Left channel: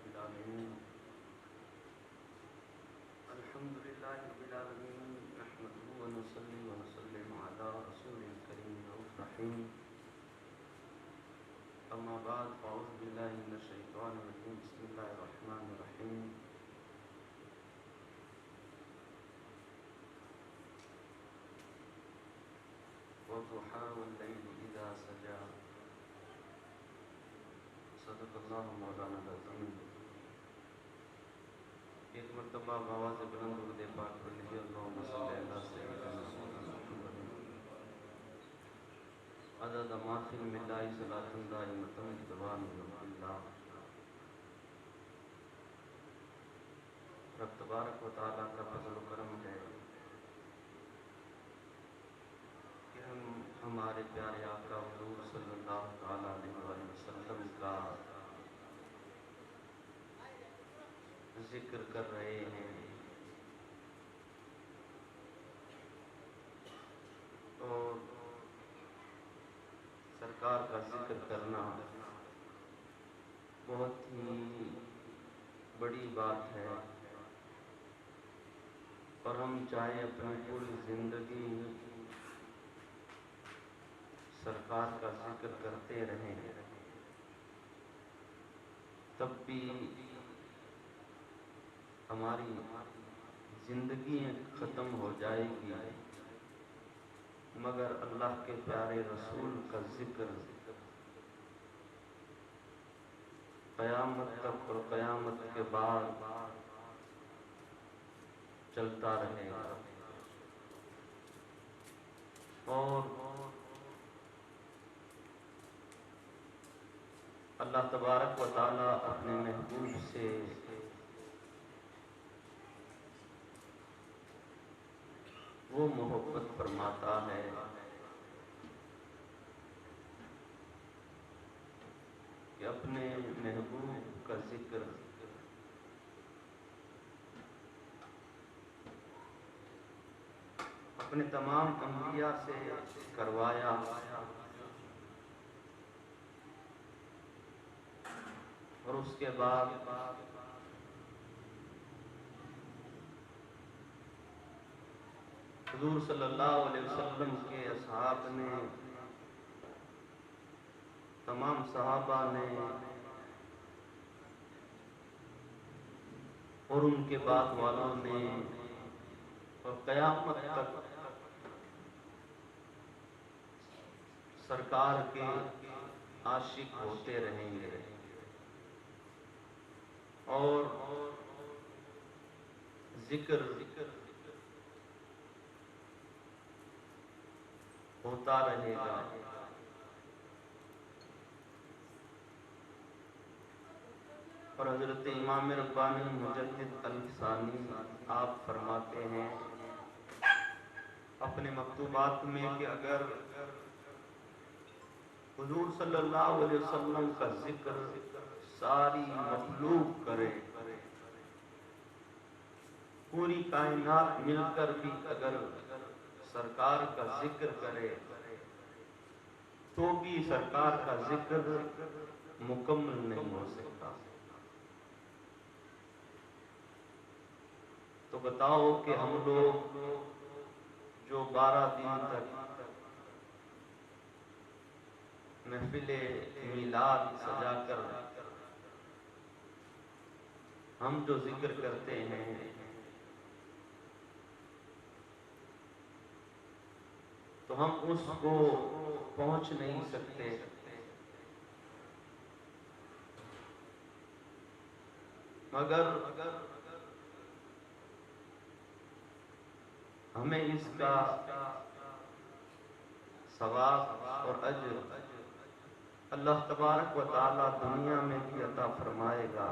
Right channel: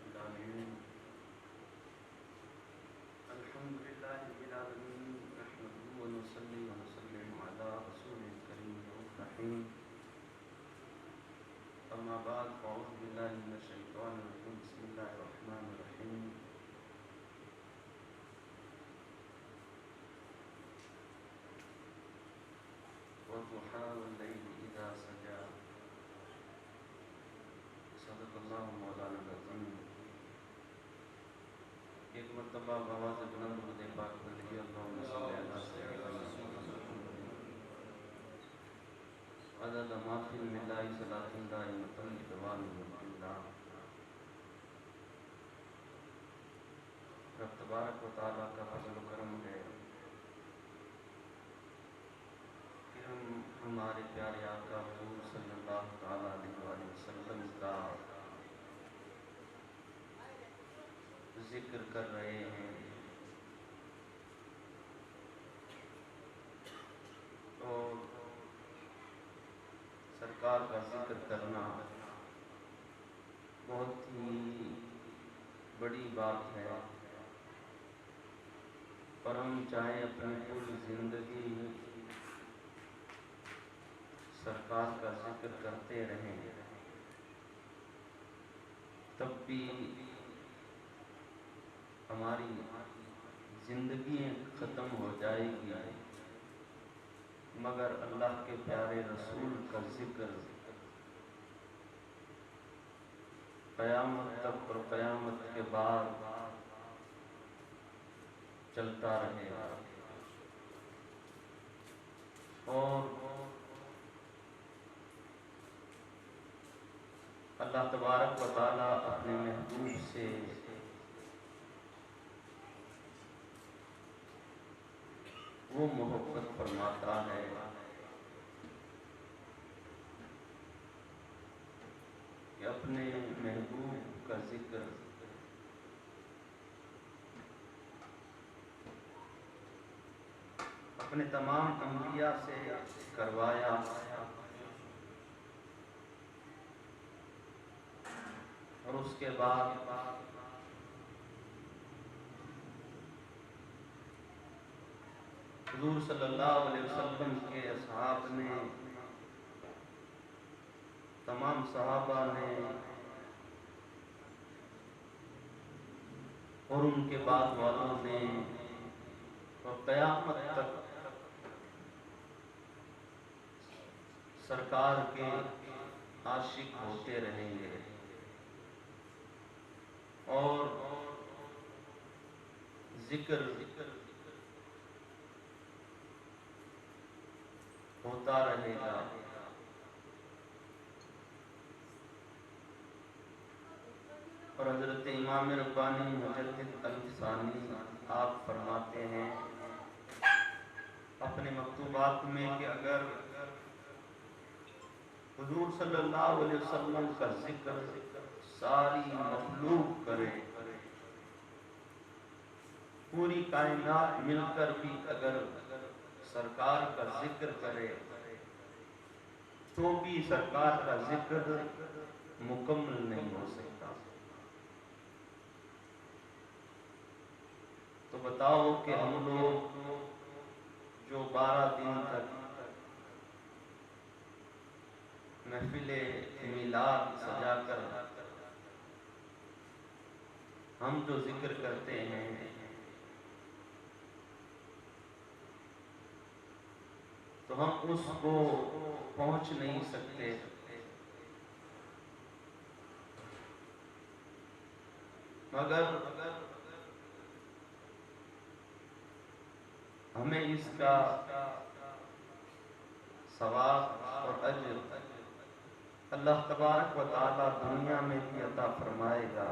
رب العالمين الحمد لله رب العالمين نحمده ونصلي ونسلم على رسول الكريم الرحيم أما بعد فأعوذ بالله من الشيطان الرجيم بسم الله الرحمن الرحيم والضحى والليل إذا سجى صدق اللہ مولانا العظیم. ایک مرتبہ آواز بلند ہو پاک پڑھیے اللہم صلی اللہ سیدنا محمد عدد ما فی الملاء صلاۃ دائمۃ بدوام ملک اللہ. رب تبارک و تعالیٰ کا فضل و کرم ہے کہ ہم ہمارے پیارے آقا حضور صلی اللہ تعالیٰ علیہ وسلم کا ذکر کر رہے ہیں. اور سرکار کا ذکر کرنا بہت ہی بڑی بات ہے، اور ہم چاہیں اپنی پوری زندگی سرکار کا ذکر کرتے رہیں تب بھی ہماری زندگی ختم ہو جائے گی، مگر اللہ کے پیارے رسول کا ذکر قیامت تک اور قیامت کے بعد چلتا رہے گا. اور اللہ تبارک و تعالی اپنے محبوب سے وہ محبت فرماتا ہے کہ اپنے محبوب کا ذکر اپنے تمام انبیاء سے کروایا، اور اس کے بعد حضور صلی اللہ علیہ وسلم کے اصحاب نے، تمام صحابہ نے، اور ان کے بعد والوں نے، اور قیامت تک سرکار کے عاشق ہوتے رہیں گے. اور ذکر ہوتا رہے گا. اور حضرت امام ربانی مجدد الفسانی آپ فرماتے ہیں اپنے مکتوبات میں کہ اگر حضور صلی اللہ علیہ وسلم کا ذکر ساری مخلوق کرے، پوری کائنات مل کر بھی اگر سرکار کا ذکر کرے تو بھی سرکار کا ذکر مکمل نہیں ہو سکتا. تو بتاؤ کہ ہم لوگ جو 12 دن تک محفل میلاد سجا کر ہم جو ذکر کرتے ہیں، تو ہم اس کو پہنچ نہیں سکتے. مگر ہمیں اس کا ثواب اور اجر اللہ تبارک و تعالی دنیا میں بھی عطا فرمائے گا،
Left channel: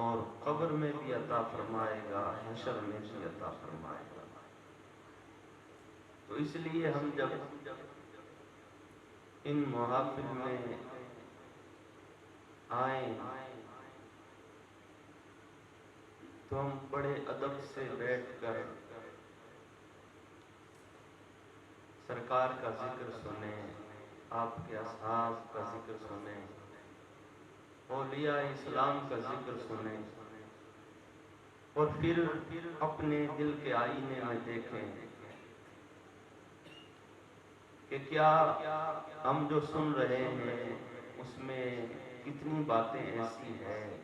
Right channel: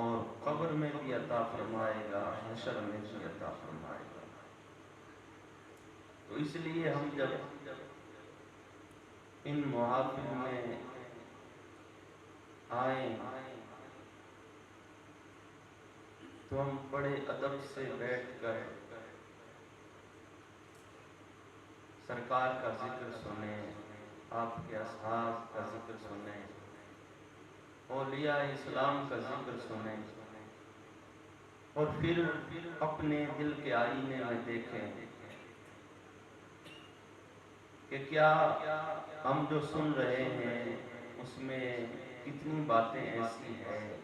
اور قبر میں بھی عطا فرمائے گا، حشر میں بھی عطا فرمائے گا. تو اس لیے ہم جب ان محافل میں آئیں تو ہم بڑے ادب سے بیٹھ کر سرکار کا ذکر سنیں، آپ کے اصحاب کا ذکر سنیں، اولیاء اسلام کا ذکر سنیں اور پھر اپنے دل کے آئینے میں دیکھیں کہ کیا ہم جو سن رہے ہیں اس میں کتنی باتیں ایسی ہیں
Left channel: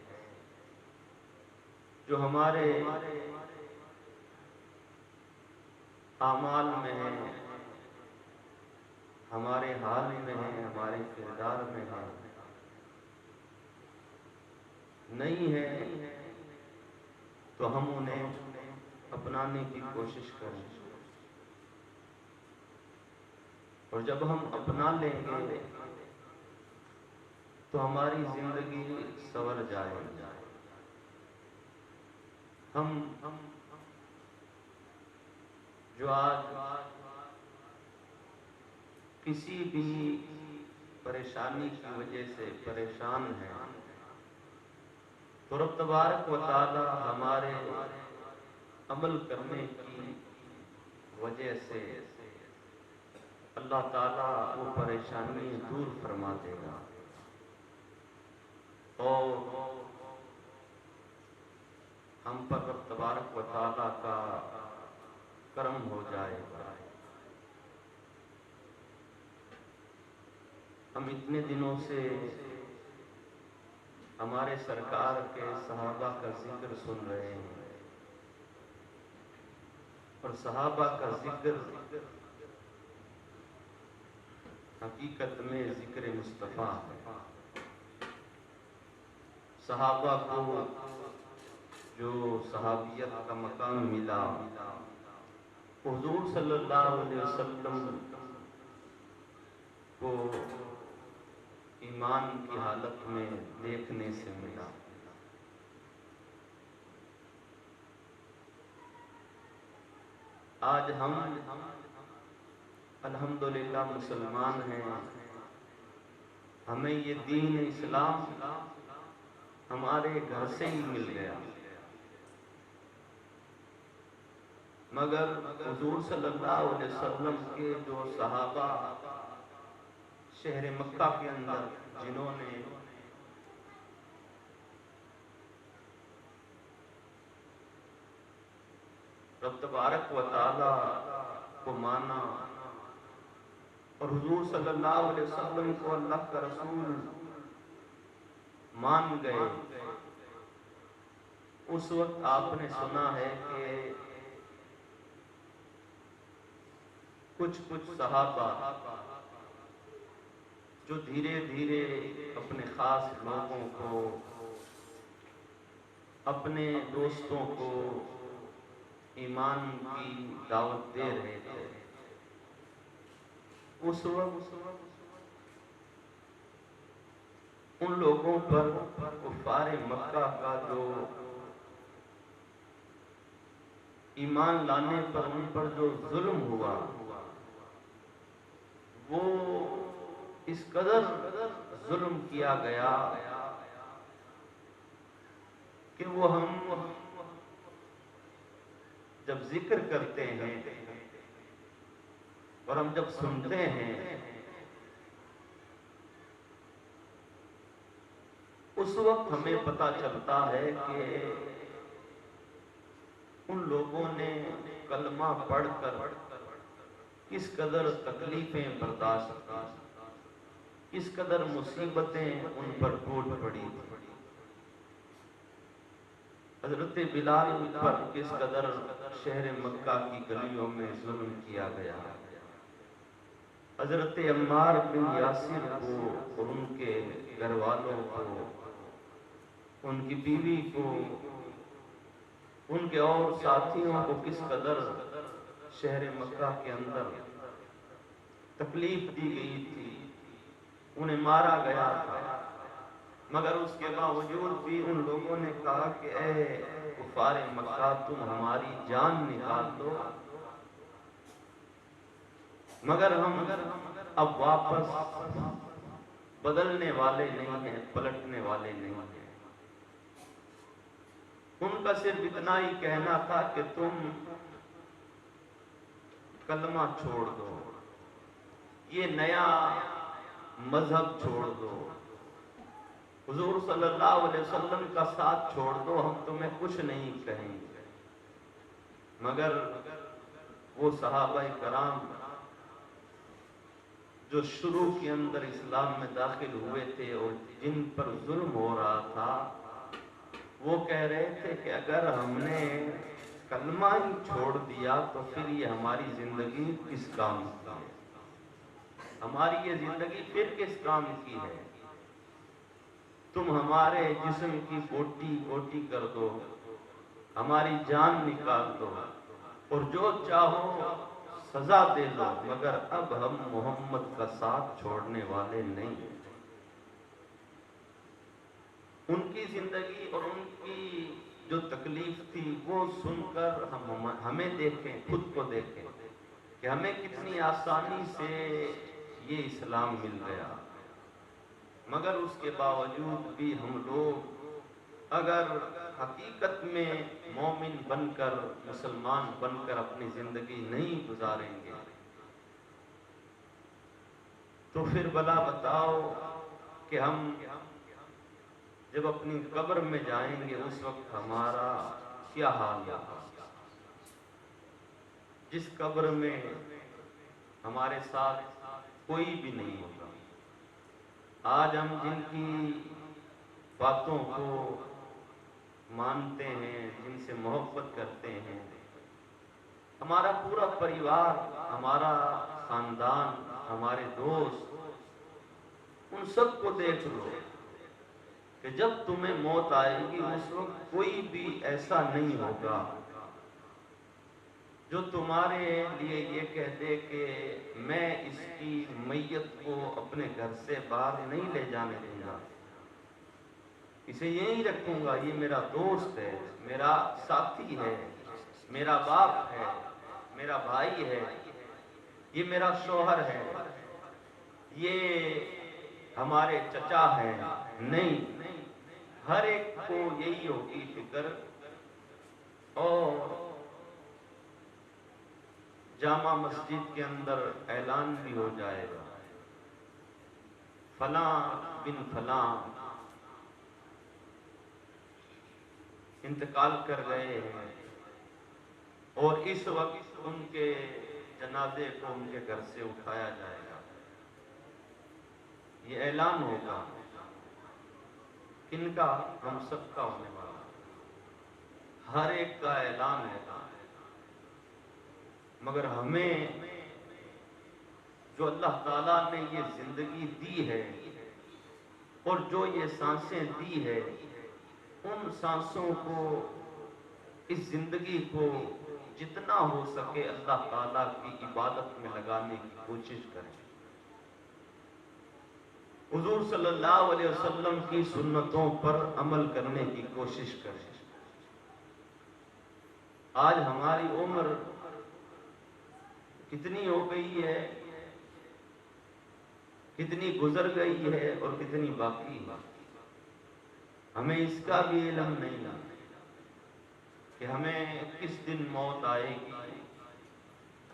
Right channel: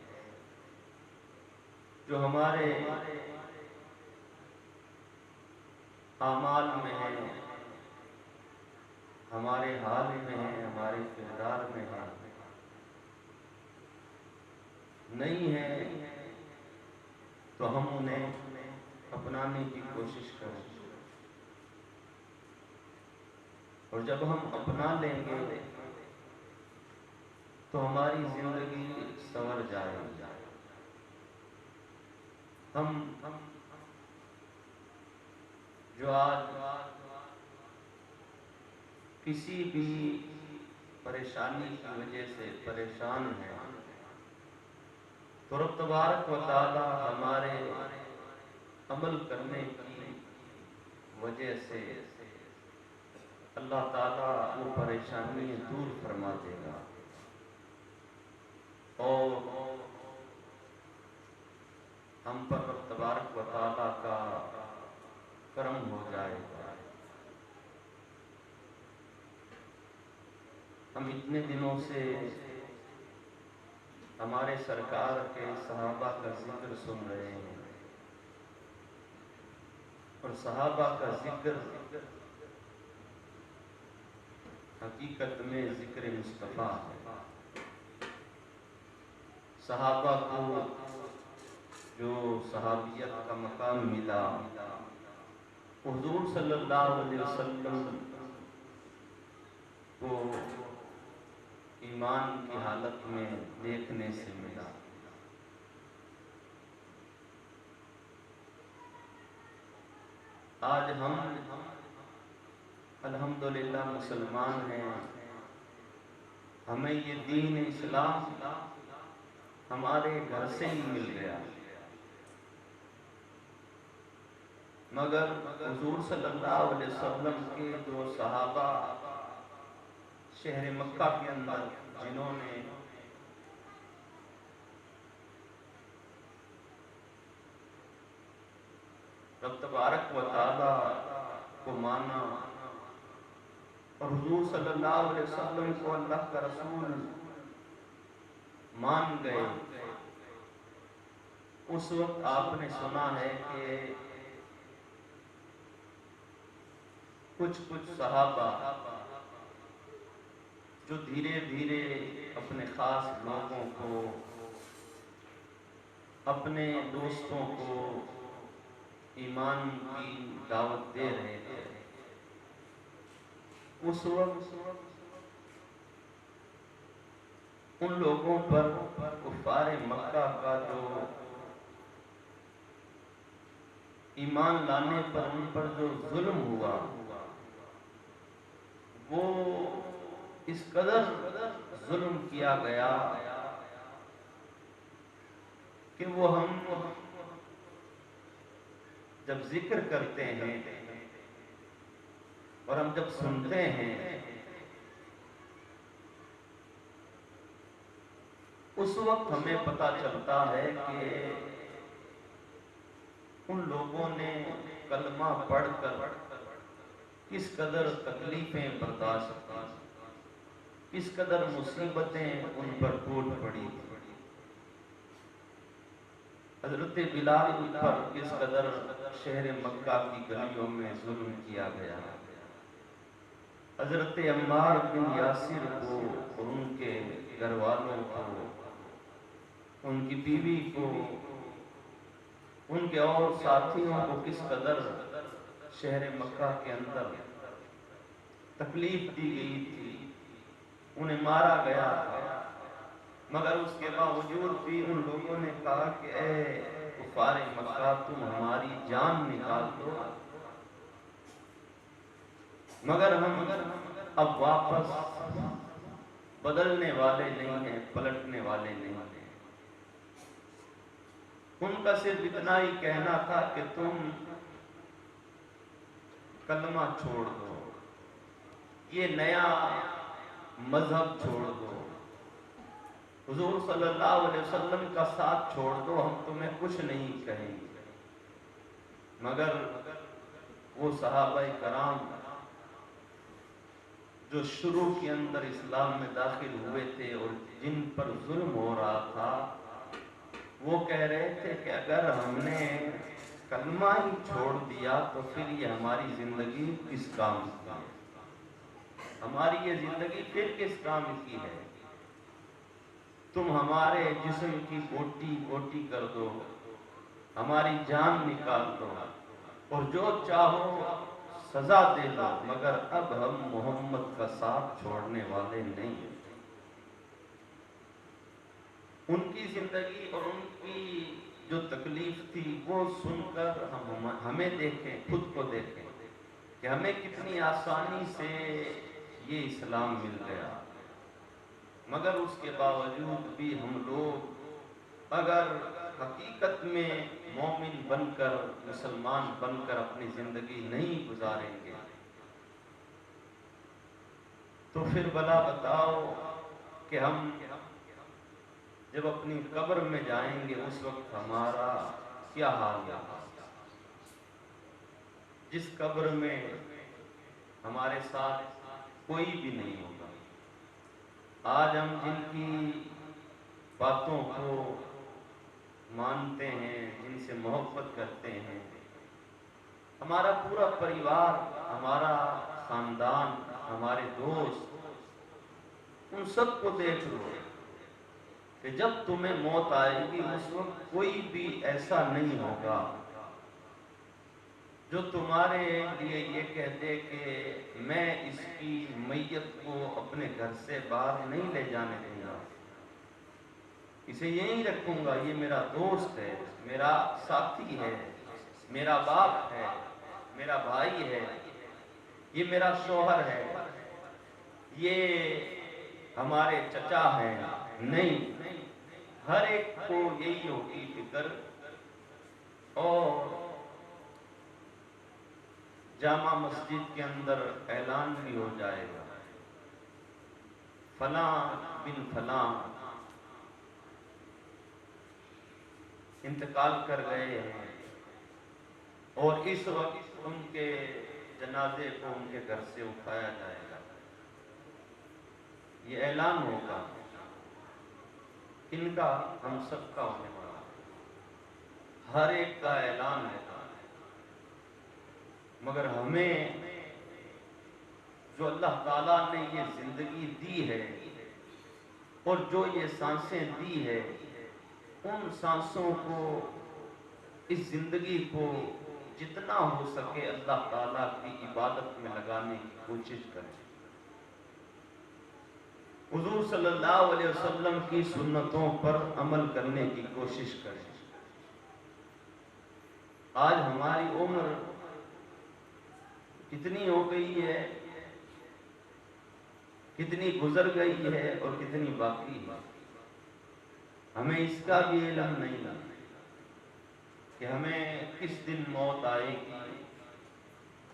جو ہمارے اعمال میں ہیں، ہمارے حال میں ہیں، ہمارے کردار میں ہیں، نہیں ہے تو ہم انہیں اپنانے کی کوشش کریں، اور جب ہم اپنا لیں گے تو ہماری زندگی سنور جائے گی۔ ہم جو آج کسی بھی پریشانی کی وجہ سے پریشان ہیں، تو رب تبارک و تعالی ہمارے عمل کرنے کی وجہ سے اللہ تعالی وہ پریشانی دور فرما دے گا اور ہم پر رب تبارک و تعالی کا کرم ہو جائے گا۔ ہم اتنے دنوں سے ہمارے سرکار کے صحابہ کا ذکر سن رہے ہیں، اور صحابہ کا ذکر حقیقت میں ذکر مصطفیٰ ہے۔ صحابہ کو جو صحابیت کا مقام ملا، حضور صلی اللہ علیہ وسلم کو ایمان کی حالت میں دیکھنے سے ملا۔ آج ہم الحمدللہ مسلمان ہیں، ہمیں یہ دین اسلام ہمارے گھر سے ہی مل گیا، مگر حضور صلی اللہ علیہ وسلم کے جو صحابہ شہر مکہ کے اندر جنہوں نے رب تبارک و تعالی کو مانا اور حضور صلی اللہ علیہ وسلم کو اللہ کا رسول مان گئے، اس وقت آپ نے سنا ہے کہ کچھ صحابہ جو دھیرے دھیرے اپنے خاص لوگوں کو، اپنے دوستوں کو ایمان کی دعوت دے رہے تھے، اس وقت ان لوگوں پر کفار مکہ کا جو ایمان لانے پر ان پر جو ظلم ہوا، وہ اس قدر ظلم کیا گیا کہ وہ ہم جب ذکر کرتے ہیں اور ہم جب سنتے ہیں، اس وقت ہمیں پتہ چلتا ہے کہ ان لوگوں نے کلمہ پڑھ کر کس قدر تکلیفیں برداشت کی، کس قدر مصیبتیں ان پر ٹوٹ پڑی۔ حضرت بلال پر کس قدر شہر مکہ کی گلیوں میں ظلم کیا گیا، حضرت عمار بن یاسر کو اور ان کے گھر والوں کو، ان کی بیوی کو، ان کے اور ساتھیوں کو کس قدر شہر مکہ کے اندر تکلیف دی گئی تھی، انہیں مارا گیا تھا، مگر اس کے باوجود بھی ان لوگوں نے کہا کہ اے کفار مکہ تم ہماری جان نکال دو، مگر ہم اب واپس بدلنے والے نہیں ہیں، پلٹنے والے نہیں ہیں۔ ان کا صرف اتنا ہی کہنا تھا کہ تم کلمہ چھوڑ دو، یہ نیا مذہب چھوڑ دو، حضور صلی اللہ علیہ وسلم کا ساتھ چھوڑ دو، ہم تمہیں کچھ نہیں کہیں گے۔ مگر وہ صحابہ کرام جو شروع کے اندر اسلام میں داخل ہوئے تھے اور جن پر ظلم ہو رہا تھا، وہ کہہ رہے تھے کہ اگر ہم نے کلمہ ہی چھوڑ دیا تو پھر یہ ہماری زندگی کس کام کی ہے؟ ہماری یہ زندگی پھر کس کام کی ہے؟ تم ہمارے جسم کی بوٹی بوٹی کر دو، ہماری جان نکال دو، اور جو چاہو سزا دے دو، مگر اب ہم محمد کا ساتھ چھوڑنے والے نہیں ہیں۔ ان کی زندگی اور ان کی جو تکلیف تھی وہ سن کر ہمیں دیکھیں، خود کو دیکھیں کہ ہمیں کتنی آسانی سے یہ اسلام مل گیا، مگر اس کے باوجود بھی ہم لوگ اگر حقیقت میں مومن بن کر، مسلمان بن کر اپنی زندگی نہیں گزاریں گے تو پھر بلا بتاؤ کہ ہم جب اپنی قبر میں جائیں گے اس وقت ہمارا کیا حال ہوگا؟ جس قبر میں ہمارے ساتھ کوئی بھی نہیں ہوگا۔ آج ہم جن کی باتوں کو مانتے ہیں، جن سے محبت کرتے ہیں، ہمارا پورا پریوار، ہمارا خاندان، ہمارے دوست، ان سب کو دیکھ لو کہ جب تمہیں موت آئے گی اس وقت کوئی بھی ایسا نہیں ہوگا جو تمہارے لیے یہ کہہ دے کہ میں اس کی میت کو اپنے گھر سے باہر نہیں لے جانے دوں گا، اسے یہیں رکھوں گا، یہ میرا دوست ہے، میرا ساتھی ہے، میرا باپ ہے، میرا بھائی ہے، یہ میرا شوہر ہے، یہ ہمارے چچا ہیں۔ نہیں، ہر ایک کو یہی ہوگی فکر، اور جامع مسجد کے اندر اعلان بھی ہو جائے گا، فلاں بن فلاں انتقال کر گئے ہیں، اور اس وقت ان کے جنازے کو ان کے گھر سے اٹھایا جائے گا۔ یہ اعلان ہوگا، ان کا ہم سب کا ہونے والا، ہر ایک کا اعلان ہے۔ مگر ہمیں جو اللہ تعالیٰ نے یہ زندگی دی ہے اور جو یہ سانسیں دی ہے، ان سانسوں کو، اس زندگی کو جتنا ہو سکے اللہ تعالیٰ کی عبادت میں لگانے کی کوشش کریں۔ حضور صلی اللہ علیہ وسلم کی سنتوں پر عمل کرنے کی کوشش کریں۔ آج ہماری عمر کتنی ہو گئی ہے، کتنی گزر گئی ہے اور کتنی باقی ہے، ہمیں اس کا بھی علم نہیں ہے کہ ہمیں کس دن موت آئے گی،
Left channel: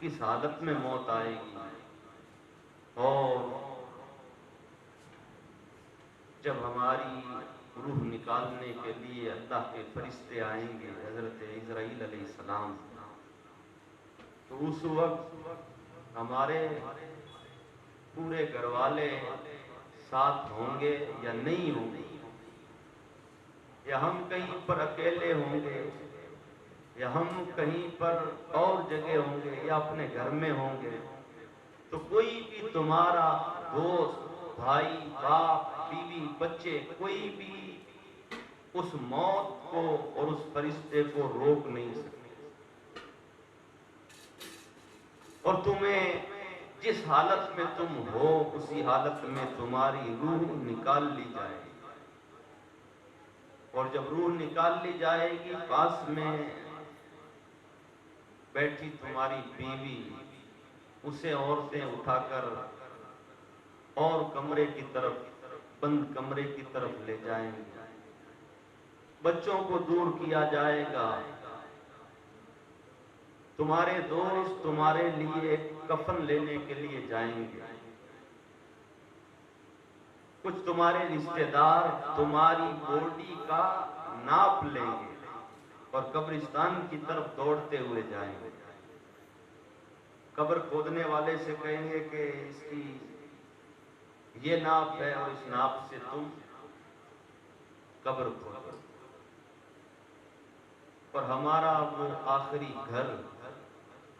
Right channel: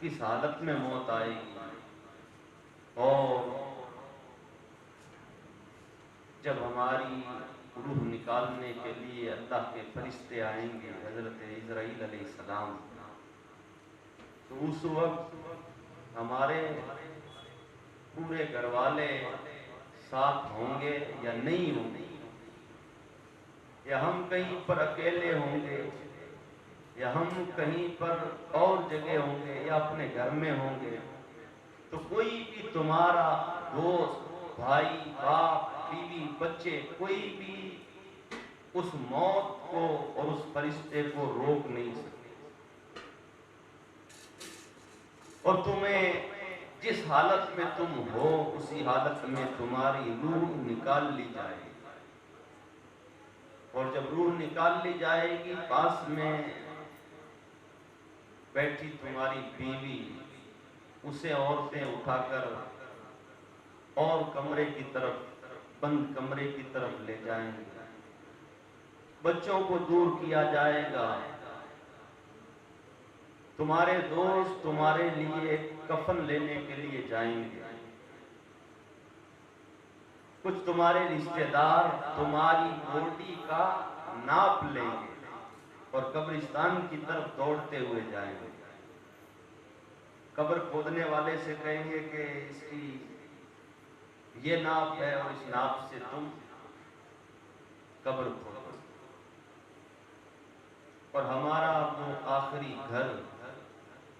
کس حالت میں موت آئے گی، اور جب ہماری روح نکالنے کے لیے اللہ کے فرشتے آئیں گے، حضرت اسرائیل علیہ السلام، تو اس وقت ہمارے پورے گھر والے ساتھ ہوں گے یا نہیں ہوں گے، یا ہم کہیں پر اکیلے ہوں گے، یا ہم کہیں پر اور جگہ ہوں گے، یا اپنے گھر میں ہوں گے، تو کوئی بھی تمہارا دوست، بھائی، باپ، بیوی، بچے، کوئی بھی اس موت کو اور اس فرشتے کو روک نہیں سکتے، اور تمہیں جس حالت میں تم ہو اسی حالت میں تمہاری روح نکال لی جائے گی، اور جب روح نکال لی جائے گی پاس میں بیٹھی تمہاری بیوی، اسے عورتیں اٹھا کر اور کمرے کی طرف، بند کمرے کی طرف لے جائیں گے، بچوں کو دور کیا جائے گا، تمہارے دوست تمہارے لیے کفن لینے کے لیے جائیں گے، کچھ تمہارے رشتہ دار تمہاری بوڈی کا ناپ لیں گے اور قبرستان کی طرف دوڑتے ہوئے جائیں گے. قبر کھودنے والے سے کہیں گے کہ اس کی یہ ناپ ہے اور اس ناپ سے تم قبر کھودو. اور ہمارا وہ آخری گھر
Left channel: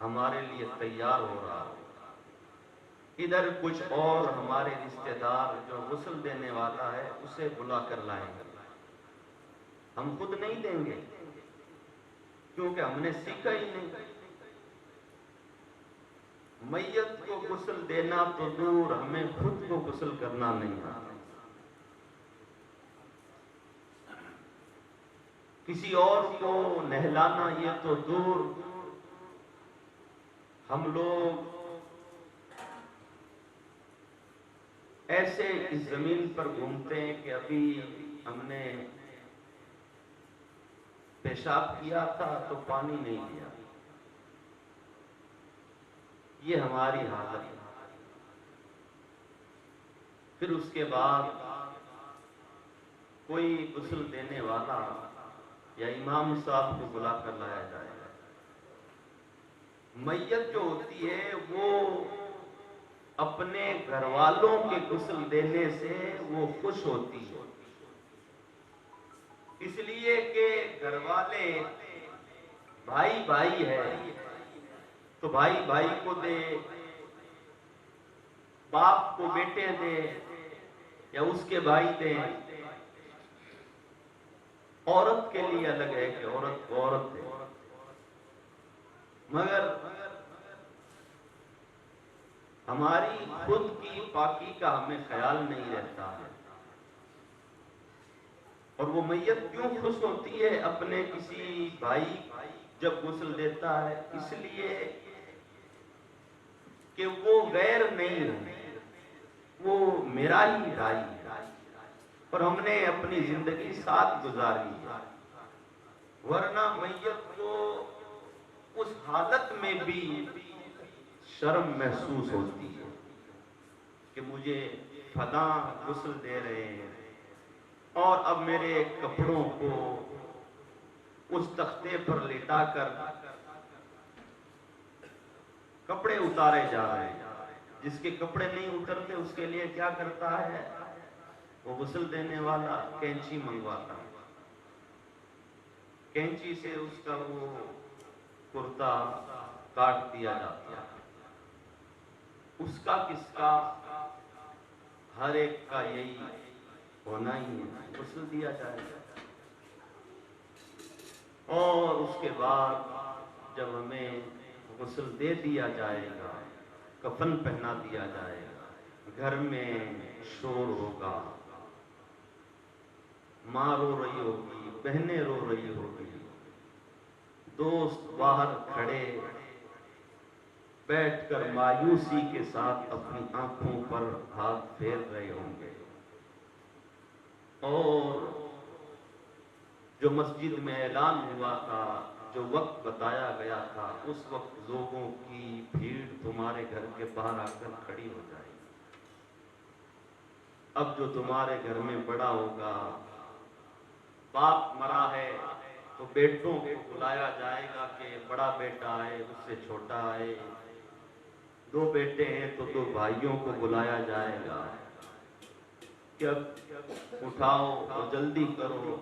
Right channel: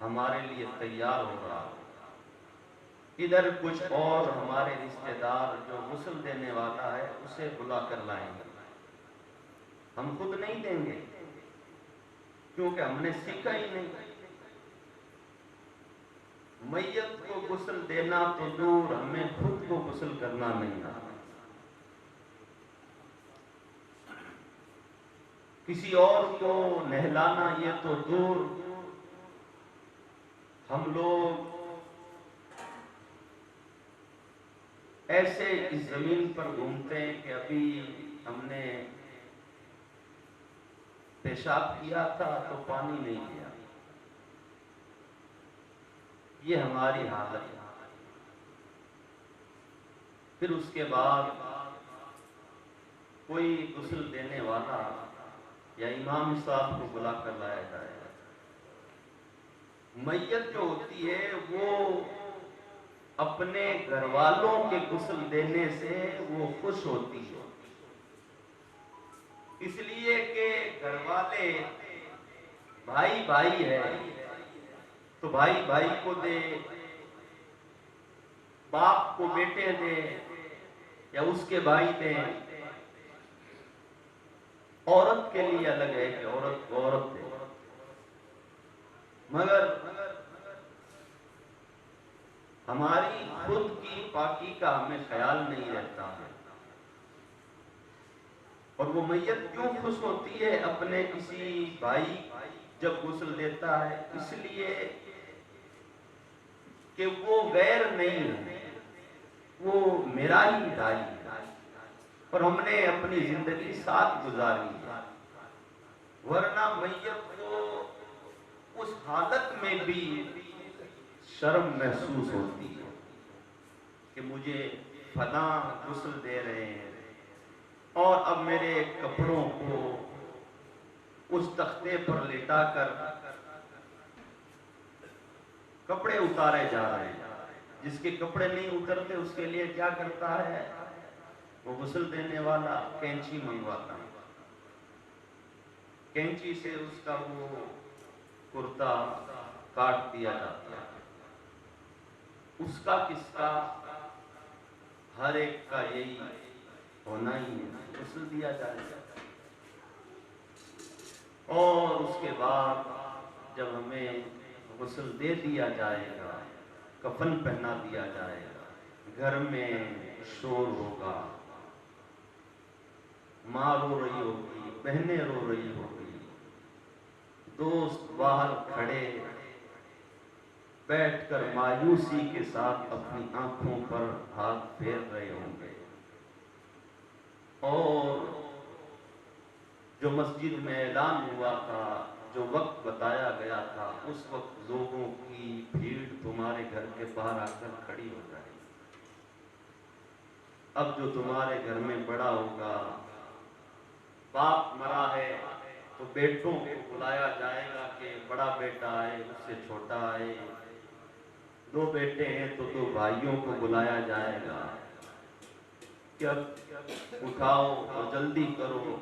ہمارے لیے تیار ہو رہا ہے. ادھر کچھ اور ہمارے رشتہ دار جو غسل دینے والا ہے اسے بلا کر لائیں گے. ہم خود نہیں دیں گے کیونکہ ہم نے سیکھا ہی نہیں. میت کو غسل دینا تو دور، ہمیں خود کو غسل کرنا نہیں آتا. کسی اور کو نہلانا یہ تو دور، ہم لوگ ایسے اس زمین پر گھومتے ہیں کہ ابھی ہم نے پیشاب کیا تھا تو پانی نہیں کیا. یہ ہماری حالت ہے. پھر اس کے بعد کوئی غسل دینے والا یا امام صاحب کو بلا کر لایا جائے. میت جو ہوتی ہے وہ اپنے گھر والوں کے غسل دینے سے وہ خوش ہوتی ہے، اس لیے کہ گھر والے بھائی بھائی ہے تو بھائی بھائی کو دے، باپ کو بیٹے دے یا اس کے بھائی دے. عورت کے لیے الگ ہے کہ عورت کو عورت دے. مگر ہماری خود کی پاکی کا ہمیں خیال نہیں رہتا ہے. اور وہ میت کیوں خوش ہوتی ہے اپنے کسی بھائی جب غسل دیتا ہے؟ اس لیے کہ وہ غیر نہیں ہے، وہ میرا ہی بھائی ہے اور ہم نے اپنی زندگی ساتھ گزاری ہے. ورنہ میت کو اس حالت میں بھی شرم محسوس ہوتی ہے کہ مجھے فلاں غسل دے رہے ہیں اور اب میرے کپڑوں کو اس تختے پر لٹا کر کپڑے اتارے جا رہے ہیں. جس کے کپڑے نہیں اترتے اس کے لیے کیا کرتا ہے وہ غسل دینے والا؟ کینچی منگواتا ہے، کینچی سے اس کا وہ کرتا کاٹ دیا جاتا ہے. اس کا کس کا؟ ہر ایک کا یہی ہونا ہی ہے، غسل دیا جائے گا. اور اس کے بعد جب ہمیں غسل دے دیا جائے گا، کفن پہنا دیا جائے گا، گھر میں شور ہوگا، ماں رو رہی ہوگی، بہنیں رو رہی ہوگی، دوست باہر کھڑے بیٹھ کر مایوسی کے ساتھ اپنی آنکھوں پر ہاتھ پھیر رہے ہوں گے. اور جو مسجد میں اعلان ہوا تھا، جو وقت بتایا گیا تھا، اس وقت لوگوں کی بھیڑ تمہارے گھر کے باہر آ کر کھڑی ہو جائے گی. اب جو تمہارے گھر میں بڑا ہوگا، باپ مرا ہے تو بیٹوں کو بلایا جائے گا کہ بڑا بیٹا آئے، اس سے چھوٹا آئے. 2 بیٹے ہیں تو 2 بھائیوں کو بلایا جائے گا کہ اب اٹھاؤ اور جلدی کرو،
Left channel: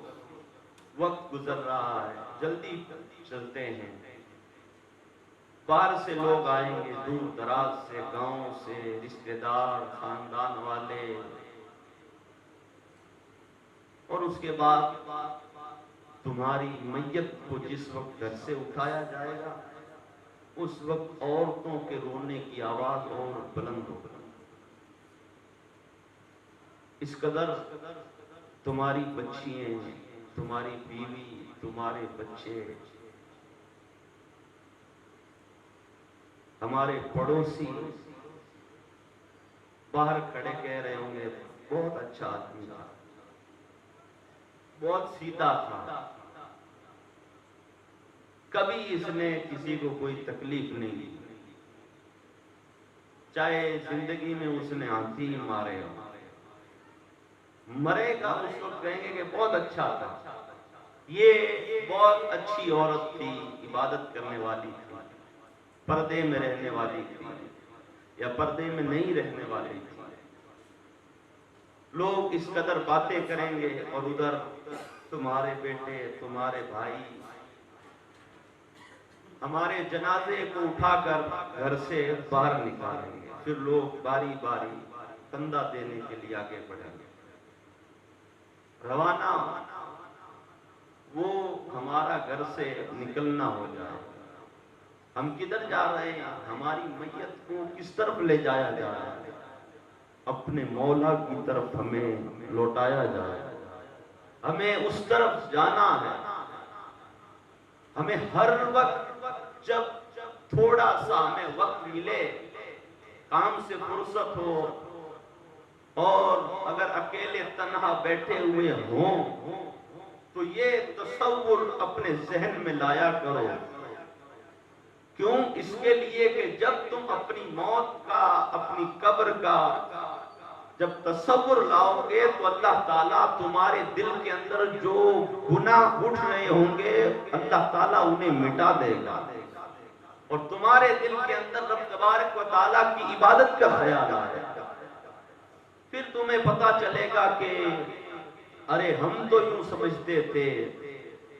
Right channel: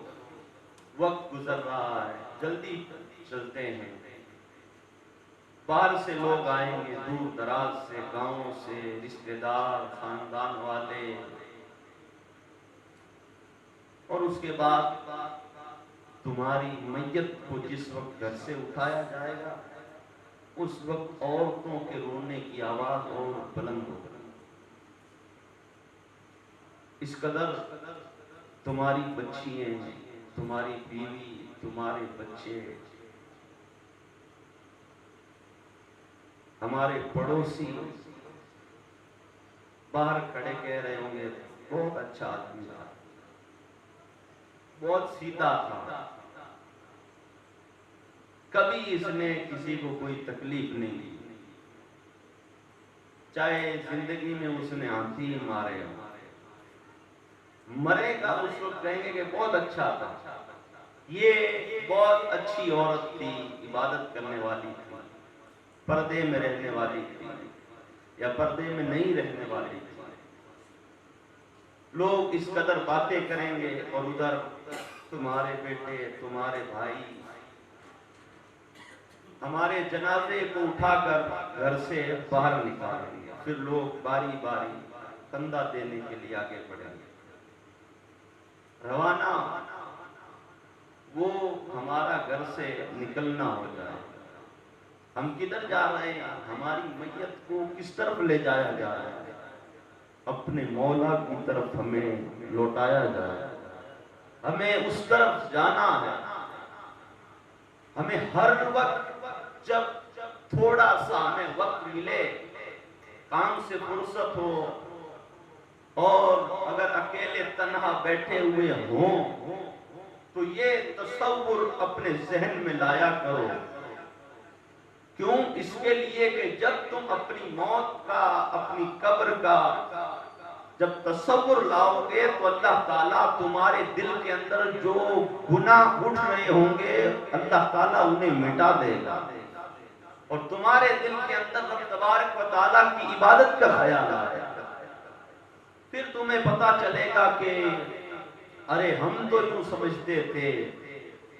وقت گزر رہا ہے، جلدی چلتے ہیں. باہر سے لوگ آئیں گے، دور دراز سے، گاؤں سے، رشتہ دار، خاندان والے. اور اس کے بعد تمہاری میت کو جس وقت گھر سے اٹھایا جائے گا اس وقت عورتوں کے رونے کی آواز اور بلند ہوگی. اس قدر تمہاری بچیاں، تمہاری بیوی، تمہارے بچے، ہمارے پڑوسی باہر کھڑے کہہ رہے ہوں گے بہت اچھا آدمی تھا، بہت سیدھا تھا، کبھی اس نے کسی کو کوئی تکلیف نہیں دی، چاہے زندگی میں اس نے ہاتھی مارے ہوں، مرے گا اس وقت کہیں گے کہ بہت اچھا تھا، یہ بہت اچھی عورت تھی، عبادت کرنے والی تھی، پردے میں رہنے والی تھی یا پردے میں نہیں رہنے والی تھی۔ لوگ اس قدر باتیں کریں گے اور ادھر تمہارے بیٹے، تمہارے بھائی ہمارے جنازے کو اٹھا کر گھر سے باہر نکالیں گے، پھر لوگ باری باری کندھا دینے کے لیے آگے بڑھیں گے۔ روانہ وہ ہمارا گھر سے نکلنا ہو جائے، ہم کدھر جا رہے ہیں، ہماری میت کو کس طرف لے جایا جا رہا ہے، اپنے مولا کی طرف ہمیں لوٹایا جائے، ہمیں اس طرف جانا ہے۔ ہمیں ہر وقت جب تھوڑا سا ہمیں وقت ملے، کام سے فرصت ہو اور اگر اکیلے تنہا بیٹھے ہوئے ہوں تو یہ تصور اپنے ذہن میں لایا کرو۔ کیوں؟ اس کے لیے کہ جب تم اپنی موت کا، اپنی قبر کا جب تصور لاؤ گے تو اللہ تعالیٰ تمہارے دل کے اندر جو گناہ اٹھ رہے ہوں گے اللہ تعالیٰ انہیں مٹا دے گا، اور تمہارے دل کے اندر رب تبارک و تعالیٰ کی عبادت کا خیال آئے گا۔ پھر تمہیں پتا چلے گا کہ ارے ہم تو یوں سمجھتے تھے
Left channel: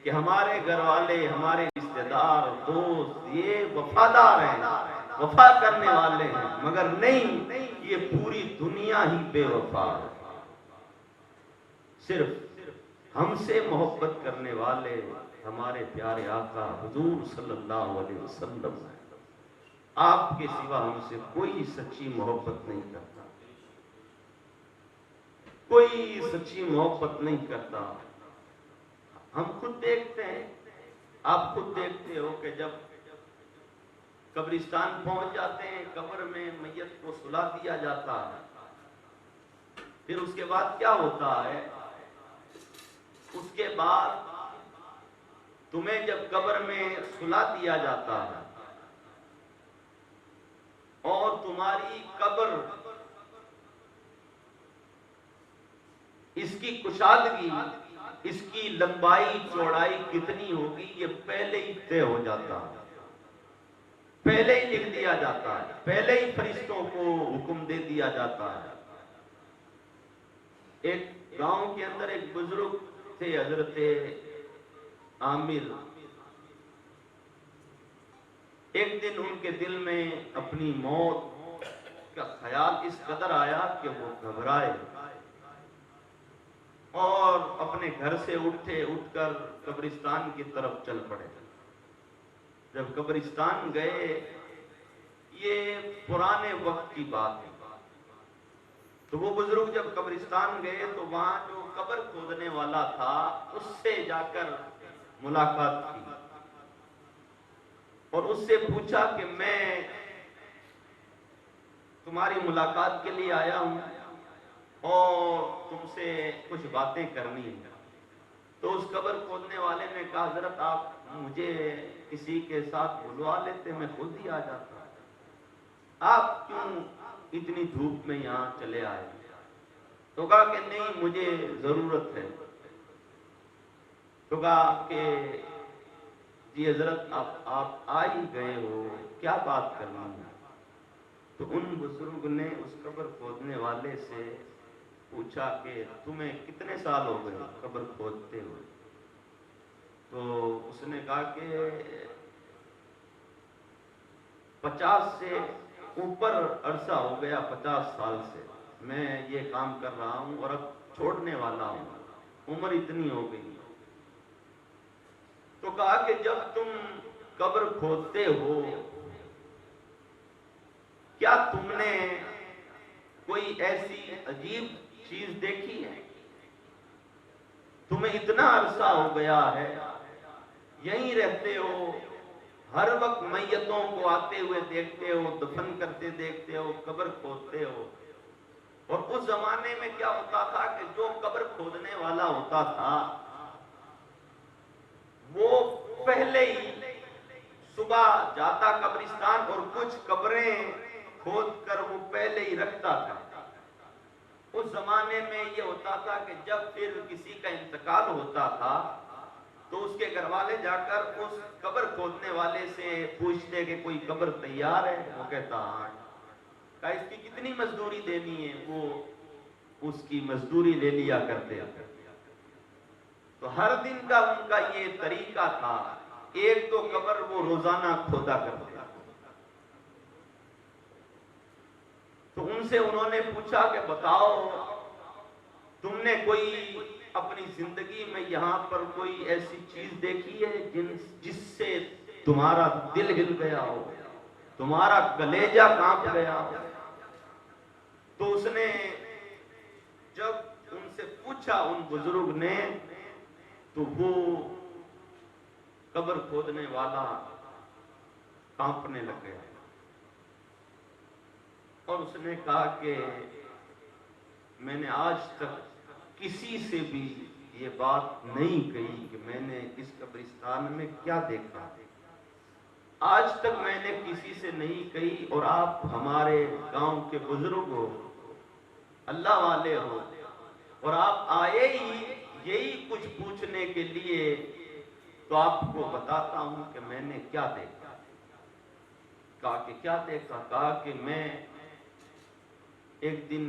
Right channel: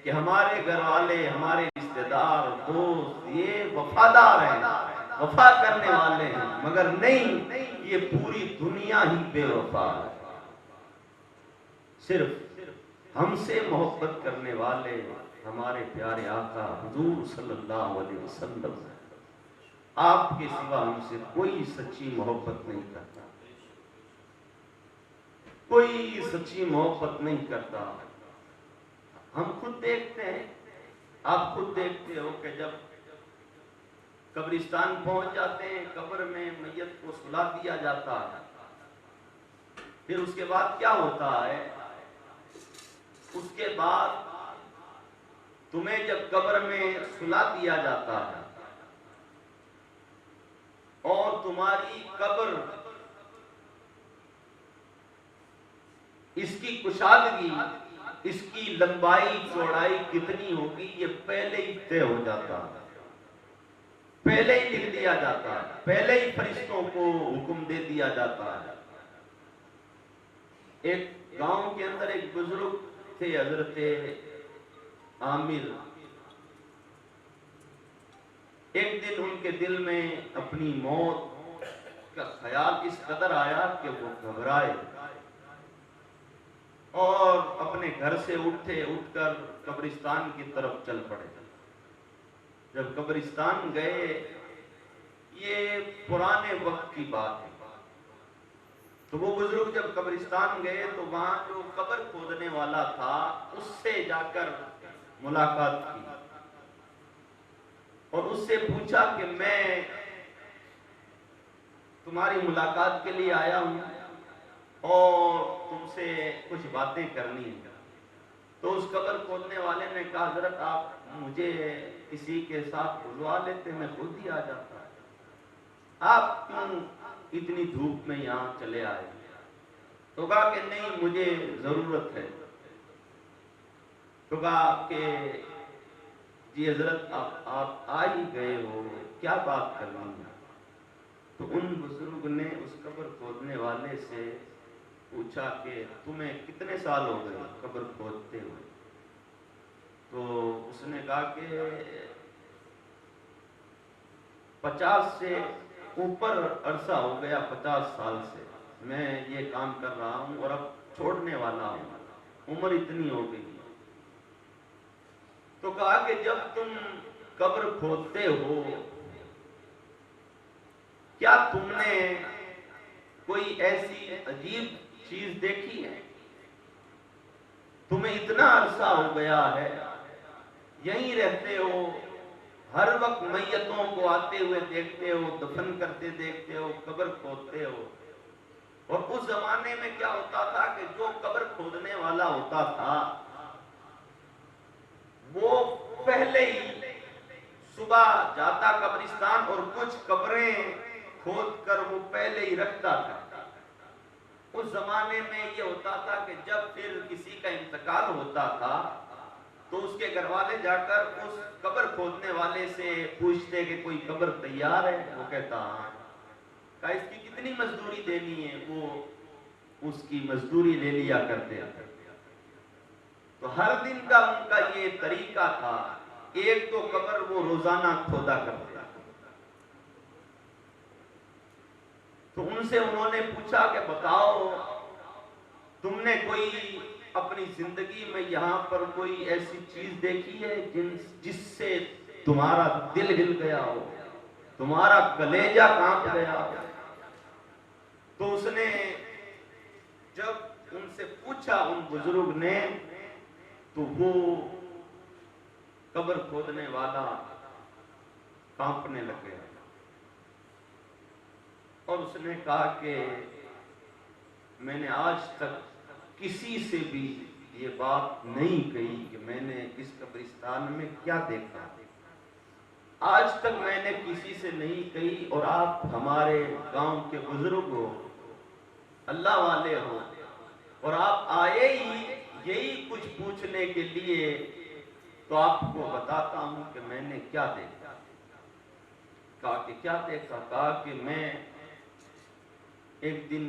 کہ ہمارے گھر والے، ہمارے رشتہ دار، دوست یہ وفادار ہیں، وفا کرنے والے ہیں، مگر نہیں، یہ پوری دنیا ہی بے وفا ہے۔ صرف ہم سے محبت کرنے والے ہمارے پیارے آقا حضور صلی اللہ علیہ وسلم ہیں۔ آپ کے سوا ہم سے کوئی سچی محبت نہیں کرتا، کوئی سچی محبت نہیں کرتا۔ ہم خود دیکھتے ہیں، آپ خود دیکھتے ہو کہ جب قبرستان پہنچ جاتے ہیں، قبر میں میت کو سلا دیا جاتا ہے، پھر اس کے بعد کیا ہوتا ہے؟ اس کے بعد تمہیں جب قبر میں سلا دیا جاتا ہے اور تمہاری قبر اس کی کشادگی، اس کی لمبائی چوڑائی کتنی ہوگی یہ پہلے ہی طے ہو جاتا ہے، پہلے ہی لکھ دیا جاتا ہے، پہلے ہی فرشتوں کو حکم دے دیا جاتا ہے۔ ایک گاؤں کے اندر ایک بزرگ تھے حضرت عامر، ایک دن ان کے دل میں اپنی موت کا خیال اس قدر آیا کہ وہ گھبرائے اور اپنے گھر سے اٹھ کر قبرستان کی طرف چل پڑے۔ جب قبرستان گئے، یہ پرانے وقت کی بات ہے، تو وہ بزرگ جب قبرستان گئے تو وہاں جو قبر کھودنے والا تھا اس سے جا کر ملاقات کی اور اس سے پوچھا کہ میں تمہاری ملاقات کے لیے آیا ہوں اور تم سے کچھ باتیں کرنی ہیں۔ تو اس قبر کھودنے والے نے کہا حضرت آپ مجھے کسی کے ساتھ بلوا لیتے، میں خود ہی آ جاتا، آپ کیوں اتنی دھوپ میں یہاں چلے آئے؟ تو کہا کہ نہیں مجھے ضرورت ہے۔ تو کہا کہ جی حضرت آپ آ ہی گئے ہو، کیا بات کرنی ہے؟ تو ان بزرگ نے اس قبر کھودنے والے سے پوچھا کہ تمہیں کتنے سال ہو گئے قبر کھودتے ہوئے؟ تو اس نے کہا کہ 50 سے اوپر عرصہ ہو گیا، 50 سال سے میں یہ کام کر رہا ہوں اور اب چھوڑنے والا ہوں، عمر اتنی ہو گئی۔ تو کہا کہ جب تم قبر کھودتے ہو کیا تم نے کوئی ایسی عجیب چیز دیکھی ہے؟ تمہیں اتنا عرصہ ہو گیا ہے، یہیں رہتے ہو، ہر وقت میتوں کو آتے ہوئے دیکھتے ہو، دفن کرتے دیکھتے ہو، قبر کھودتے ہو، اور اس زمانے میں کیا ہوتا تھا کہ جو قبر کھودنے والا ہوتا تھا وہ پہلے ہی صبح جاتا قبرستان اور کچھ قبریں کھود کر وہ پہلے ہی رکھتا تھا۔ اس زمانے میں یہ ہوتا تھا کہ جب پھر کسی کا انتقال ہوتا تھا تو اس کے گھر والے جا کر اس قبر کھودنے والے سے پوچھتے کہ کوئی قبر تیار ہے؟ وہ کہتا ہاں۔ کہا اس کی کتنی مزدوری دینی ہے؟ وہ اس کی مزدوری لے لیا کرتے تھے۔ تو ہر دن کا ان کا یہ طریقہ تھا، ایک تو قبر وہ روزانہ کھودا کرتے۔ تو ان سے انہوں نے پوچھا کہ بتاؤ تم نے کوئی اپنی زندگی میں یہاں پر کوئی ایسی چیز دیکھی ہے جس سے تمہارا دل ہل گیا ہو، تمہارا کلیجہ کانپ گیا ہو؟ تو اس نے جب ان سے پوچھا ان بزرگ نے، تو وہ قبر کھودنے والا کانپنے لگ گیا اور اس نے کہا کہ میں نے آج تک کسی سے بھی یہ بات نہیں کہی کہ میں نے اس قبرستان میں کیا دیکھا، آج تک میں نے کسی سے نہیں کہی، اور آپ ہمارے گاؤں کے بزرگ ہو، اللہ والے ہو، اور آپ آئے ہی یہی کچھ پوچھنے کے لیے، تو آپ کو بتاتا ہوں کہ میں نے کیا دیکھا۔ کہا کہ کیا دیکھا؟ کہا کہ میں ایک دن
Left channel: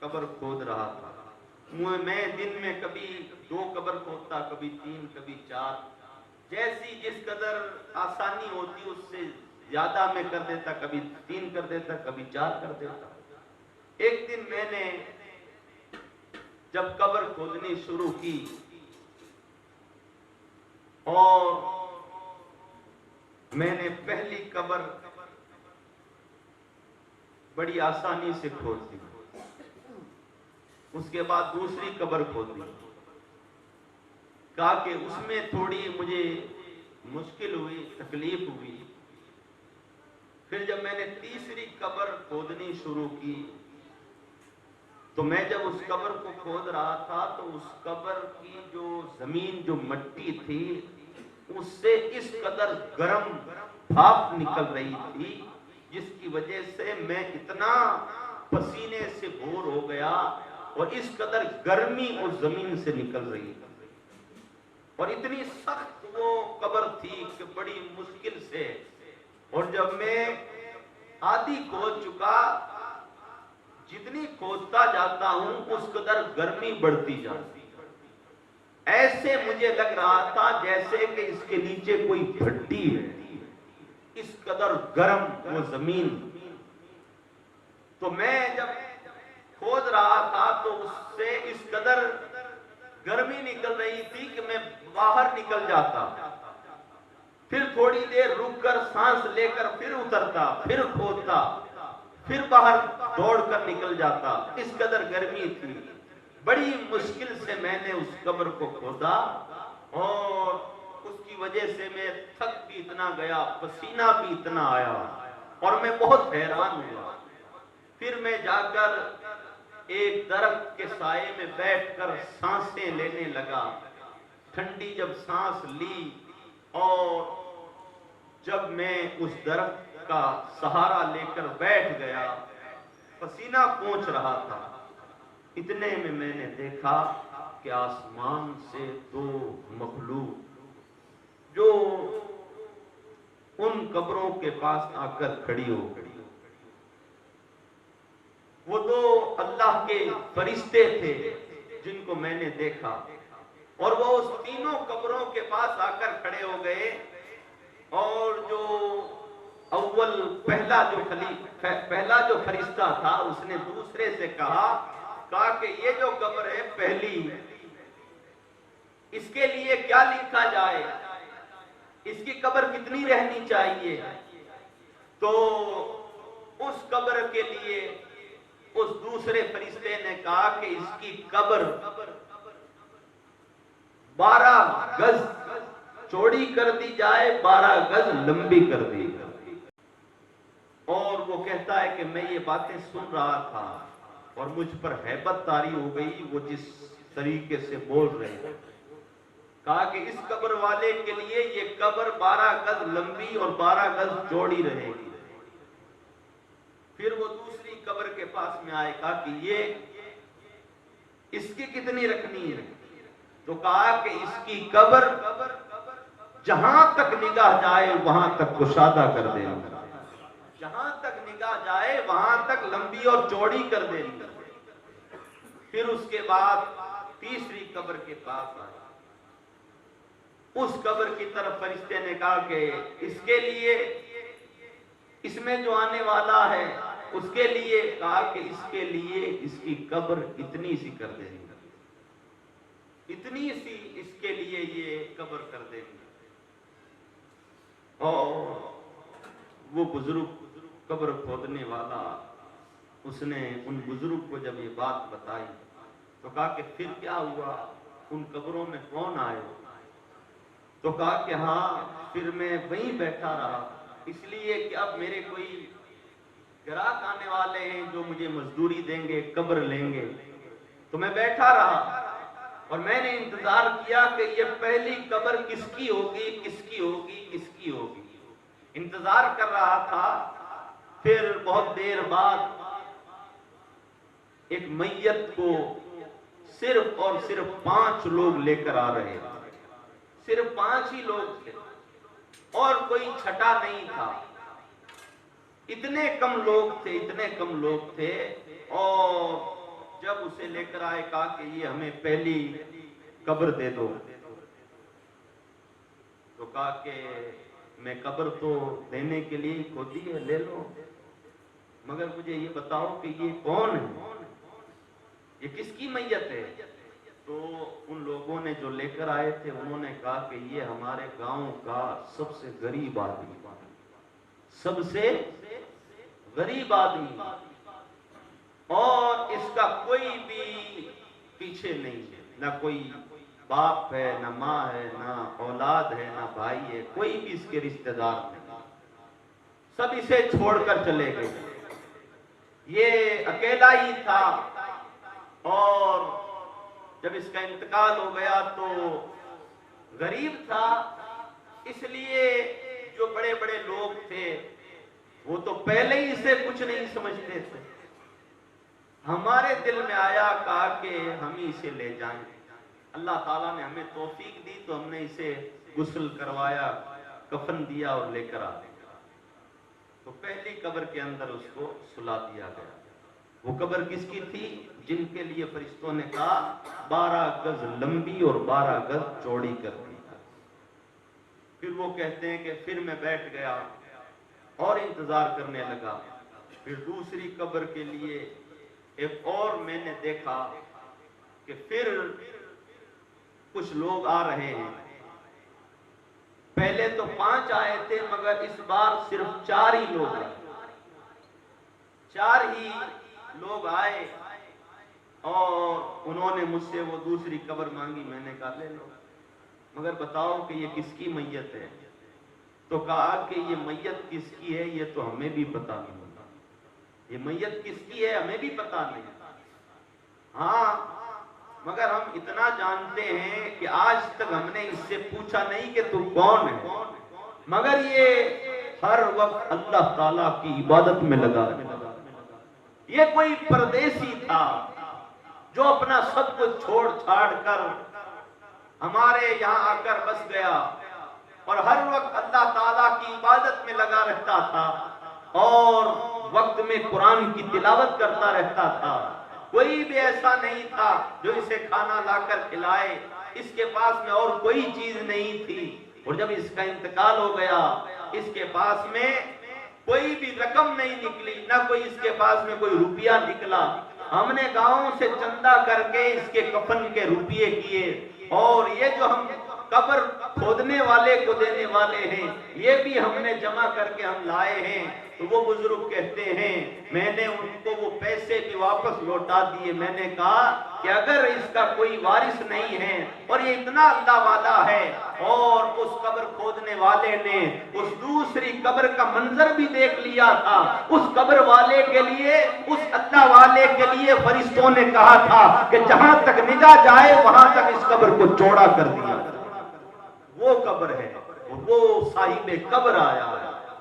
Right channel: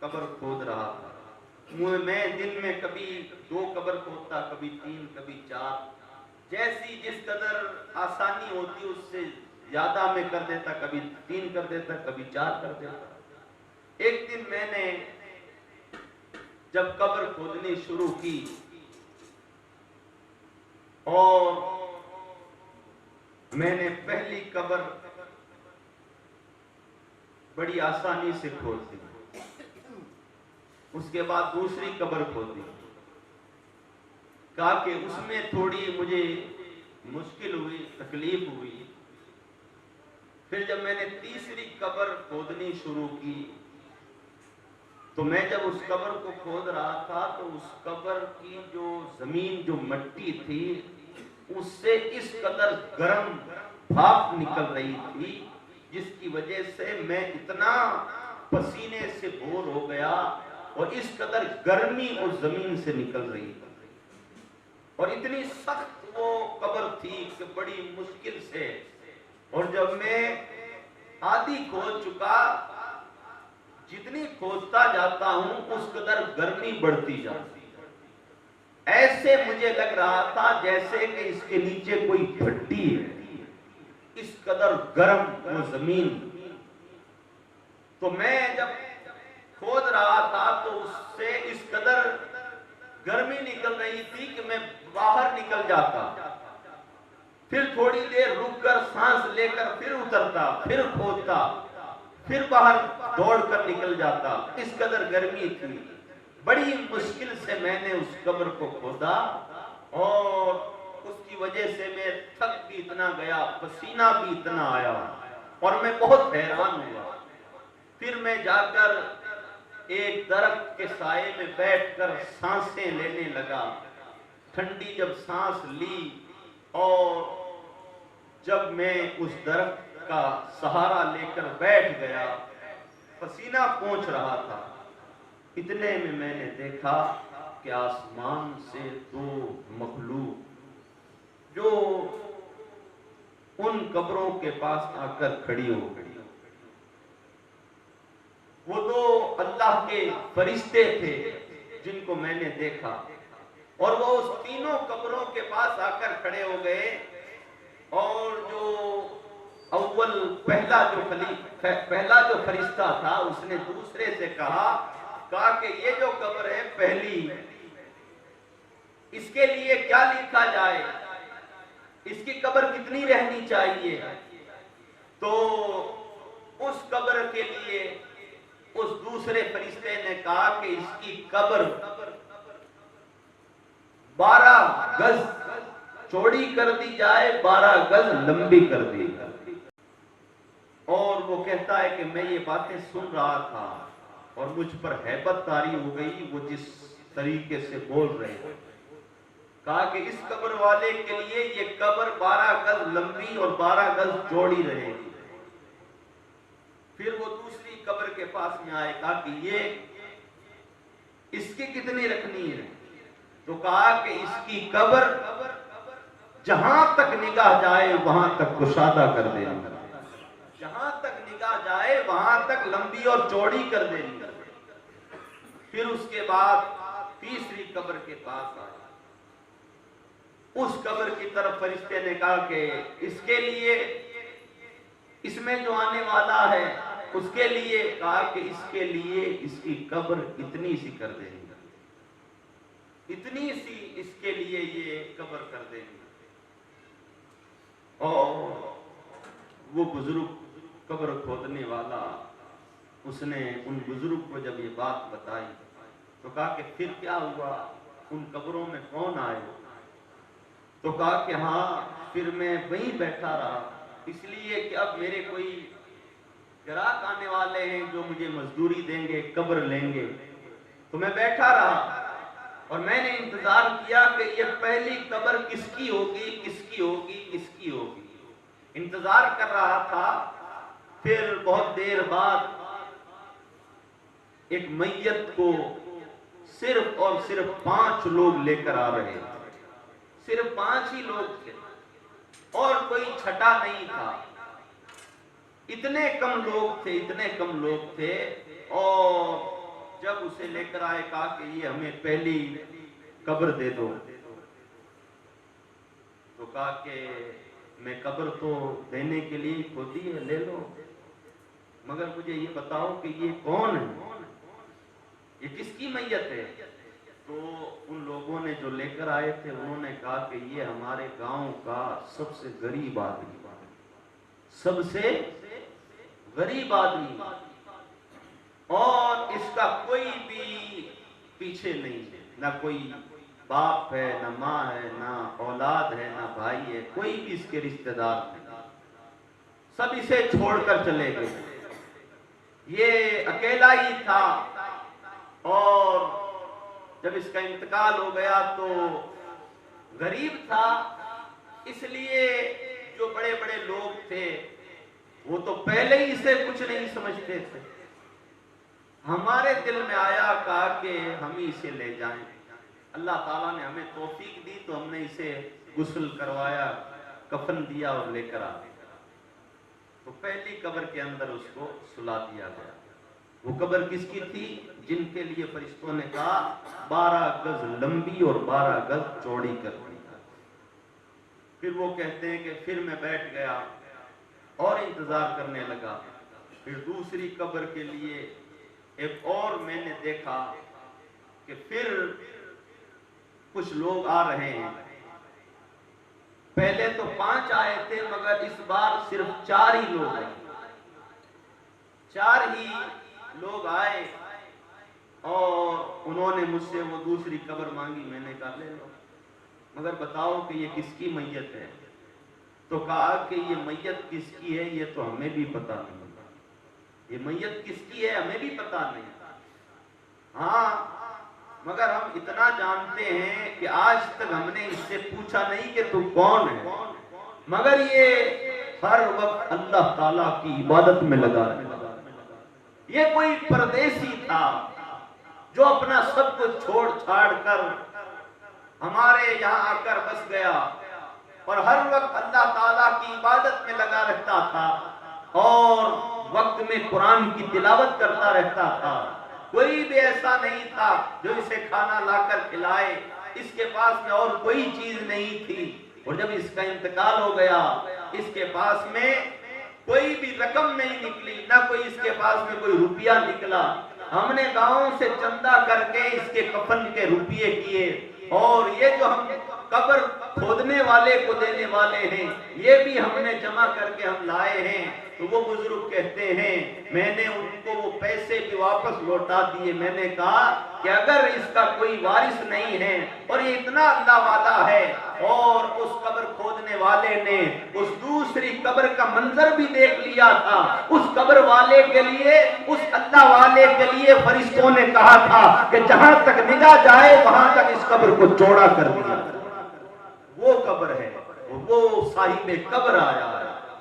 قبر کھود رہا تھا، میں دن میں کبھی 2 قبر کھودتا، کبھی 3، کبھی 4، جیسی جس قدر آسانی ہوتی اس سے زیادہ میں کر دیتا، کبھی 3 کر دیتا، کبھی 4 کر دیتا۔ ایک دن میں نے جب قبر کھودنی شروع کی اور میں نے پہلی قبر بڑی آسانی سے کھود دی، اس کے بعد دوسری قبر کھود دی۔ کہا کہ اس میں تھوڑی مجھے مشکل ہوئی، تکلیف ہوئی۔ پھر جب میں نے تیسری قبر کھودنی شروع کی تو میں جب اس قبر کو کھود رہا تھا تو اس قبر کی جو زمین، جو مٹی تھی، اس سے اس قدر گرم بھاپ نکل رہی تھی جس کی وجہ سے میں اتنا پسینے سے بھور ہو گیا، اور اس قدر گرمی اس زمین سے نکل رہی تھی، اور اتنی سخت وہ قبر تھی کہ بڑی مشکل سے، اور جب میں آدھی کھود چکا، جتنی کھودتا جاتا ہوں اس قدر گرمی بڑھتی جاتی، ایسے مجھے لگ رہا تھا جیسے کہ اس کے نیچے کوئی بھٹی ہے، اس قدر گرم وہ زمین۔ تو میں جب کھود رہا تھا تو اس سے اس قدر گرمی نکل رہی تھی کہ میں باہر نکل جاتا، پھر تھوڑی دیر رک کر سانس لے کر پھر اترتا، پھر کھودتا، پھر باہر دوڑ کر نکل جاتا، اس قدر گرمی تھی۔ بڑی مشکل سے میں نے اس قبر کو کھودا، اور اس کی وجہ سے میں تھک بھی اتنا گیا، پسینہ بھی اتنا آیا، اور میں بہت حیران ہوا۔ پھر میں جا کر ایک درخت کے سائے میں بیٹھ کر سانسیں لینے لگا۔ ٹھنڈی جب سانس لی اور جب میں اس درخت کا سہارا لے کر بیٹھ گیا، پسینہ پہنچ رہا تھا، اتنے میں نے دیکھا کہ آسمان سے 2 مخلوق جو ان قبروں کے پاس آ کر کھڑی ہو گئی، وہ 2 اللہ کے فرشتے تھے جن کو میں نے دیکھا، اور وہ اس تینوں قبروں کے پاس آ کر کھڑے ہو گئے، اور جو اول پہلا جو فرشتہ تھا اس نے دوسرے سے کہا کہ یہ جو قبر ہے پہلی، اس کے لیے کیا لکھا جائے، اس کی قبر کتنی رہنی چاہیے؟ تو اس قبر کے لیے اس دوسرے فرشتے نے کہا کہ اس کی قبر 12 گز چوڑی کر دی جائے، 12 گز لمبی کر دی جائے۔ اور وہ کہتا ہے کہ میں یہ باتیں سن رہا تھا اور مجھ پر ہیبت طاری ہو گئی، وہ جس طریقے سے بول رہے ہیں۔ کہا کہ اس قبر والے کے لیے یہ قبر 12 گز لمبی اور 12 گز چوڑی رہے گی۔ پھر وہ دوسری قبر کے پاس میں آئے، کہا کہ یہ اس کی کتنی رکھنی ہے؟ تو کہا کہ اس کی قبر جہاں تک نگاہ جائے وہاں تک کشادہ کر دے گی، جہاں تک نگاہ جائے وہاں تک لمبی اور چوڑی کر دے گی۔ پھر اس کے بعد تیسری قبر کے پاس آیا، اس قبر کی طرف فرشتے نے کہا کہ اس کے لیے، اس میں جو آنے والا ہے اس کے لیے، کہا کہ اس کے لیے اس کی قبر اتنی سی کر دیں گے، اتنی سی اس کے لیے یہ قبر کر دیں گے۔ اور وہ بزرگ قبر کھودنے والا، اس نے ان بزرگ کو جب یہ بات بتائی تو کہا کہ پھر کیا ہوا، ان قبروں میں کون آئے؟ تو کہا کہ ہاں پھر میں وہیں بیٹھا رہا، اس لیے کہ اب میرے کوئی گراہک آنے والے ہیں جو مجھے مزدوری دیں گے، قبر لیں گے، تو میں بیٹھا رہا اور میں نے انتظار کیا کہ یہ پہلی قبر کس کی ہوگی، کس کی ہوگی، کس کی ہوگی، انتظار کر رہا تھا۔ پھر بہت دیر بعد ایک میت کو صرف اور صرف 5 لوگ لے کر آ رہے تھے، صرف 5 ہی لوگ تھے اور کوئی چھٹا نہیں تھا، اتنے کم لوگ تھے، اتنے کم لوگ تھے۔ اور جب اسے لے کر آئے کہا کہ یہ ہمیں پہلی قبر دے دو، تو کہا کہ میں قبر تو دینے کے لیے کھودی ہے، لے لو، مگر مجھے یہ بتاؤ کہ یہ کون ہے، یہ کس کی میت ہے؟ تو ان لوگوں نے جو لے کر آئے تھے انہوں نے کہا کہ یہ ہمارے گاؤں کا سب سے غریب آدمی، سب سے غریب آدمی، اور اس کا کوئی بھی پیچھے نہیں ہے، نہ کوئی باپ ہے، نہ ماں ہے، نہ اولاد ہے، نہ بھائی ہے، کوئی بھی اس کے رشتہ دار نہیں، سب اسے چھوڑ کر چلے گئے، یہ اکیلا ہی تھا۔ اور جب اس کا انتقال ہو گیا تو غریب تھا، اس لیے جو بڑے بڑے لوگ تھے وہ تو پہلے ہی اسے کچھ نہیں سمجھتے تھے۔ ہمارے دل میں آیا، کہا کہ ہم ہی اسے لے جائیں، اللہ تعالیٰ نے ہمیں توفیق دی تو ہم نے اسے غسل کروایا، کفن دیا اور لے کر آ گیا۔ تو پہلی قبر کے اندر اس کو سلا دیا گیا۔ وہ قبر کس کی تھی؟ جن کے لیے فرشتوں نے کہا 12 گز لمبی اور 12 گز چوڑی کر دی۔ پھر وہ کہتے ہیں کہ پھر میں بیٹھ گیا اور انتظار کرنے لگا، پھر دوسری قبر کے لیے ایک اور میں نے دیکھا کہ پھر کچھ لوگ آ رہے ہیں، پہلے تو 5 آئے تھے مگر اس بار صرف 4 ہی لوگ آئے، 4 ہی لوگ آئے اور انہوں نے مجھ سے وہ دوسری قبر مانگی، میں نے کہا لے لو، مگر بتاؤ کہ یہ کس کی میت ہے؟ تو کہا کہ یہ میت کس کی ہے یہ تو ہمیں بھی پتا نہیں، یہ میت کس کی ہے ہمیں بھی پتا نہیں، ہاں مگر ہم اتنا جانتے ہیں کہ آج تک ہم نے اس سے پوچھا نہیں کہ تو کون ہے، مگر یہ ہر وقت اللہ تعالیٰ کی عبادت میں لگا ہے۔ یہ کوئی پردیسی تھا جو اپنا سب کچھ چھوڑ چھاڑ کر ہمارے یہاں آ کر بس گیا اور ہر وقت اللہ تعالیٰ کی عبادت میں لگا رہتا تھا اور وقت میں قرآن کی تلاوت کرتا رہتا تھا۔ کوئی بھی ایسا نہیں تھا جو اسے کھانا لا کر کھلائے، اس کے پاس میں اور کوئی چیز نہیں تھی، اور جب اس کا انتقال ہو گیا اس کے پاس میں کوئی بھی رقم نہیں نکلی، نہ کوئی اس کے پاس میں کوئی روپیہ نکلا۔ ہم نے گاؤں سے چندہ کر کے اس کے کفن کے روپیے کیے، اور یہ جو ہم قبر کھودنے والے کو دینے والے ہیں یہ بھی ہم نے جمع کر کے ہم لائے ہیں۔ تو وہ بزرگ کہتے ہیں میں نے ان کو وہ پیسے بھی واپس لوٹا دیے، میں نے کہا کہ اگر اس کا کوئی وارث نہیں ہے اور یہ اتنا اللہ والا ہے، اور اس قبر کھودنے والے نے اس دوسری قبر کا منظر بھی دیکھ لیا تھا، اس قبر والے کے لیے، اس اللہ والے کے لیے فرشتوں نے کہا تھا کہ جہاں تک نگاہ جائے وہاں تک اس قبر کو چوڑا کر دیا۔ وہ قبر ہے، وہ صاحب قبر آیا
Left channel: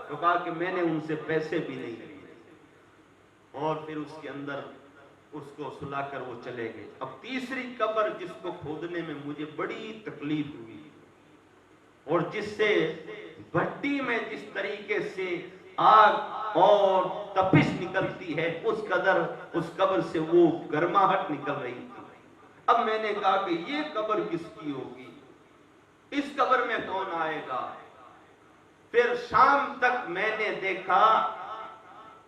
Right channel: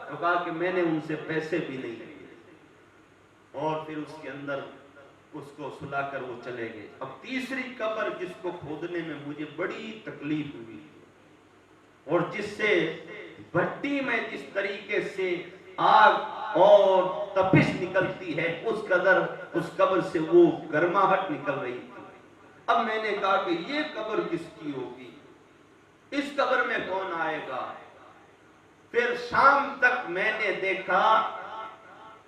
تو کہا کہ میں نے ان سے پیسے بھی نہیں لیے، اور پھر اس کے اندر اس کو سلا کر وہ چلے گئے. اب تیسری قبر جس کو کھودنے میں مجھے بڑی تکلیف ہوئی اور جس سے بھٹی میں جس طریقے سے آگ اور تپش نکلتی ہے اس قدر اس قبر سے وہ گرماہٹ نکل رہی تھی. اب میں نے کہا کہ یہ قبر کس کی ہوگی, اس قبر میں کون آئے گا. پھر شام تک میں نے دیکھا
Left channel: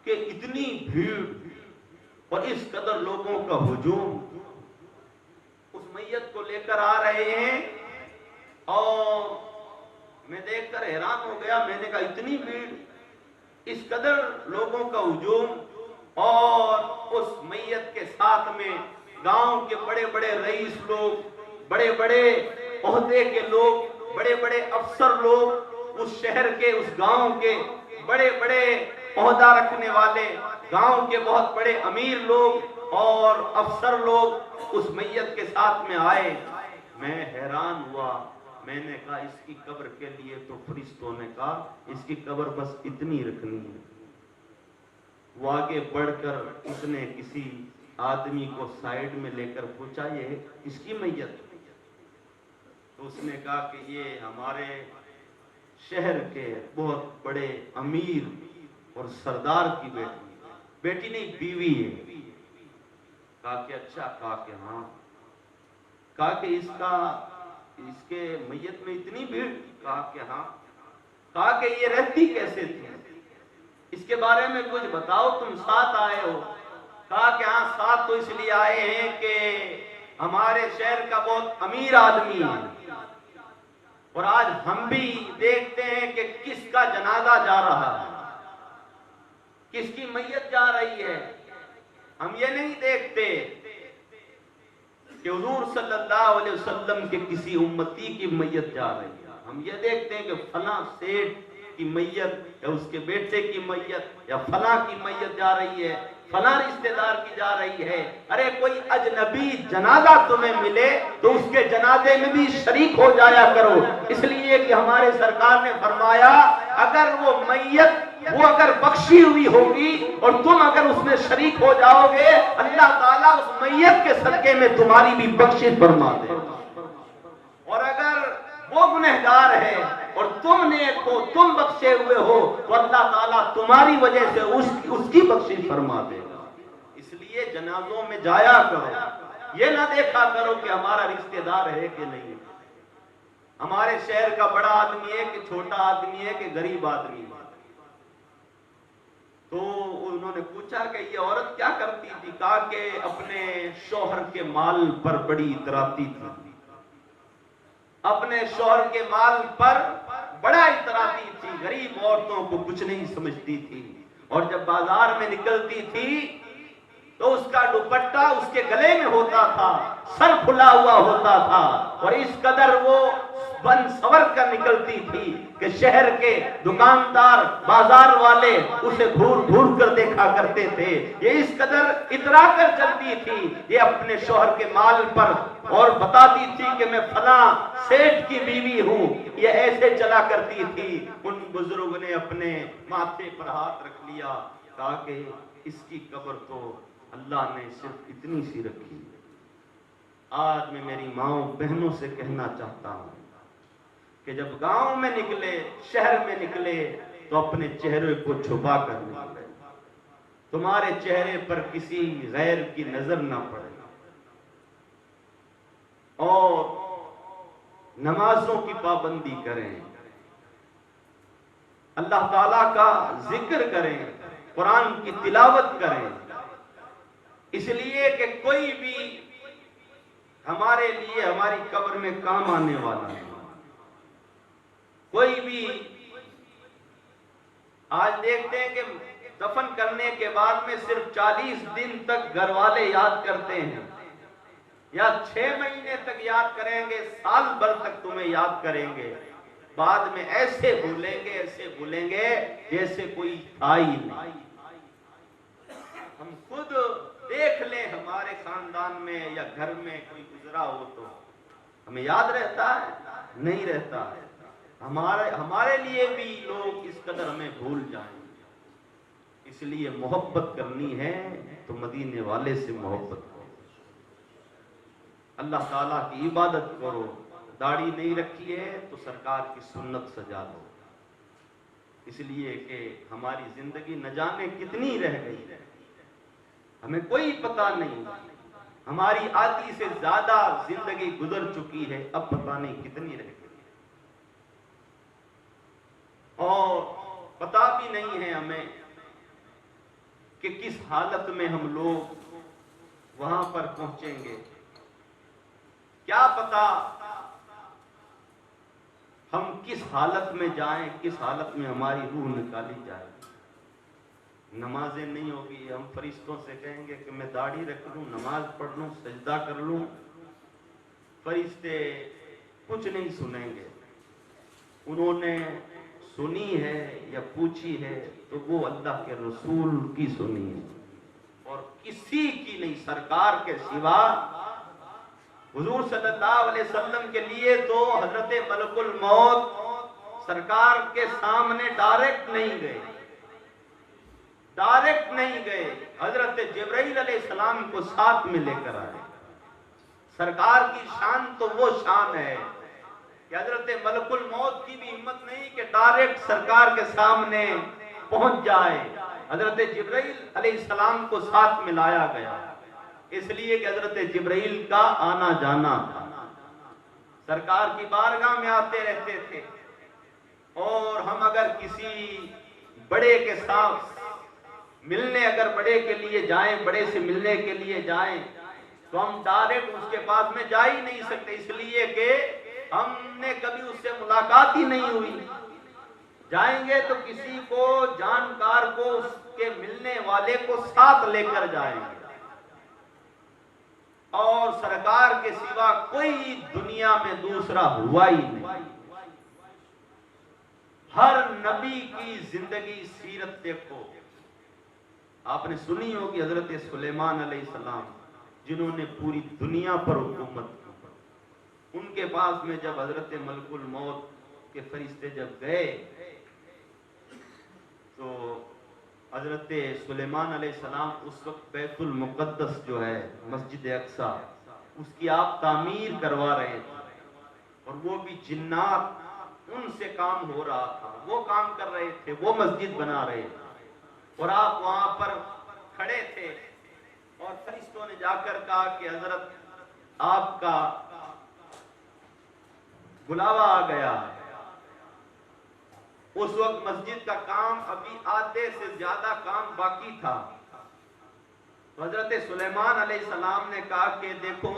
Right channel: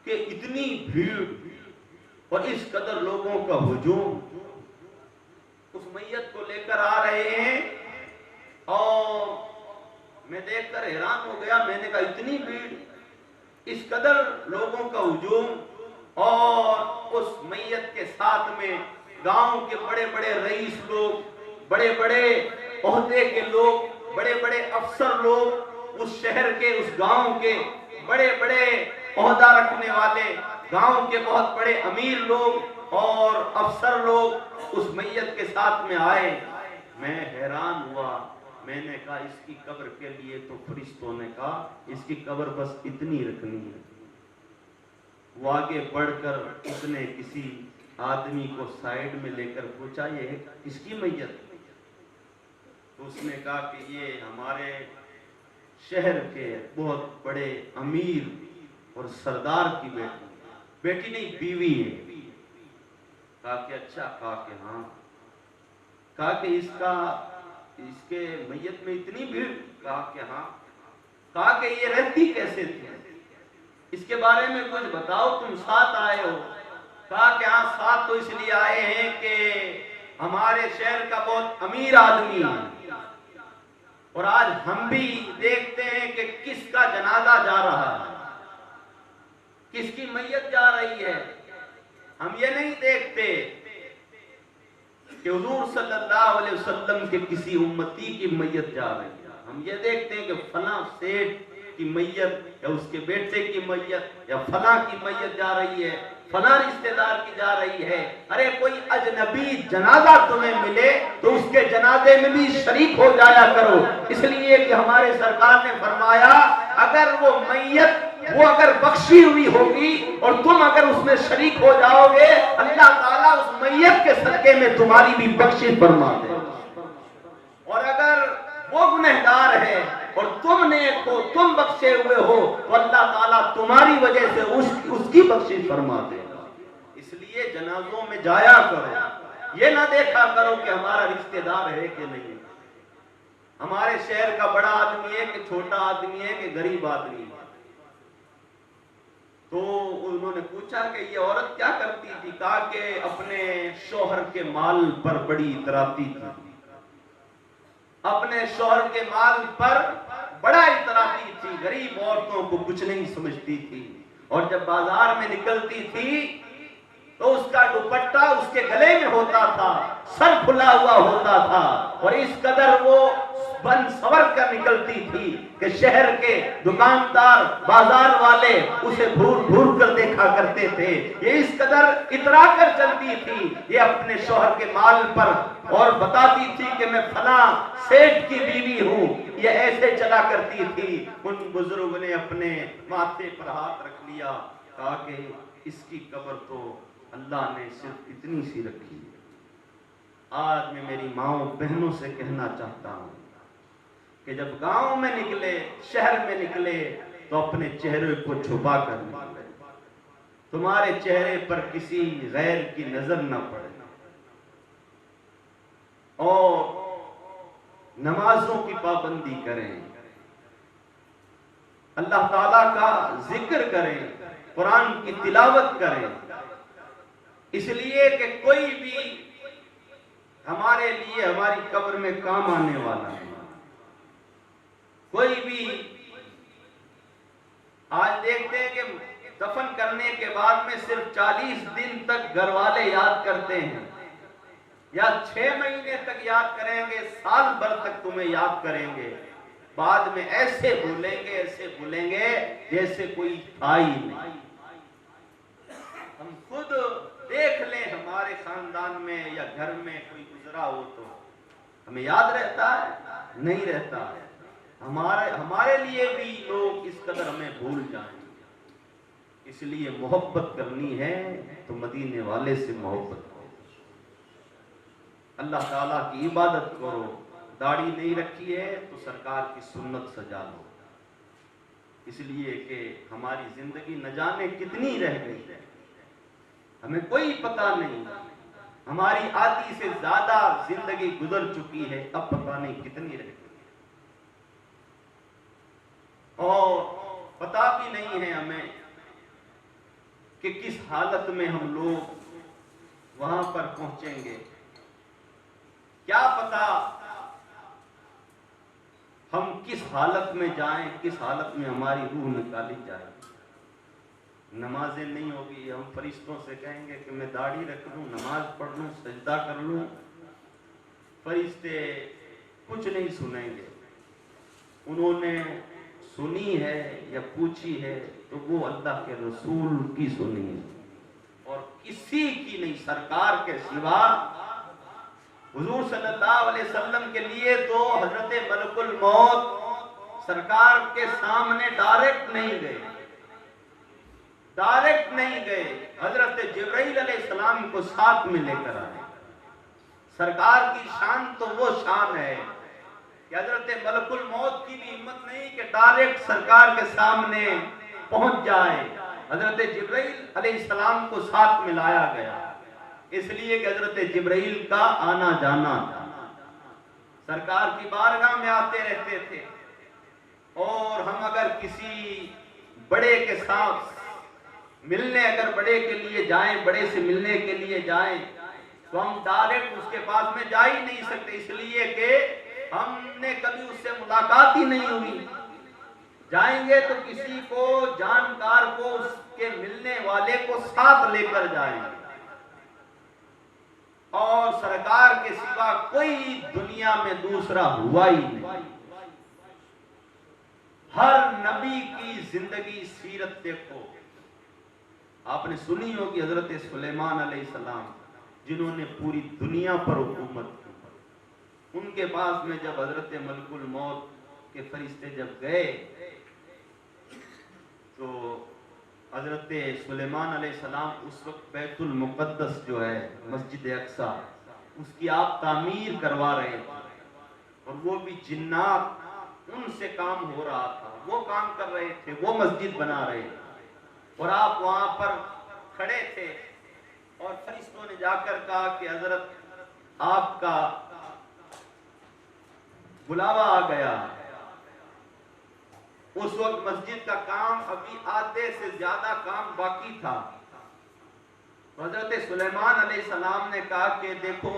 کہ اتنی بھیڑ اور اس قدر لوگوں کا ہجوم اس میت کو لے کر آ رہے ہیں, اور میں دیکھ کر حیران ہو گیا. میں نے کہا اتنی بھیڑ, اس قدر لوگوں کا ہجوم, اور اس میت کے ساتھ میں گاؤں کے بڑے بڑے رئیس لوگ, بڑے بڑے عہدے کے لوگ, بڑے بڑے افسر لوگ, اس شہر کے اس گاؤں کے بڑے بڑے عہدہ رکھنے والے, گاؤں کے بہت بڑے امیر لوگ اور افسر لوگ اس میت کے ساتھ میں آئے. میں حیران ہوا. میں نے کہا اس کی قبر کے لیے تو فرشتوں نے کہا اس کی قبر بس اتنی رکھنی ہے. وہ آگے بڑھ کر اس نے کسی آدمی کو سائیڈ میں لے کر پوچھا یہ کس کی میت. اس نے کہا کہ یہ ہمارے شہر کے بہت بڑے امیر اور سردار کی بیٹی نہیں بیوی ہے. کہا کہ اچھا. کہا کہ ہاں. کہا کہ اس کے میت میں اتنی بھیڑ. کہا کہ ہاں. کہا کہ یہ رہتی کیسے تھی, اس کے بارے میں کچھ بتاؤ, تم ساتھ آئے ہو. کہا کہ ہاں ساتھ تو اس لیے آئے ہیں کہ ہمارے شہر کا بہت امیر آدمی ہے اور آج ہم بھی دیکھتے ہیں کہ کس کا جنازہ جا رہا ہے, کس کی میت جا رہی ہے. ہم یہ نہیں دیکھتے کہ حضور صلی اللہ علیہ وسلم کے کسی امتی کی میت جا رہی ہے. ہم یہ دیکھتے ہیں کہ فلاں سیٹ کی میت یا اس کے بیٹے کی میت یا فلاں کی میت جا رہی ہے, فلاں رشتہ دار کی جا رہی ہے. ارے کوئی اجنبی جنازہ تمہیں ملے تو اس کے جنازے میں بھی شریک ہو جایا کرو, اس لیے کہ ہمارے سرکار نے فرمایا اگر وہ میت وہ اگر بخشی ہوئی ہوگی اور تم اگر اس میں شریک ہو جاؤ گے اللہ تعالیٰ اس میت کے صدقے میں تمہاری بھی بخشش فرما دے. اور اگر وہ گنہگار ہے اور تم بخشے ہوئے ہو تو اللہ تعالیٰ تمہاری وجہ سے اس کی بخشش فرما دے گا. اس لیے جنازوں میں جایا کرو, یہ نہ دیکھا کرو کہ ہمارا رشتہ دار ہے کہ نہیں, ہمارے شہر کا بڑا آدمی ہے کہ چھوٹا آدمی ہے کہ غریب آدمی ہے. تو انہوں نے پوچھا کہ یہ عورت کیا کرتی تھی. کہا کہ اپنے شوہر کے مال پر بڑی اتراتی تھی, اپنے شوہر کے مال پر بڑا اتراتی تھی, غریب عورتوں کو کچھ نہیں سمجھتی تھی. اور جب بازار میں نکلتی تھی تو اس کا دوپٹہ اس کے گلے میں ہوتا تھا, سر کھلا ہوا ہوتا تھا, اور اس قدر وہ بن سور کر نکلتی تھی کہ شہر کے دکاندار بازار والے اسے گھور گھور کر دیکھا کرتے تھے. یہ اس قدر اترا کر چلتی تھی یہ اپنے شوہر کے مال پر, اور بتاتی تھی کہ میں فلاں سیٹ کی بیوی ہوں. یہ ایسے چلا کرتی تھی. ان بزرگ نے اپنے ماتھے پر ہاتھ رکھ لیا. کہا کہ اس کی قبر تو اللہ نے صرف اتنی سی رکھی ہے. آج میں میری ماؤں بہنوں سے کہنا چاہتا ہوں کہ جب گاؤں میں نکلے, شہر میں نکلے تو اپنے چہرے کو چھپا کر نکلے, تمہارے چہرے پر کسی غیر کی نظر نہ پڑے, اور نمازوں کی پابندی کریں, اللہ تعالیٰ کا ذکر کریں, قرآن کی تلاوت کریں, اس لیے کہ کوئی بھی ہمارے لیے ہماری قبر میں کام آنے والا ہے. کوئی بھی آج دیکھتے ہیں کہ دفن کرنے کے بعد میں صرف 40 دن تک گھر والے یاد کرتے ہیں, یا 6 مہینے تک یاد کریں گے, سال بھر تک تمہیں یاد کریں گے, بعد میں ایسے بھولیں گے جیسے کوئی تھا ہی نہیں. ہم خود دیکھ لیں ہمارے خاندان میں یا گھر میں کوئی گزرا ہو تو ہمیں یاد رہتا ہے, نہیں رہتا ہے. ہمارے لیے بھی لوگ اس قدر ہمیں بھول جائیں. اس لیے محبت کرنی ہے تو مدینے والے سے محبت کرو، اللہ تعالیٰ کی عبادت کرو، داڑھی نہیں رکھی ہے تو سرکار کی سنت سجا لو، اس لیے کہ ہماری زندگی نہ جانے کتنی رہ گئی ہے، ہمیں کوئی پتہ نہیں، ہماری آدھی سے زیادہ زندگی گزر چکی ہے، اب پتہ نہیں کتنی رہ گئی، اور پتہ بھی نہیں ہے ہمیں کہ کس حالت میں ہم لوگ وہاں پر پہنچیں گے، کیا پتہ ہم کس حالت میں جائیں، کس حالت میں ہماری روح نکالی جائے، نمازیں نہیں ہوگی، ہم فرشتوں سے کہیں گے کہ میں داڑھی رکھ لوں، نماز پڑھ لوں، سجدہ کر لوں، فرشتے کچھ نہیں سنیں گے، انہوں نے سنی ہے یا پوچھی ہے تو وہ اللہ کے رسول کی سنی ہے اور کسی کی نہیں، سرکار کے سوا۔ حضور صلی اللہ علیہ وسلم کے لیے تو حضرت ملک الموت سرکار کے سامنے ڈائریکٹ نہیں گئے، حضرت جبرائیل علیہ السلام کو ساتھ میں لے کر آئے۔ سرکار کی شان تو وہ شان ہے کہ حضرت ملک الموت کی بھی ہمت نہیں کہ ڈائریکٹ سرکار کے سامنے پہنچ جائے، حضرت جبرائیل علیہ السلام کو ساتھ میں لایا گیا، اس لیے کہ حضرت جبرائیل کا آنا جانا تھا، سرکار کی بارگاہ میں آتے رہتے تھے، اور ہم اگر کسی بڑے کے ساتھ ملنے، اگر بڑے کے لیے جائیں، بڑے سے ملنے کے لیے جائیں تو ہم ڈائریکٹ اس کے پاس میں جا ہی نہیں سکتے، اس لیے کہ ہم نے کبھی اس سے ملاقات ہی نہیں ہوئی، جائیں گے تو کسی کو جانکار کو، اس کے ملنے والے کو ساتھ لے کر جائیں گے، اور سرکار کے سوا کوئی دنیا میں دوسرا ہوا ہی نہیں۔ ہر نبی کی زندگی سیرت دیکھو، آپ نے سنی ہوگی حضرت سلیمان علیہ السلام جنہوں نے پوری دنیا پر حکومت کی، ان کے پاس میں جب حضرت ملک الموت کے فرشتے جب گئے تو حضرت سلیمان علیہ السلام اس وقت بیت المقدس جو ہے مسجد اقصی، اس کی آپ تعمیر کروا رہے تھے، اور وہ بھی جنات ان سے کام ہو رہا تھا، وہ کام کر رہے تھے، وہ مسجد بنا رہے تھے، اور آپ وہاں پر کھڑے تھے، اور فرشتوں نے جا کر کہا کہ حضرت آپ کا بلاوا آ گیا۔ اس وقت مسجد کا کام ابھی آدھے سے زیادہ کام باقی تھا، حضرت سلیمان علیہ السلام نے کہا کہ دیکھو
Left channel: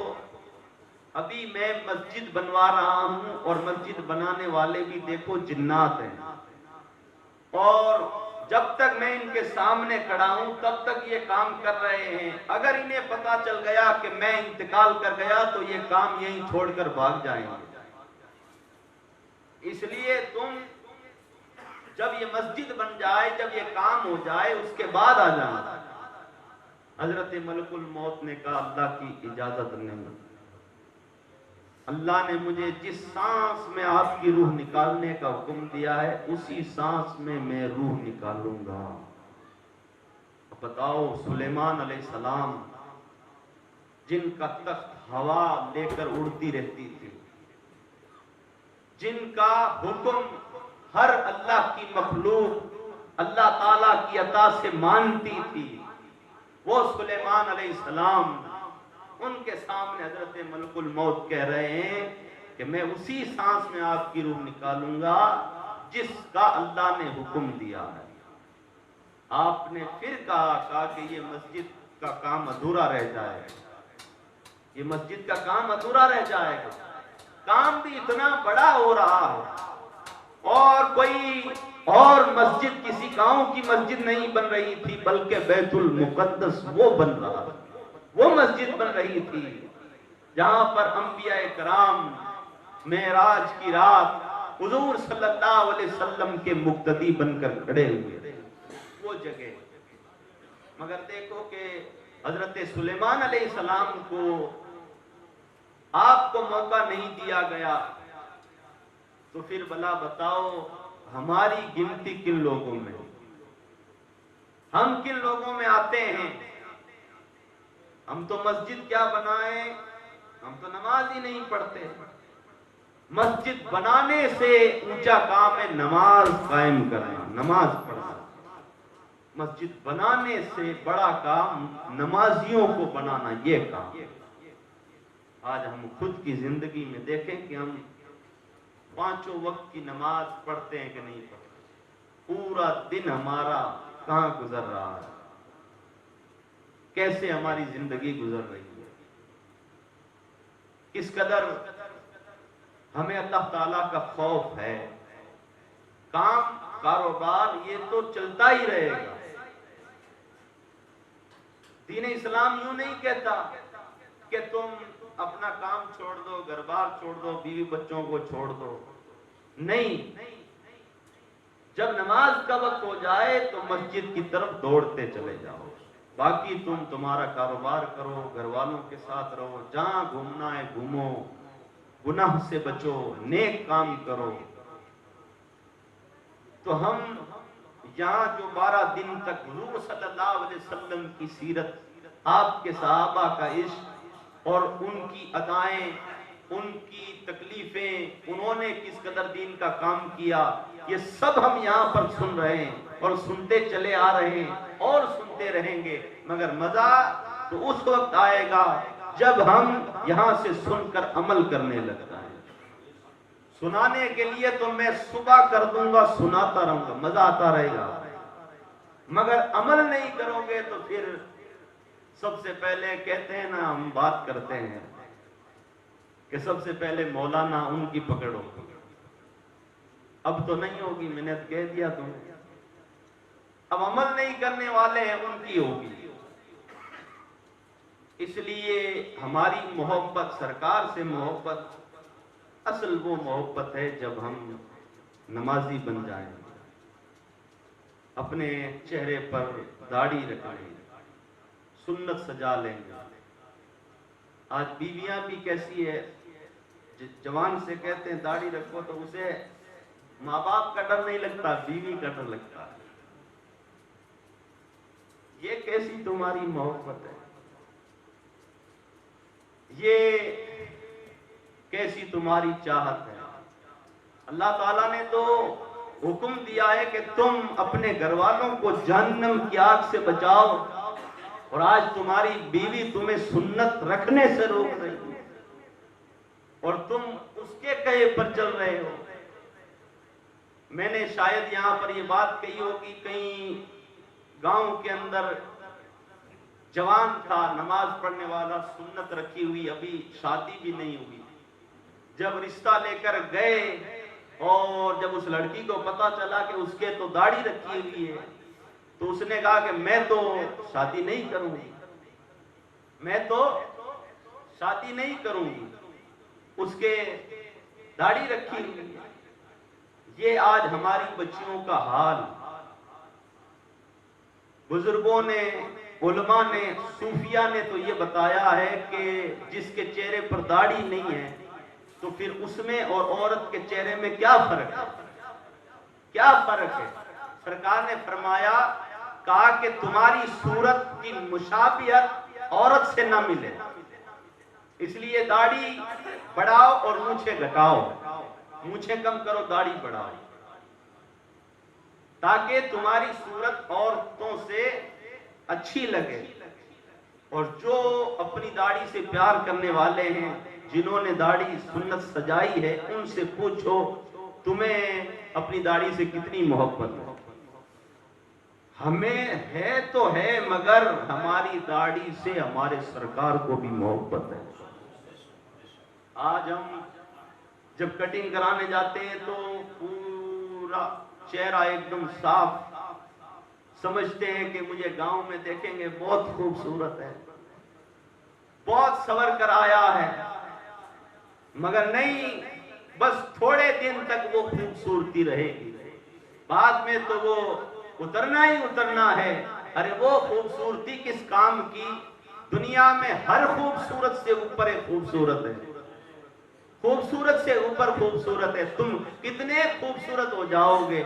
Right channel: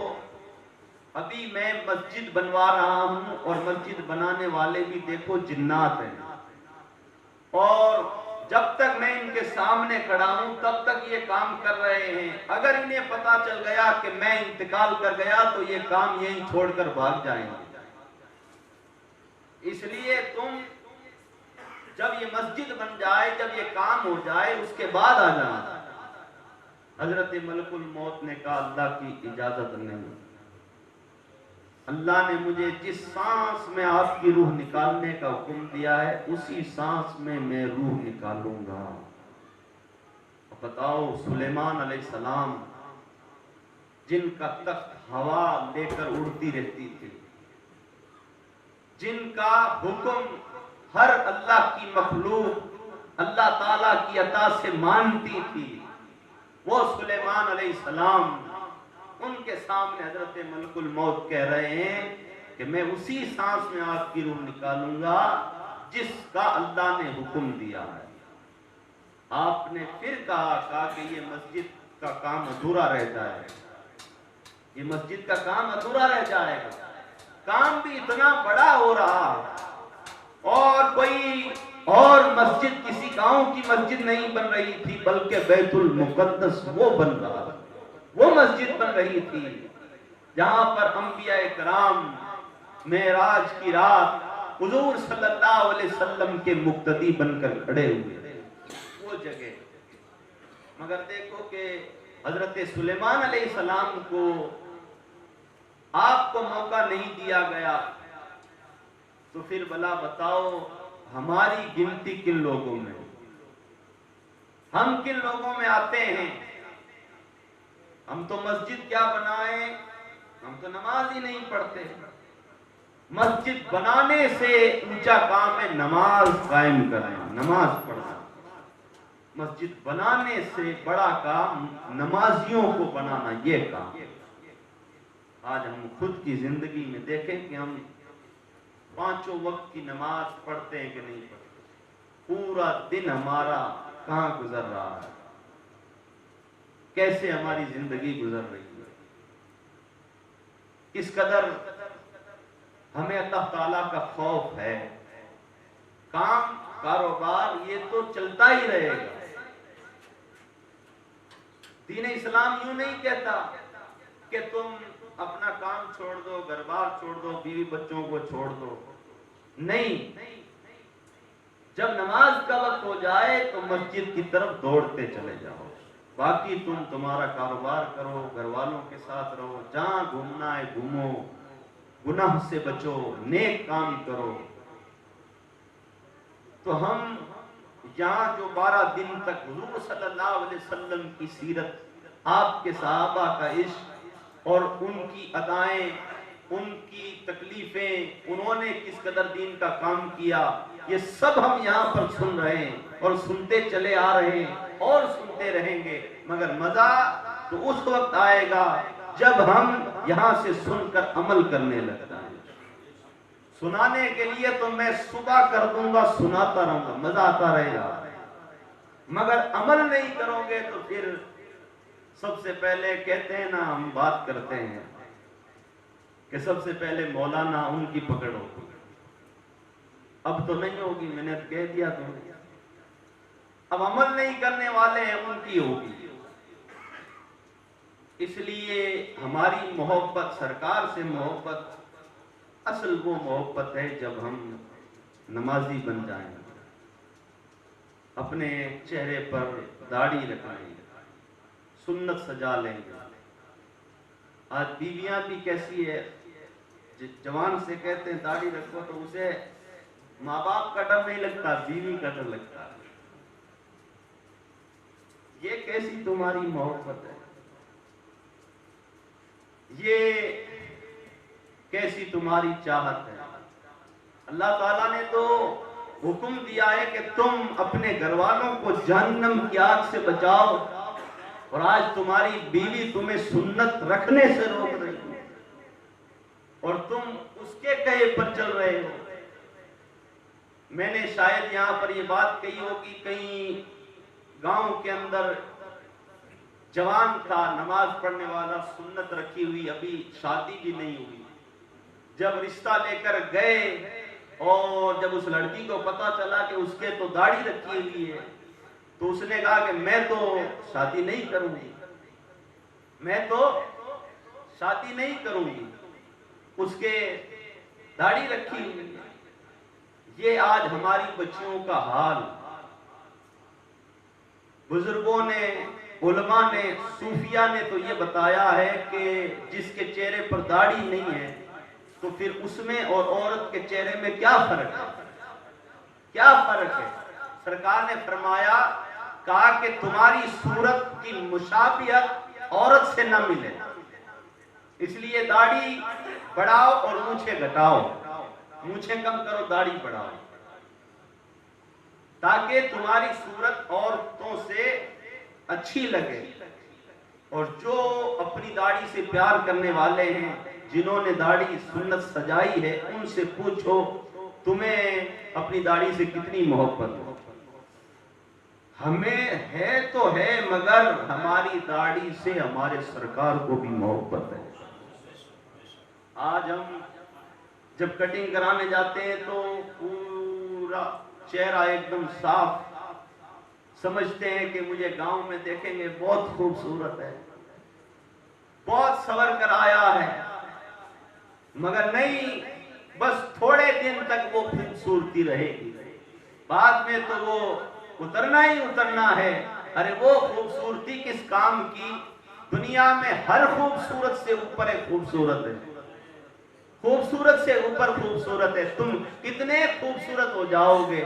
ابھی میں مسجد بنوا رہا ہوں، اور مسجد بنانے والے بھی دیکھو جنات ہیں، اور جب تک میں ان کے سامنے کھڑا ہوں تب تک یہ کام کر رہے ہیں، اگر انہیں پتا چل گیا کہ میں انتقال کر گیا تو یہ کام یہیں چھوڑ کر بھاگ جائیں گے، اس لیے تم جب یہ مسجد بن جائے، جب یہ کام ہو جائے، اس کے بعد آ جانا۔ حضرت ملک الموت نے کہا اللہ کی اجازت نہیں، اللہ نے مجھے جس سانس میں آپ کی روح نکالنے کا حکم دیا ہے اسی سانس میں میں روح نکالوں گا۔ بتاؤ سلیمان علیہ السلام جن کا تخت ہوا لے کر اڑتی رہتی تھی، جن کا حکم ہر اللہ کی مخلوق اللہ تعالیٰ کی عطا سے مانتی تھی، وہ سلیمان علیہ السلام ان کے سامنے حضرت ملک الموت کہہ رہے ہیں کہ میں اسی سانس میں آپ کی روح نکالوں گا جس کا اللہ نے حکم دیا ہے۔ آپ نے پھر کہا کہ یہ مسجد کا کام ادھورا رہ جائے گا، یہ مسجد کا کام ادھورا رہ جائے گا، کام بھی اتنا بڑا ہو رہا ہے، اور کوئی اور مسجد کسی گاؤں کی مسجد نہیں بن رہی تھی بلکہ بیت المقدس وہ بن رہا تھا، وہ مسجد بن رہی تھی جہاں پر انبیاء کرام معراج کی رات حضور صلی اللہ علیہ وسلم کے مقتدی بن کر کھڑے ہوئے، وہ جگہ۔ مگر دیکھو کہ حضرت سلیمان علیہ السلام کو آپ کو موقع نہیں دیا گیا، تو پھر بلا بتاؤ ہماری گنتی کن لوگوں میں؟ ہم کن لوگوں میں آتے ہیں؟ ہم تو مسجد کیا بنائیں، ہم تو نماز ہی نہیں پڑھتے۔ مسجد بنانے سے اونچا کام ہے نماز قائم کرنا، نماز پڑھنا۔ مسجد بنانے سے بڑا کام نمازیوں کو بنانا، یہ کام۔ آج ہم خود کی زندگی میں دیکھیں کہ ہم 5 وقت کی نماز پڑھتے ہیں کہ نہیں پڑھتے؟ پورا دن ہمارا کہاں گزر رہا ہے؟ کیسے ہماری زندگی گزر رہی ہے؟ کس قدر ہمیں اللہ تعالیٰ کا خوف ہے؟ کام کاروبار یہ تو چلتا ہی رہے گا۔ دین اسلام یوں نہیں کہتا کہ تم اپنا کام چھوڑ دو، گھر بار چھوڑ دو، بیوی بچوں کو چھوڑ دو۔ نہیں، جب نماز کا وقت ہو جائے تو مسجد کی طرف دوڑتے چلے جاؤ، باقی تم تمہارا کاروبار کرو، گھر والوں کے ساتھ رہو، جہاں گھومنا ہے گھومو، گناہ سے بچو، نیک کام کرو۔ تو ہم یہاں جو 12 دن تک حضور صلی اللہ علیہ وسلم کی سیرت، آپ کے صحابہ کا عشق اور ان کی ادائیں، ان کی تکلیفیں، انہوں نے کس قدر دین کا کام کیا، یہ سب ہم یہاں پر سن رہے ہیں اور سنتے چلے آ رہے ہیں اور سنتے رہیں گے۔ مگر مزہ تو اس وقت آئے گا جب ہم یہاں سے سن کر عمل کرنے لگتا ہے۔ سنانے کے لیے تو میں صبح کر دوں گا، سناتا رہوں گا، مزہ آتا رہے گا، مگر عمل نہیں کرو گے تو پھر سب سے پہلے کہتے ہیں نا، ہم بات کرتے ہیں کہ سب سے پہلے مولانا ان کی پکڑ ہوگی۔ اب تو نہیں ہوگی، میں نے کہہ دیا تمہیں، اب عمل نہیں کرنے والے ہیں ان کی ہوگی۔ اس لیے ہماری محبت، سرکار سے محبت، اصل وہ محبت ہے جب ہم نمازی بن جائیں، اپنے چہرے پر داڑھی رکھیں، سنت سجا لیں گے۔ آج بیویاں بھی کیسی ہے، جوان سے کہتے ہیں داڑھی رکھو تو اسے ماں باپ کا ڈر نہیں لگتا، بیوی کا ڈر لگتا ہے۔ یہ کیسی تمہاری محبت ہے، یہ کیسی تمہاری چاہت ہے؟ اللہ تعالیٰ نے تو حکم دیا ہے کہ تم اپنے گھر والوں کو جہنم کی آگ سے بچاؤ، اور آج تمہاری بیوی تمہیں سنت رکھنے سے روک رہی ہے اور تم اس کے کہے پر چل رہے ہو۔ میں نے شاید یہاں پر یہ بات کہی ہوگی، کہیں گاؤں کے اندر جوان تھا، نماز پڑھنے والا، سنت رکھی ہوئی، ابھی شادی بھی نہیں ہوئی۔ جب رشتہ لے کر گئے اور جب اس لڑکی کو پتا چلا کہ اس کے تو داڑھی رکھی ہوئی ہے، تو اس نے کہا کہ میں تو شادی نہیں کروں گی، میں تو شادی نہیں کروں گی، اس کے داڑھی رکھی ہوئی۔ یہ آج ہماری بچیوں کا حال۔ بزرگوں نے، علماء نے، صوفیاء نے تو یہ بتایا ہے کہ جس کے چہرے پر داڑھی نہیں ہے تو پھر اس میں اور عورت کے چہرے میں کیا فرق ہے؟ کیا فرق ہے؟ سرکار نے فرمایا، کہا کہ تمہاری صورت کی مشابہت عورت سے نہ ملے، اس لیے داڑھی بڑھاؤ اور مونچھیں گھٹاؤ، مونچھیں کم کرو، داڑھی بڑھاؤ، تاکہ تمہاری صورت عورتوں سے اچھی لگے۔ اور جو اپنی داڑھی سے پیار کرنے والے ہیں، جنہوں نے داڑھی سنت سجائی ہے، ان سے پوچھو تمہیں اپنی داڑھی سے کتنی محبت ہو؟ ہمیں ہے تو ہے، مگر ہماری داڑھی سے ہمارے سرکار کو بھی محبت ہے۔ آج ہم جب کٹنگ کرانے جاتے ہیں تو پورا چہرہ ایک دم صاف، سمجھتے ہیں کہ مجھے گاؤں میں دیکھیں گے بہت خوبصورت ہے، بہت سنور کر آیا ہے، مگر نہیں، بس تھوڑے دن تک وہ خوبصورتی رہے گی، بعد میں تو وہ اترنا ہی اترنا ہے۔ ارے وہ خوبصورتی کس کام کی؟ دنیا میں ہر خوبصورت سے اوپر ایک خوبصورت ہے، خوبصورت سے اوپر خوبصورت ہے۔ تم کتنے خوبصورت ہو جاؤ گے،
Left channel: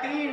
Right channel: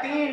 3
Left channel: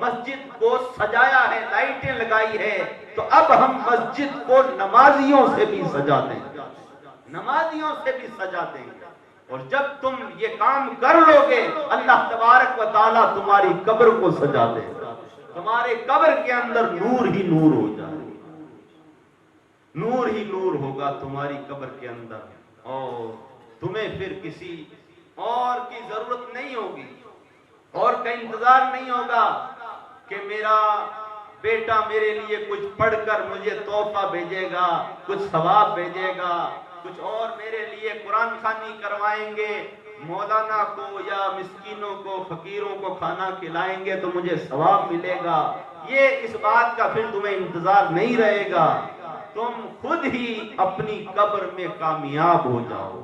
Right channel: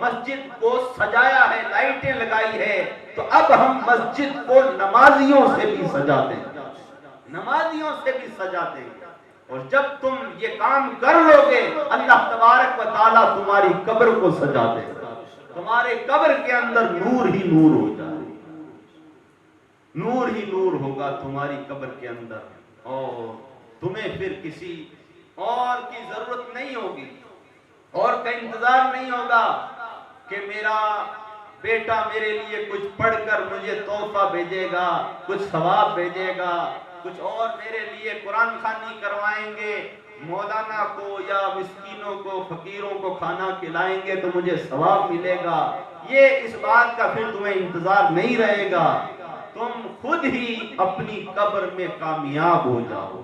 مسجد کو سجایا ہے، لائٹیں لگائی ہے، تو اب ہم مسجد کو نمازیوں سے بھی سجا دیں گے، نمازیوں سے بھی سجا دیں گے۔ اور جب تم یہ کام کر لو گے اللہ تبارک و تعالیٰ تمہاری قبر کو سجا دے گا، تمہارے قبر کے اندر نور ہی نور ہو جائے، نور ہی نور ہوگا تمہاری قبر کے اندر، اور تمہیں پھر کسی اور کی ضرورت نہیں ہوگی، اور کا انتظار نہیں ہوگا کہ میرا بیٹا میرے لیے کچھ پڑھ کر مجھے تحفہ بھیجے گا، کچھ ثواب بھیجے گا، کچھ اور میرے لیے قرآن خوانی کروائیں گے، مولانا کو یا مسکینوں کو فقیروں کو کھانا کھلائیں گے تو مجھے ثواب ملے گا۔ یہ اس بات کا پھر تمہیں انتظار نہیں رہے گا، تم خود ہی اپنی قبر میں کامیاب ہو جاؤ۔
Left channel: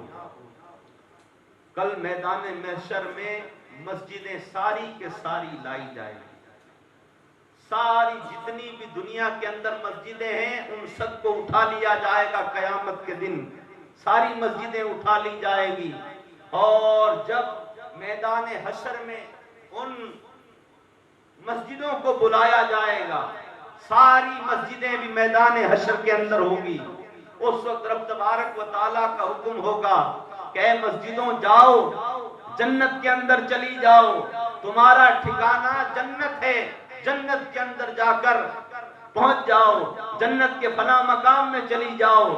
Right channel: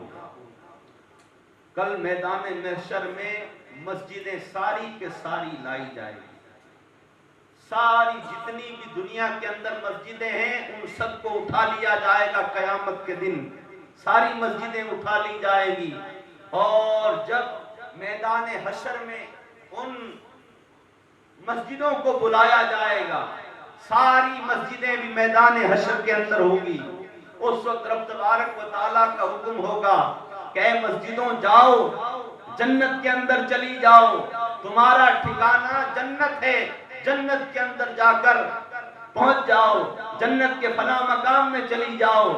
کل میدان محشر میں مسجدیں ساری کے ساری لائی جائیں گی، ساری جتنی بھی دنیا کے اندر مسجدیں ہیں ان سب کو اٹھا لیا جائے گا قیامت کے دن، ساری مسجدیں اٹھا لی جائے گی، اور جب میدان حشر میں ان مسجدوں کو بلایا جائے گا، ساری مسجدیں بھی میدان حشر کے اندر ہوگی، اس وقت رب تبارک و تعالیٰ کا حکم ہوگا کہ اے مسجدوں جاؤ، جنت کے اندر چلی جاؤ، تمہارا ٹھکانہ جنت ہے، جنت کے اندر جا کر پہنچ جاؤ، جنت کے فلاں مقام میں چلی جاؤ،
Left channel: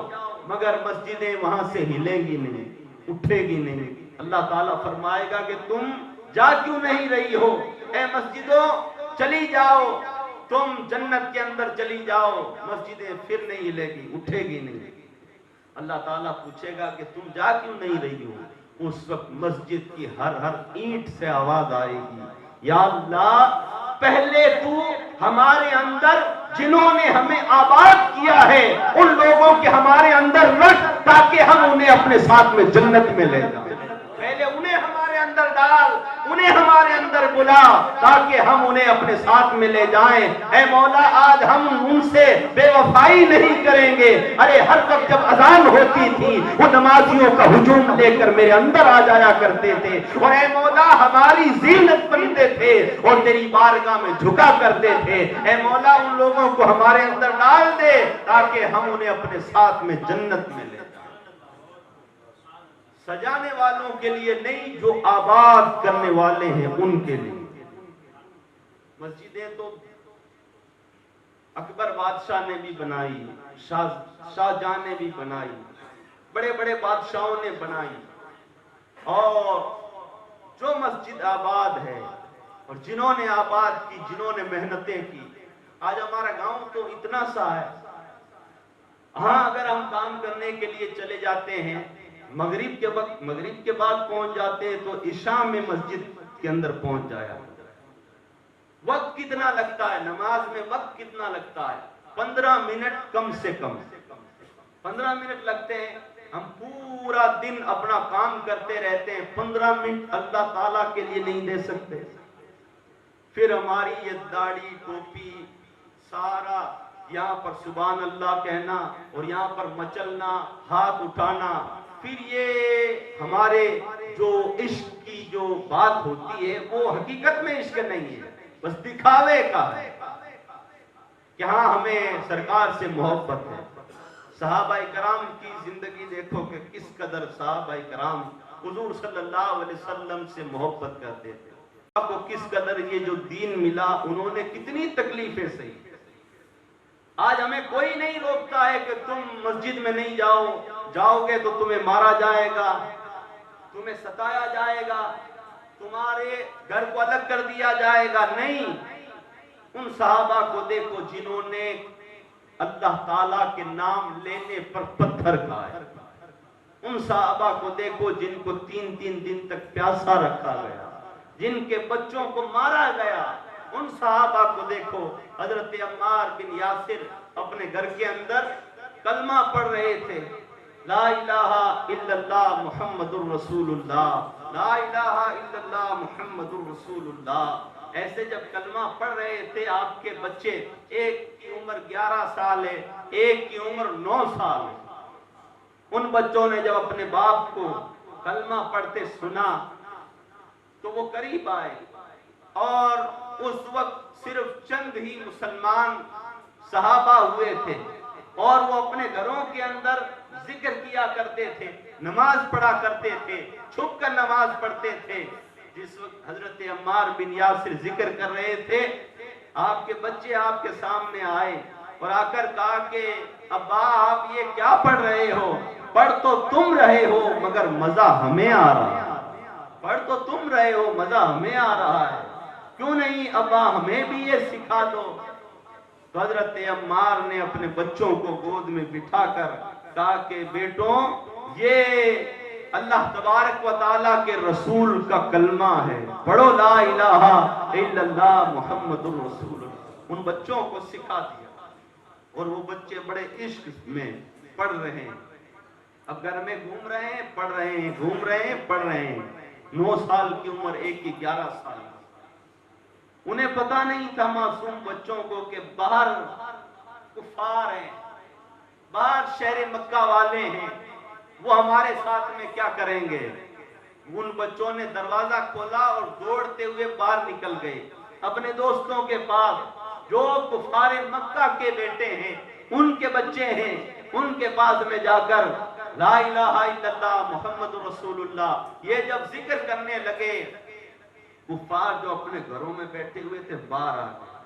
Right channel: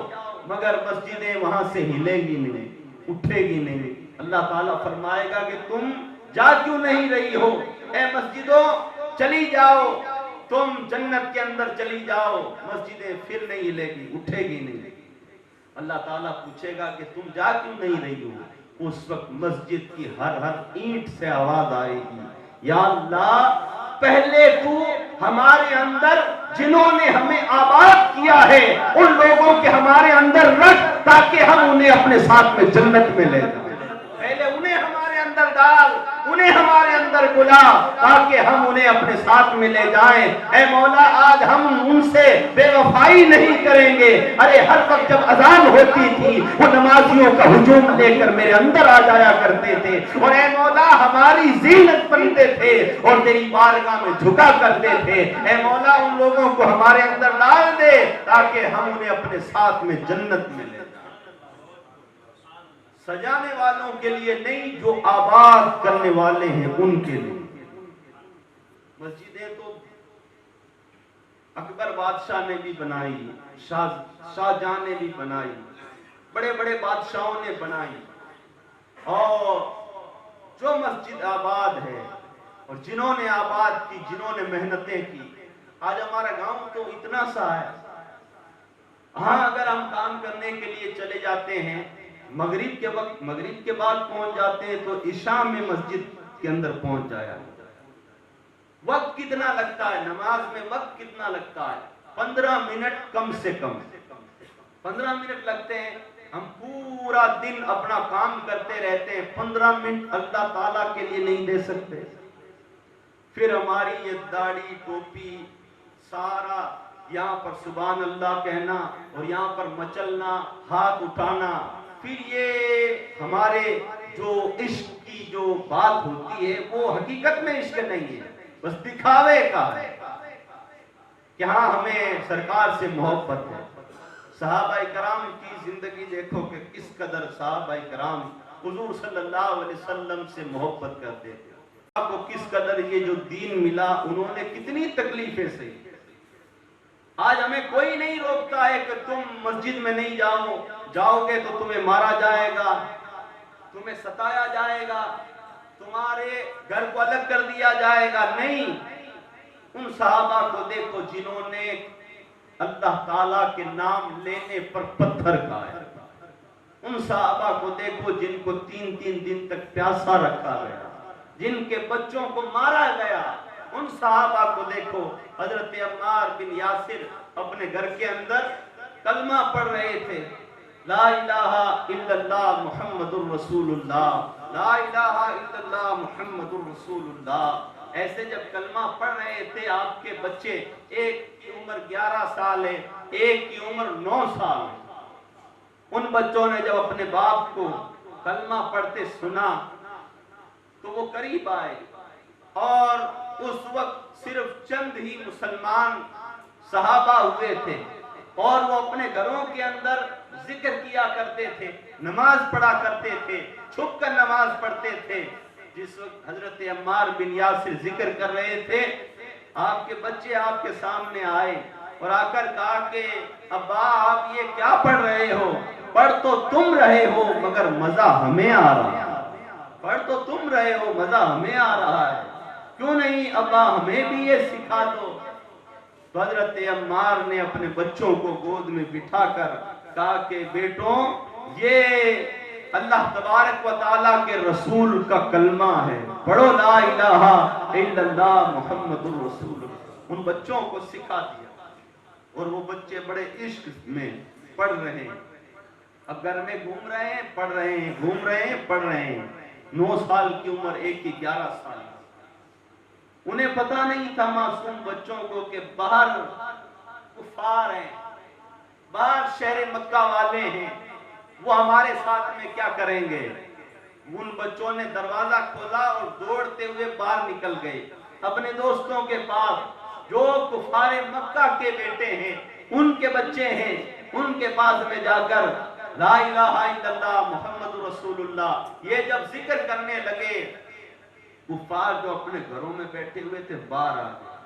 مگر مسجدیں وہاں سے ہلیں گی نہیں، اٹھے گی نہیں۔ اللہ تعالیٰ فرمائے گا کہ تم جا کیوں نہیں رہی ہو، اے مسجدوں چلی جاؤ، تم جنت کے اندر چلی جاؤ، مسجدیں پھر نہیں ہلے گی، اٹھے گی نہیں۔ اللہ تعالیٰ پوچھے گا کہ تم جا کیوں نہیں رہی ہو، اس وقت مسجد کی ہر ہر اینٹ سے آواز آئے گی، یا اللہ پہلے تو ہمارے اندر جنہوں نے ہمیں آباد کیا ہے ان لوگوں کے ہمارے اندر رکھ تاکہ ہم انہیں اپنے ساتھ میں جنت میں لے جائیں، پہلے انہیں ہمارے اندر ڈال، انہیں ہمارے اندر بلا تاکہ ہم انہیں اپنے ساتھ میں لے جائیں۔ اے مولا آج ہم ان سے بے وفائی نہیں کریں گے۔ ارے ہر وقت جب اذان ہوتی تھی وہ نمازیوں کا ہجوم لے کر میرے اندر آ جایا کرتے تھے، اور اے مولا ہماری زینت بنتے تھے اور تیری بارگاہ میں جھکا کرتے تھے۔ اے مولا ان لوگوں کو ہمارے اندر ڈال دے تاکہ ہم انہیں اپنے ساتھ میں جنت میں لے جائیں۔ سجانے والوں کے لیے نہیں، جو آباد کرنے والے ہیں ان کے لیے۔ مسجدیں تو اکبر بادشاہ نے بھی بنائی، شاہ جہاں نے بھی بنائی، بڑے بڑے بادشاہوں نے بنائی، اور جو مسجد آباد ہے اور جنہوں نے آباد کی، جنہوں نے محنتیں کی، آج ہمارا گاؤں تو اتنا سا ہے، ہاں اگر ہم کام کرنے کے لیے چلے جاتے ہیں مغرب کے وقت، مغرب کے بعد پہنچ جاتے ہیں تو عشاء میں مسجد کے اندر پہنچ جایا۔ وقت کتنا لگتا ہے نماز میں، وقت کتنا لگتا ہے؟ 15 منٹ کم سے کم 15 منٹ لگتے ہیں۔ ہم پورا دن اپنا کام کرتے رہتے ہیں، 15 منٹ اللہ تعالیٰ کے لیے نہیں دے سکتے۔ پھر ہماری یہ داڑھی ٹوپی سارا یہاں پر سبحان اللہ کہنا اور یہاں پر مچلنا، ہاتھ اٹھانا، پھر یہ ہمارے جو عشق کی جو بات ہوتی ہے وہ حقیقت میں عشق نہیں ہے، بس دکھاوے کا ہے کہ ہاں ہمیں سرکار سے محبت ہے۔ صحابہ کرام کی زندگی دیکھو کہ کس قدر صحابہ کرام حضور صلی اللہ علیہ وسلم سے محبت کرتے تھے، آپ کو کس قدر یہ جو دین ملا انہوں نے کتنی تکلیفیں سہی۔ آج ہمیں کوئی نہیں روکتا ہے کہ تم مسجد میں نہیں جاؤ گے تو تمہیں مارا جائے گا، تمہیں ستایا جائے گا، تمہارے گھر کو الگ کر دیا جائے گا۔ نہیں، ان صحابہ کو دیکھو جنہوں نے اللہ تعالیٰ کے نام لینے پر پتھر کھائے، ان صحابہ کو دیکھو جن کو 3 دن تک پیاسا رکھا گیا، جن کے بچوں کو مارا گیا۔ ان صحابہ کو دیکھو، حضرت عمار بن یاسر اپنے گھر کے اندر کلمہ پڑھ رہے تھے، لا الہ الا اللہ محمد الرسول اللہ، لا الہ الا اللہ محمد الرسول اللہ۔ ایسے جب کلمہ پڑھ رہے تھے آپ کے بچے، ایک کی عمر 11 سال ہے، ایک کی عمر 9 سال ہے، ان بچوں نے جب اپنے باپ کو کلمہ پڑھتے سنا تو وہ قریب آئے اور اس وقت صرف چند ہی مسلمان صحابہ ہوئے تھے اور وہ اپنے گھروں کے اندر ذکر کیا کرتے تھے، نماز پڑھا کرتے تھے، چھپ کر نماز پڑھتے تھے۔ جس وقت حضرت عمار بن یاسر ذکر کر رہے تھے، آپ کے بچے آپ کے سامنے آئے اور آ کر کہا کہ ابا آپ یہ کیا پڑھ رہے ہو؟ پڑھ تو تم رہے ہو مگر مزہ ہمیں آ رہا ہے، پڑھ تو تم رہے ہو مزہ ہمیں آ رہا ہے، کیوں نہیں ابا ہمیں بھی یہ سکھا دو؟ تو حضرت عمار نے اپنے بچوں کو گود میں بٹھا کر کہا کہ بیٹوں یہ اللہ تبارک و تعالیٰ کے رسول کا کلمہ ہے، پڑھو لا الہ الا اللہ محمد الرسول اللہ۔ ان بچوں کو سکھا دیا اور وہ بچے بڑے عشق میں پڑھ رہے ہیں، اب گھر میں گھوم رہے ہیں، پڑھ رہے ہیں، گھوم رہے ہیں، پڑھ رہے ہیں۔ 9 سال کی عمر، ایک کی 11 سال۔ انہیں پتا نہیں تھا معصوم بچوں کو کہ باہر کفار ہیں، باہر شہر مکہ والے ہیں، وہ ہمارے ساتھ میں کیا کریں گے۔ ان بچوں نے دروازہ کھولا اور دوڑتے ہوئے باہر نکل گئے اپنے دوستوں کے پاس جو کفار مکہ کے بیٹے ہیں، ان کے بچے ہیں، ان کے پاس میں جا کر لا الہ الا اللہ محمد رسول اللہ یہ جب ذکر کرنے لگے، کفار جو اپنے گھروں میں بیٹھے ہوئے تھے باہر آ گئے،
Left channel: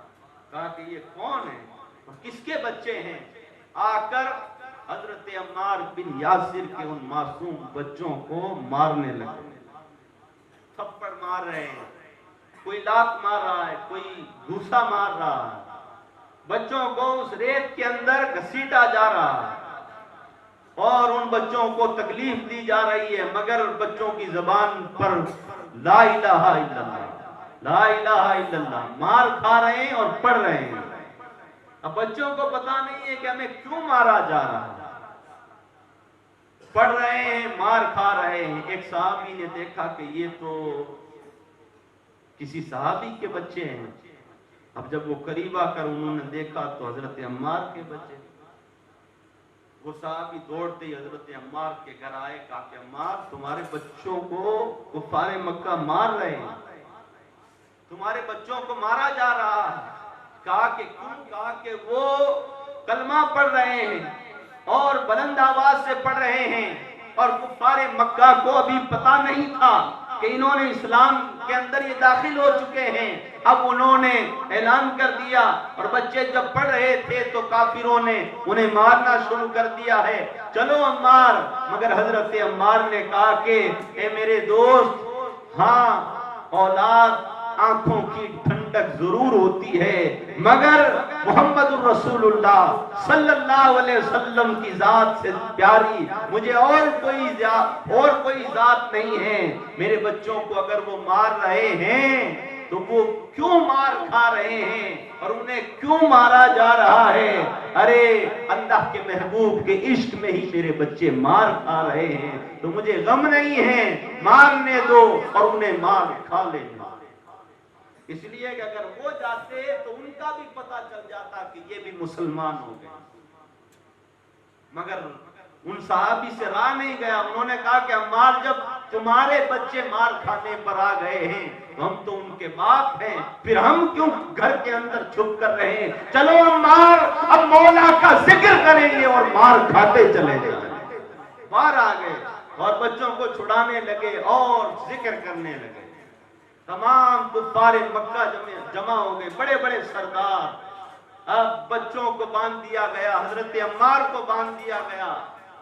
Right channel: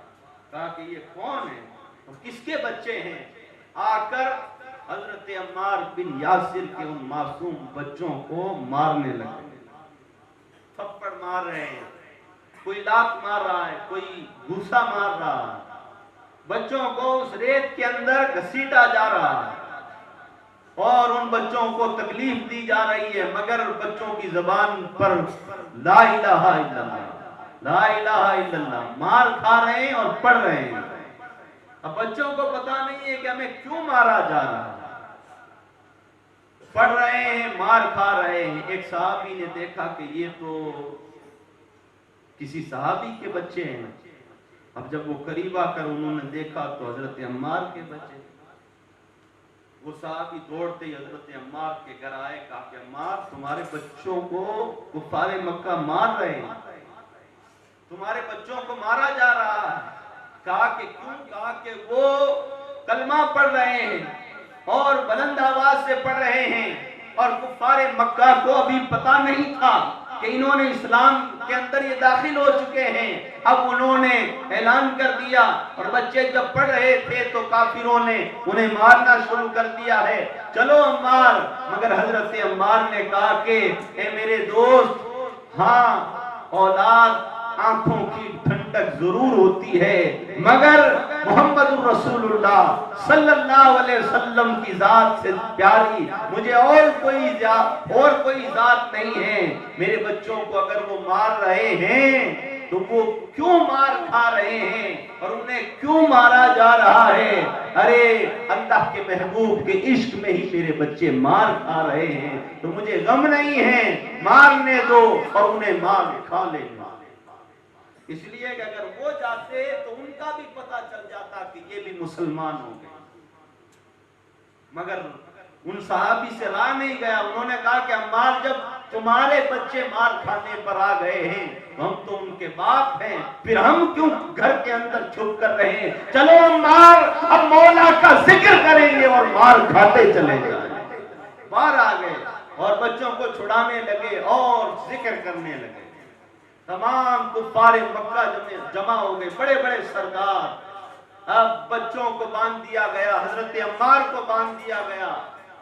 کہا کہ یہ کون ہے اور کس کے بچے ہیں؟ آ کر حضرت عمار بن یاسر کے ان معصوم بچوں کو مارنے لگے، تھپڑ مار رہے ہیں، کوئی لات مار رہا ہے، کوئی گھوسا مار رہا ہے، بچوں کو اس ریت کے اندر گھسیٹا جا رہا ہے اور ان بچوں کو تکلیف دی جا رہی ہے، مگر بچوں کی زبان پر لا الہ الا اللہ، لا الہ الا اللہ مار کھا رہے ہیں اور پڑھ رہے ہیں۔ اب بچوں کو پتا نہیں ہے کہ ہمیں کیوں مارا جا رہا ہے، پڑھ رہے ہیں، مار کھا رہے ہیں۔ ایک صحابی نے دیکھا کہ یہ تو کسی صحابی کے بچے ہیں، اب جب وہ قریب آ کر انہوں نے دیکھا تو حضرت عمار کے بچے، وہ صحابی دوڑتے ہی حضرت عمار کے گھر آئے، کہا کہ عمار تمہارے بچوں کو کفار مکہ مار رہے ہیں، تمہارے بچوں کو مارا جا رہا ہے۔ کہا کہ کیوں؟ کہا کہ وہ کلمہ پڑھ رہے ہیں اور بلند آواز سے پڑھ رہے ہیں اور کفار مکہ کو ابھی پتا نہیں تھا کہ انہوں نے اسلام کے اندر یہ داخل ہو چکے ہیں، اب انہوں نے اعلان کر دیا اور بچے جب پڑھ رہے تھے تو کافروں نے انہیں مارنا شروع کر دیا ہے، چلو عمار۔ مگر حضرت عمار نے کہا کہ اے میرے دوست، ہاں اولاد آنکھوں کی ٹھنڈک ضرور ہوتی ہے مگر محمد الرسول اللہ صلی اللہ علیہ وسلم کی ذات سے پیاری مجھے اور کوئی ذات نہیں ہے۔ میرے بچوں کو اگر وہ مار رہے ہیں تو وہ کیوں مار کھا رہے ہیں اور انہیں کیوں مارا جا رہا ہے؟ ارے اللہ کے محبوب کے عشق میں ہی میرے بچے مار کھا رہے ہیں تو مجھے غم نہیں ہے، مارنے دو اور انہیں مار کھا لیں۔ اس لیے کہ اگر وہ جاتے تو ان کا بھی پتہ چل جاتا کہ یہ بھی مسلمان ہو گئے، مگر ان صحابی سے راہ نہیں گیا۔ انہوں نے کہا کہ عمار جب تمہارے بچے مار کھانے پر آ گئے ہیں تو ہم تو ان کے باپ ہیں، پھر ہم کیوں گھر کے اندر چھپ کر رہے ہیں؟ چلو عمار اب مولا کا ذکر کریں گے اور مار کھاتے چلے جائیں۔ باہر آ گئے اور بچوں کو چھڑانے لگے اور ذکر کرنے لگے۔ تمام کفار مکہ جمع ہو گئے، بڑے بڑے سردار۔ اب بچوں کو باندھ دیا گیا، حضرت عمار کو باندھ دیا گیا،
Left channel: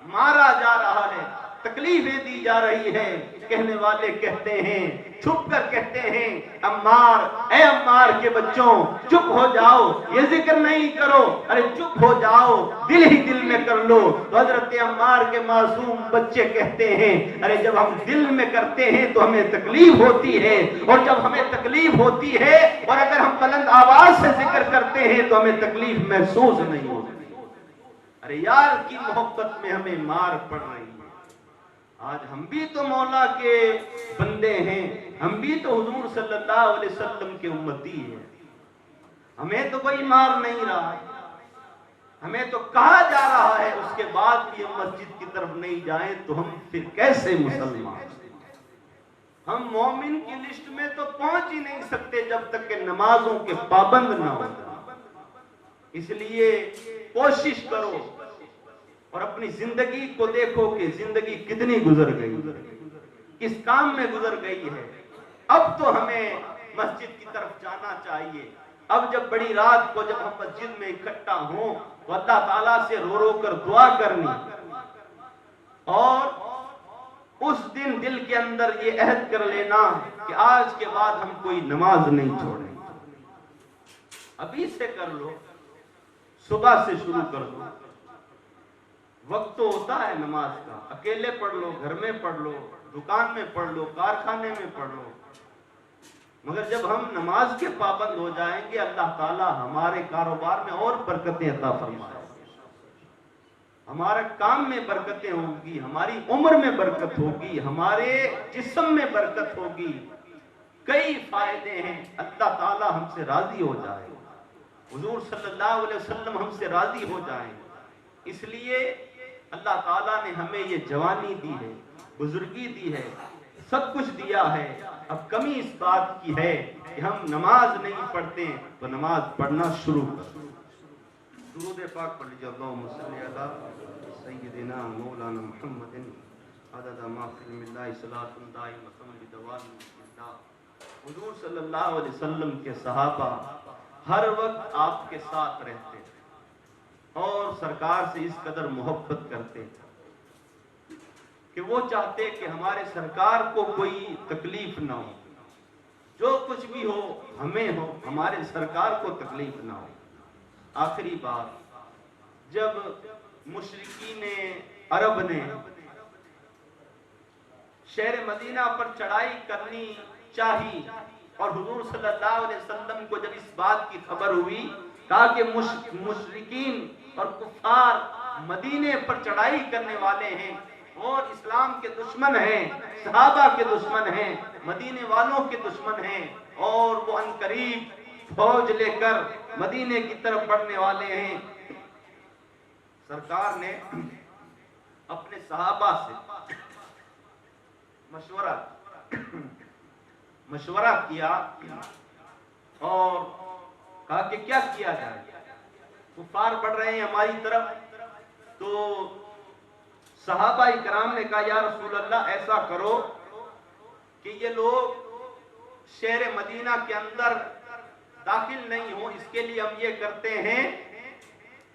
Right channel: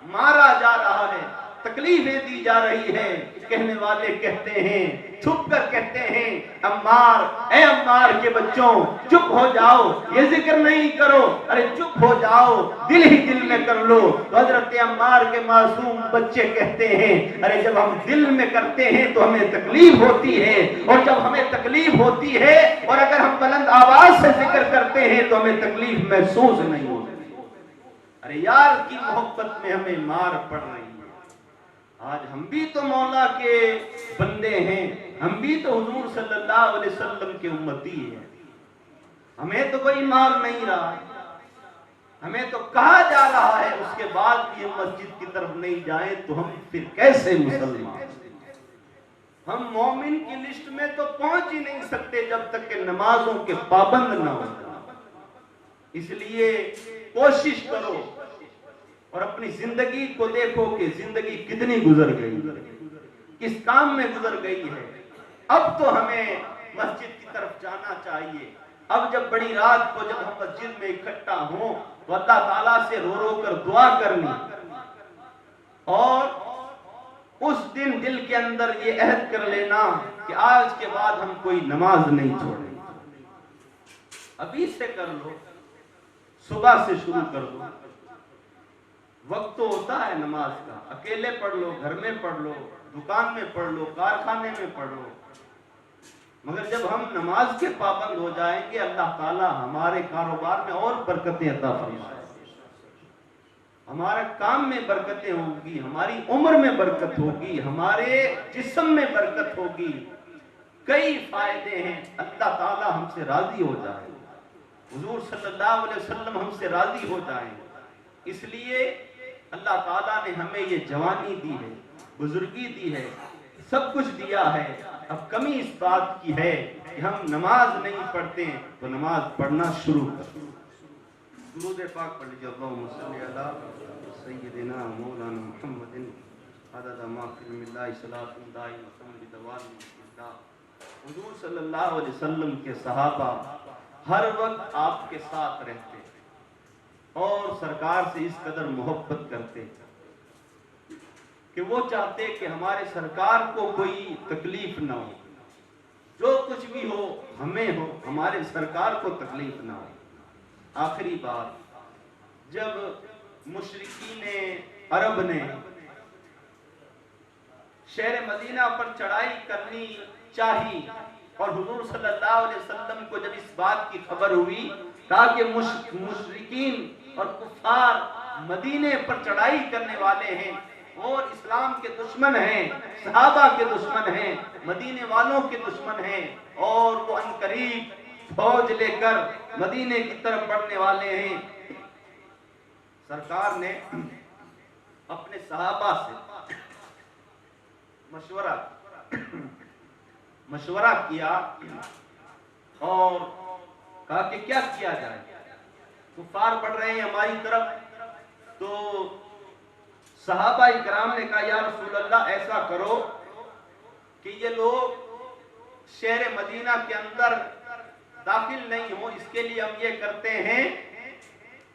مارا جا رہا ہے، تکلیفیں دی جا رہی ہیں۔ کہنے والے کہتے ہیں، چھپ کر کہتے ہیں، عمار اے عمار کے بچوں چپ ہو جاؤ، یہ ذکر نہیں کرو، ارے چپ ہو جاؤ، دل ہی دل میں کر لو۔ حضرت عمار کے معصوم بچے کہتے ہیں، ارے جب ہم دل میں کرتے ہیں تو ہمیں تکلیف ہوتی ہے، اور جب ہمیں تکلیف ہوتی ہے اور اگر ہم بلند آواز سے ذکر کرتے ہیں تو ہمیں تکلیف محسوس نہیں ہوتی۔ ارے یار کی محبت میں ہمیں مار پڑ رہی ہے۔ آج ہم بھی تو مولا کے بندے ہیں، ہم بھی تو حضور صلی اللہ علیہ وسلم کے امتی ہیں، ہمیں تو کوئی مار نہیں رہا ہے، ہمیں تو کہا جا رہا ہے اس کے بعد بھی ہم مسجد کی طرف نہیں جائیں تو ہم پھر کیسے مسلمان؟ ہم مومن کی لسٹ میں تو پہنچ ہی نہیں سکتے جب تک کہ نمازوں کے پابند نہ ہو جائیں۔ اس لیے کوشش کرو اور اپنی زندگی کو دیکھو کہ زندگی کتنی گزر گئی، کس کام میں گزر گئی ہے۔ اب تو ہمیں مسجد کی طرف جانا چاہیے۔ اب جب بڑی رات کو جب ہم مسجد میں اکٹھا ہوں تو اللہ تعالیٰ سے رو رو کر دعا کرنی، اور اس دن دل کے اندر یہ عہد کر لینا کہ آج کے بعد ہم کوئی نماز نہیں چھوڑیں گے۔ ابھی سے کر لو، صبح سے شروع کر دو۔ وقت تو ہوتا ہے نماز کا، اکیلے پڑھ لو، گھر میں پڑھ لو، دکان میں پڑھ لو، کارخانے میں پڑھ لو، مگر جب ہم نماز کے پابند ہو جائیں گے اللہ تعالیٰ ہمارے کاروبار میں اور برکتیں عطا فرمائے، ہمارے کام میں برکتیں ہوں گی، ہماری عمر میں برکت ہوگی، ہمارے جسم میں برکت ہوگی، کئی فائدے ہیں۔ اللہ تعالیٰ ہم سے راضی ہو جائے، حضور صلی اللہ علیہ وسلم ہم سے راضی ہو جائیں۔ اس لیے اللہ تعالیٰ نے ہمیں یہ جوانی دی ہے، بزرگی دی ہے، سب کچھ دیا ہے۔ اب کمی اس بات کی ہے کہ ہم نماز نہیں پڑھتے تو نماز پڑھنا شروع کریں۔ درود پاک پڑھ لیجیے، اللہم صلی علی سیدنا مولانا محمد عدد ما فی علم اللہ صلاۃ دائمۃ بدوام اللہ۔ حضور صلی اللہ علیہ وسلم کے صحابہ ہر وقت آپ کے ساتھ رہتے اور سرکار سے اس قدر محبت کرتے کہ وہ چاہتے کہ ہمارے سرکار کو کوئی تکلیف نہ ہو، جو کچھ بھی ہو ہمیں ہو، ہمارے سرکار کو تکلیف نہ ہو۔ آخری بات، جب مشرکین عرب نے شہر مدینہ پر چڑھائی کرنی چاہی اور حضور صلی اللہ علیہ وسلم کو جب اس بات کی خبر ہوئی تاکہ مشرکین اور کفار مدینے پر چڑھائی کرنے والے ہیں اور اسلام کے دشمن ہیں، صحابہ کے دشمن ہیں، مدینے والوں کے دشمن ہیں، اور وہ عنقریب فوج لے کر مدینے کی طرف بڑھنے والے ہیں، سرکار نے اپنے صحابہ سے مشورہ کیا اور کہا کہ کیا کیا جائے، کفار بڑھ رہے ہیں ہماری طرف۔ تو صحابہ اکرام نے کہا یا رسول اللہ ایسا کرو کہ یہ لوگ شہر مدینہ کے اندر داخل نہیں ہو، اس کے لیے ہم یہ کرتے ہیں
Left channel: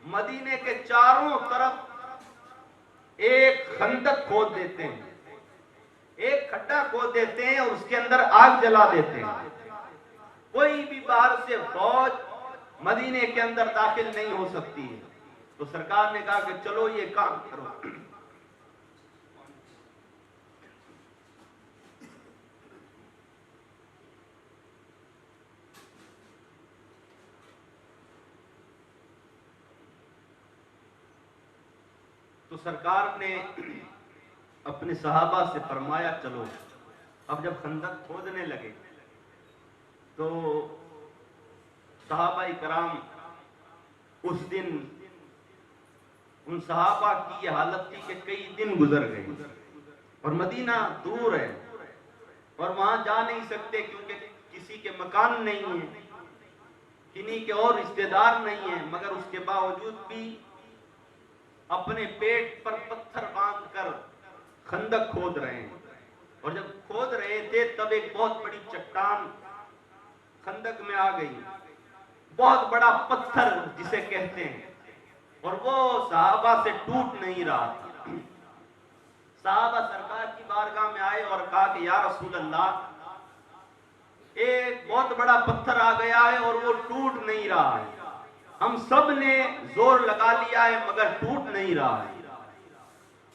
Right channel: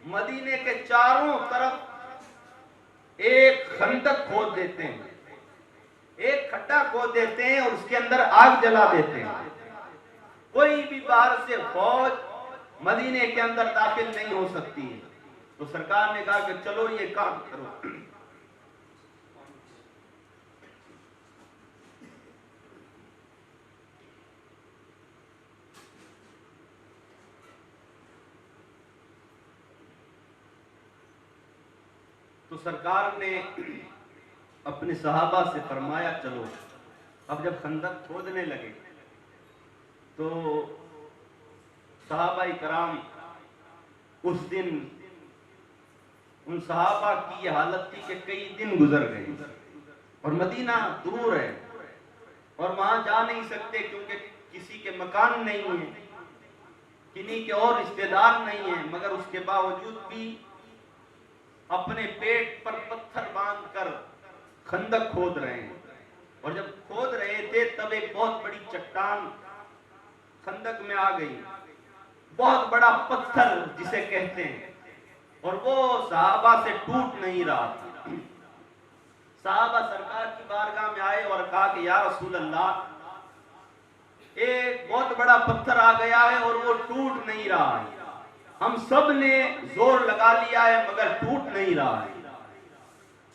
مدینے کے چاروں طرف ایک خندق کھود دیتے ہیں، ایک کھڈا کھود دیتے ہیں اور اس کے اندر آگ جلا دیتے ہیں، کوئی بھی باہر سے فوج مدینے کے اندر داخل نہیں ہو سکتی ہے۔ تو سرکار نے کہا کہ چلو یہ کام کرو۔ تو سرکار نے اپنے صحابہ سے فرمایا چلو۔ اب جب خندق کھودنے لگے تو صحابہ کرام اس دن ان صحابہ کی یہ حالت تھی کہ کئی دن گزر گئے اور مدینہ دور ہے اور وہاں جا نہیں سکتے کیونکہ کسی کے مکان نہیں ہیں، کنہیں کے اور رشتہ دار نہیں ہیں، مگر اس کے باوجود بھی اپنے پیٹ پر پتھر باندھ کر خندق کھود رہے ہیں۔ اور جب کھود رہے تھے تب ایک بہت بڑی چٹان خندق میں آ گئی، بہت بڑا پتھر جسے کہتے ہیں، اور وہ صحابہ سے ٹوٹ نہیں رہا تھا۔ صحابہ سرکار کی بارگاہ میں آئے اور کہا کہ یا رسول اللہ ایک بہت بڑا پتھر آ گیا ہے اور وہ ٹوٹ نہیں رہا ہے، ہم سب نے زور لگا لیا ہے مگر ٹوٹ نہیں رہا ہے۔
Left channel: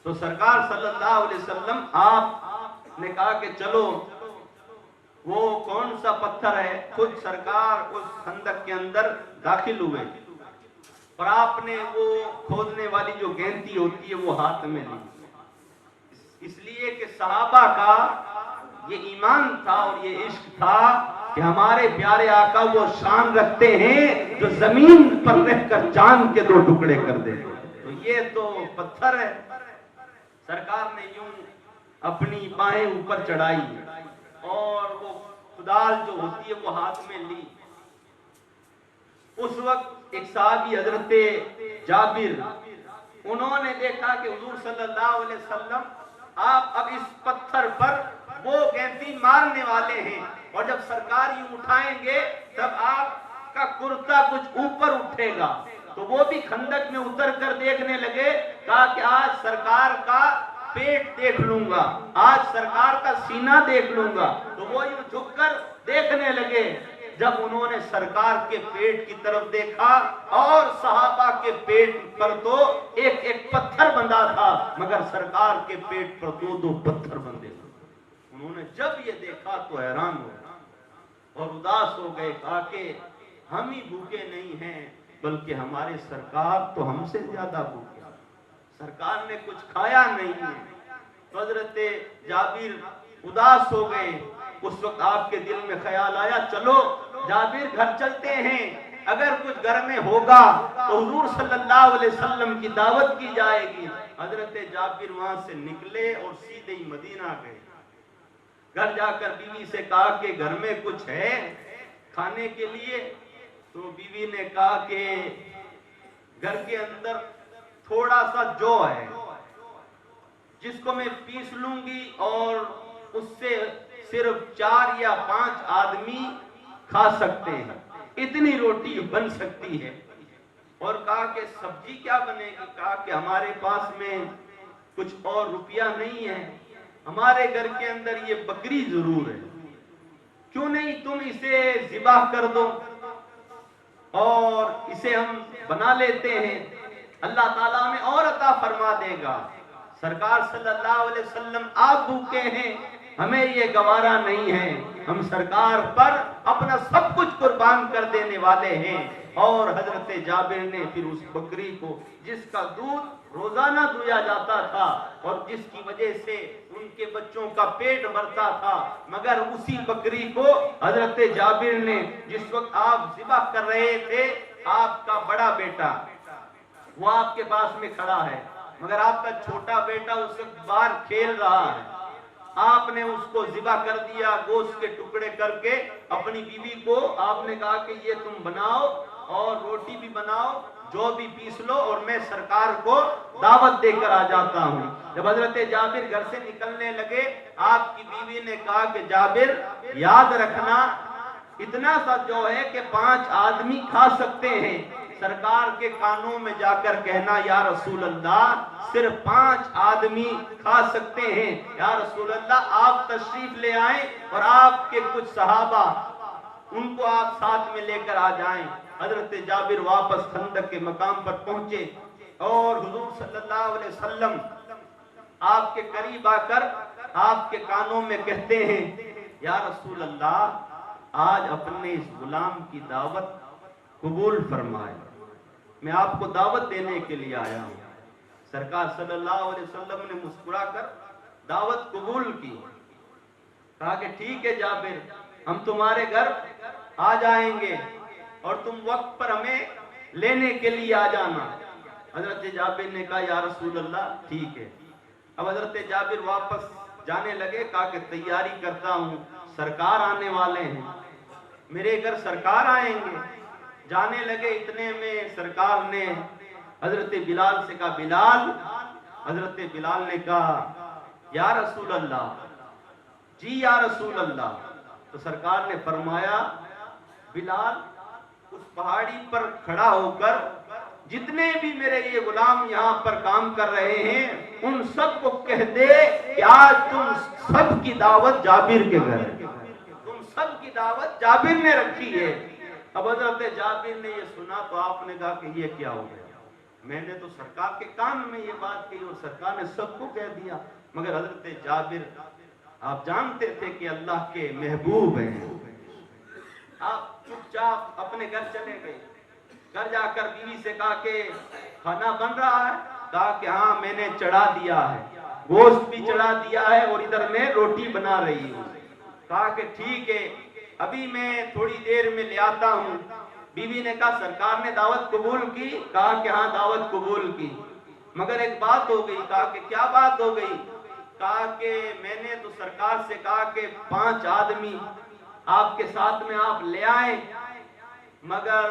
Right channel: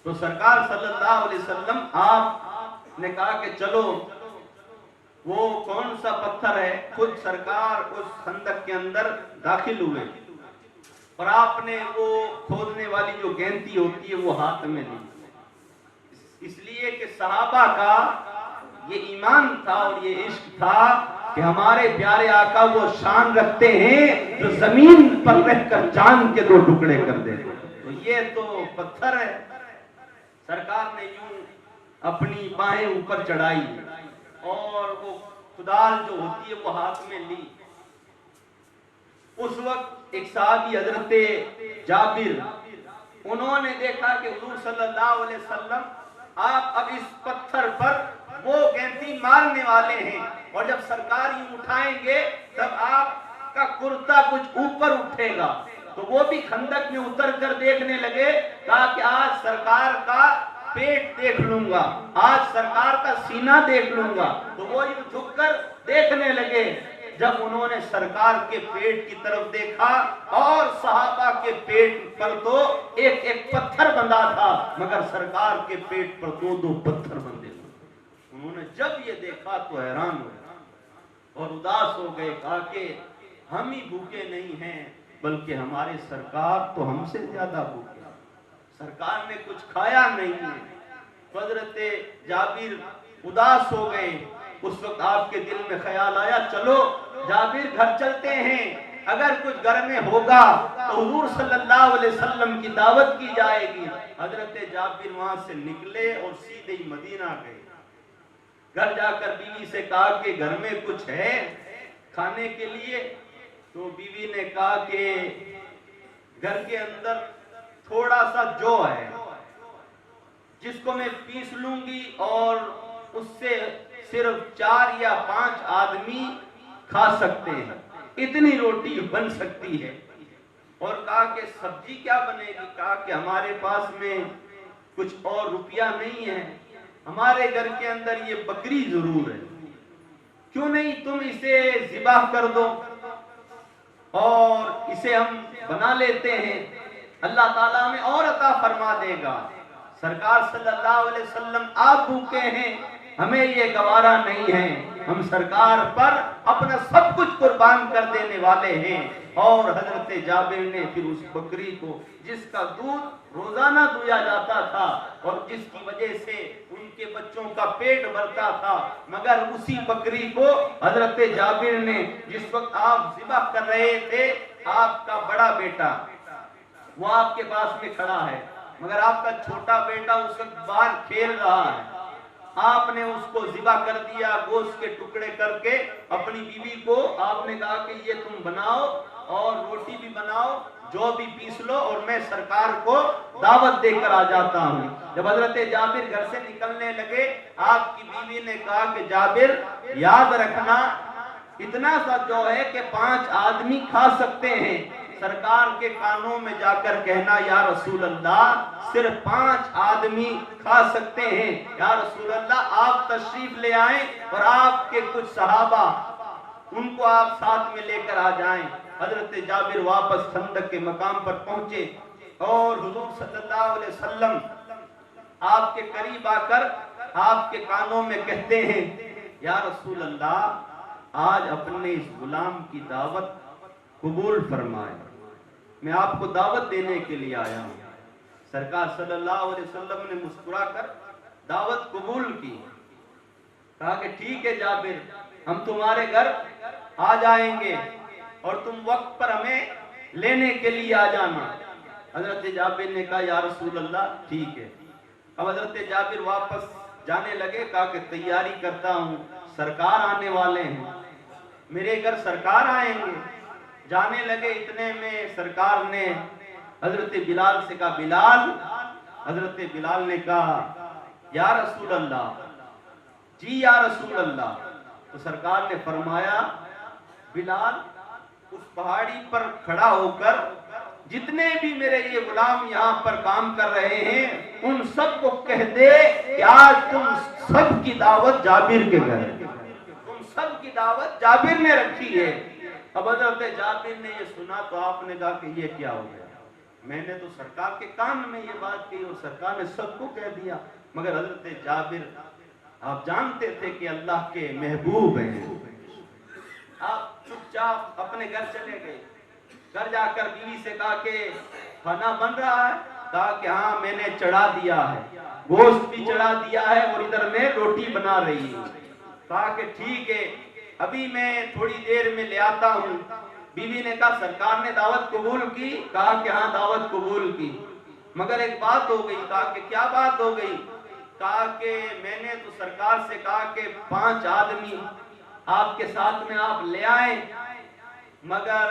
تو سرکار صلی اللہ علیہ وسلم آپ نے کہا کہ چلو وہ کون سا پتھر ہے، خود سرکار اس خندق کے اندر داخل ہوئے اور آپ نے وہ کھودنے والی جو گینتی ہوتی ہے وہ ہاتھ میں لی، اس لیے کہ صحابہ کا یہ ایمان تھا اور یہ عشق تھا کہ ہمارے پیارے آقا وہ شان رکھتے ہیں جو زمین پر رہ کر چاند کے دو ٹکڑے کر دیتے، تو یہ تو پتھر ہے۔ سرکار نے یوں اپنی بائیں اوپر چڑھائی اور وہ کدال جو ہوتی ہے وہ ہاتھ میں لی اس وقت ایک صحابی حضرت جابر، انہوں نے دیکھا کہ حضور صلی اللہ علیہ وسلم آپ اب اس پتھر پر وہ گینتی مارنے والے ہیں، اور جب سرکار یوں اٹھائیں گے تب آپ کا کرتا کچھ اوپر اٹھے گا۔ تو وہ بھی خندق میں اتر کر دیکھنے لگے، کہا کہ آج سرکار کا پیٹ دیکھ لوں گا، آج سرکار کا سینہ دیکھ لوں گا۔ تو وہ یوں جھک کر دیکھنے لگے۔ جب انہوں نے سرکار کے پیٹ کی طرف دیکھا، اور صحابہ کے پیٹ پر تو ایک ایک پتھر بندھا تھا، مگر سرکار کے پیٹ پر دو دو پتھر بندھے تھے۔ انہوں نے جب یہ دیکھا تو حیران ہو گئے اور اداس ہو گئے، کہا کہ ہم ہی بھوکے نہیں ہیں بلکہ ہمارے سرکار تو ہم سے زیادہ بھوکے ہیں، سرکار نے کچھ کھایا نہیں ہے۔ تو حضرت جابر اداس ہو گئے۔ اس وقت آپ کے دل میں خیال آیا، چلو جابر گھر چلتے ہیں، اگر کچھ گھر میں ہوگا تو حضور صلی اللہ علیہ وسلم کی دعوت کی جائے گی۔ حضرت جابر وہاں سے نکلے اور سیدھے مدینہ گئے۔ گھر جا کر بیوی سے کہا کہ گھر میں کچھ ہے کھانے کے لیے؟ تو بیوی نے کہا کہ گھر کے اندر تھوڑا سا جو ہے جس کو میں پیس لوں گی اور اس سے صرف 4 یا 5 آدمی کھا سکتے ہیں، اتنی روٹی بن سکتی ہے۔ اور کہا کہ سبزی کیا بنے گی؟ کہا کہ ہمارے پاس میں کچھ اور روپیہ نہیں ہے، ہمارے گھر کے اندر یہ بکری ضرور ہے، کیوں نہیں تم اسے ذبح کر دو اور اسے ہم بنا لیتے ہیں، اللہ تعالیٰ ہمیں اور عطا فرما دے گا۔ سرکار صلی اللہ علیہ وسلم آپ بھوکے ہیں، ہمیں یہ گوارا نہیں ہے، ہم سرکار پر اپنا سب کچھ قربان کر دینے والے ہیں۔ اور حضرت جابر نے پھر اس بکری کو، جس کا دودھ روزانہ دیا جاتا تھا اور جس کی وجہ سے ان کے بچوں کا پیٹ بھرتا تھا، مگر اسی بکری کو حضرت جابر نے، جس وقت آپ ذبح کر رہے تھے، آپ کا بڑا بیٹا وہ آپ کے پاس میں کھڑا ہے، مگر آپ کا چھوٹا بیٹا اس وقت باہر کھیل رہا ہے، آپ نے اس کو ذبح کر دیا، گوشت کے ٹکڑے کر کے اپنی بیوی کو آپ نے کہا کہ یہ تم بناؤ اور روٹی بھی بناؤ، جو بھی پیس لو، اور میں سرکار کو دعوت دے کر آ جاتا ہوں۔ جب حضرت جابر گھر سے نکلنے لگے، آپ کی بیوی نے کہا کہ جابر یاد رکھنا، اتنا سا جو ہے کہ 5 آدمی کھا سکتے ہیں، سرکار کے کانوں میں جا کر کہنا یا رسول اللہ صرف 5 آدمی کھا سکتے ہیں، یا رسول اللہ آپ تشریف لے آئیں اور آپ کے کچھ صحابہ ان کو آپ ساتھ میں لے کر آ جائیں۔ حضرت جابر واپس خندق کے مقام پر پہنچے اور حضور صلی اللہ علیہ وسلم آپ کے قریب آ کر آپ کے کانوں میں کہتے ہیں، یا رسول اللہ آج اپنے اس غلام کی دعوت قبول فرمائے، میں آپ کو دعوت دینے کے لیے آیا ہوں۔ سرکار صلی اللہ علیہ وسلم نے مسکرا کر دعوت قبول کی، کہا کہ ٹھیک ہے جابر، ہم تمہارے گھر آ جائیں گے اور تم وقت پر ہمیں لینے کے لیے آ جانا۔ حضرت جابر نے کہا یا رسول اللہ ٹھیک ہے۔ اب حضرت جابر واپس جانے لگے، کہا کہ تیاری کرتا ہوں، سرکار آنے والے ہیں، میرے گھر سرکار آئیں گے۔ جانے لگے، اتنے میں سرکار نے حضرت بلال سے کہا بلال، حضرت بلال نے کہا یا رسول اللہ، جی یا رسول اللہ۔ تو سرکار نے فرمایا بلال اس پہاڑی پر کھڑا ہو کر جتنے بھی میرے یہ غلام یہاں پر کام کر رہے ہیں ان سب کو کہہ دے کہ آج تم سب کی دعوت جابر کے گھر، تم سب کی دعوت جابر نے رکھی ہے۔ اب حضرت جابر نے یہ سنا تو آپ نے کہا کہ یہ کیا ہو گیا، میں نے تو سرکار کے کان میں یہ بات کی اور سرکار نے سب کو کہہ دیا۔ مگر حضرت جابر آپ جانتے تھے کہ اللہ کے محبوب ہیں، آپ چپ چاپ اپنے گھر چلے گئے۔ گھر جا کر بیوی سے کہا کہ کھانا بن رہا ہے؟ کہا کہ ہاں میں نے چڑھا دیا ہے، گوشت بھی چڑھا دیا ہے اور ادھر میں روٹی بنا رہی ہوں۔ کہا کہ ٹھیک ہے ابھی میں تھوڑی دیر میں لے آتا ہوں۔ بیوی نے کہا سرکار نے دعوت قبول کی؟ کہا کہ ہاں دعوت قبول کی، مگر ایک بات ہو گئی۔ کہا کہ کیا بات ہو گئی؟ کہا کہ میں نے تو سرکار سے کہا کہ 5 آدمی آپ کے ساتھ میں آپ لے آئیں، مگر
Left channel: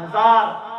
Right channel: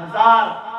1000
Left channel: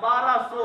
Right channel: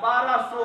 1200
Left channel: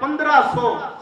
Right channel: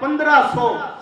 1500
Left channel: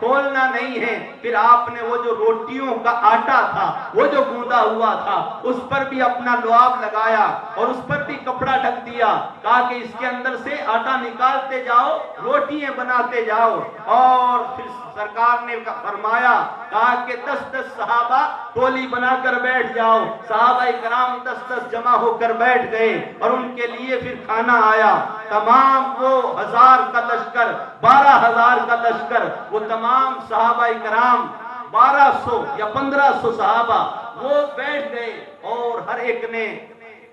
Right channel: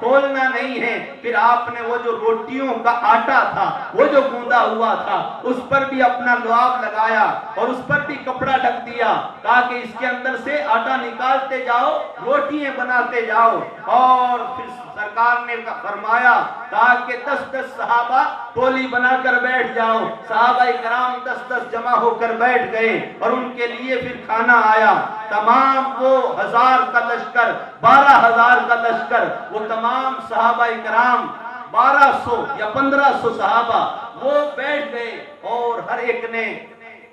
کھولنا نہیں ہے۔ پھر آپ نے وہ جو روٹیوں کا آٹا تھا، وہ جو گوندا ہوا تھا، اس پر بھی اپنا لعاب لگایا اور اس پر بھی کپڑا ڈھک دیا، کہا کہ اس کے اندر سے آٹا نکالتے جاؤ، روٹیاں بناتے جاؤ۔ اور پھر سرکار نے فرمایا، کہا کہ 10 صحابہ ٹولی بنا کر بیٹھ جاؤ۔ صحابہ کرام 10 جمع ہو کر بیٹھ گئے اور ان کے لیے پھر کھانا آیا۔ تمام وہ 1000 کا لشکر، 12,000 کا لشکر، وہ تمام صحابہ کرام 1200 یا 1500 صحابہ وہ بیٹھ گئے اور ہر ایک نے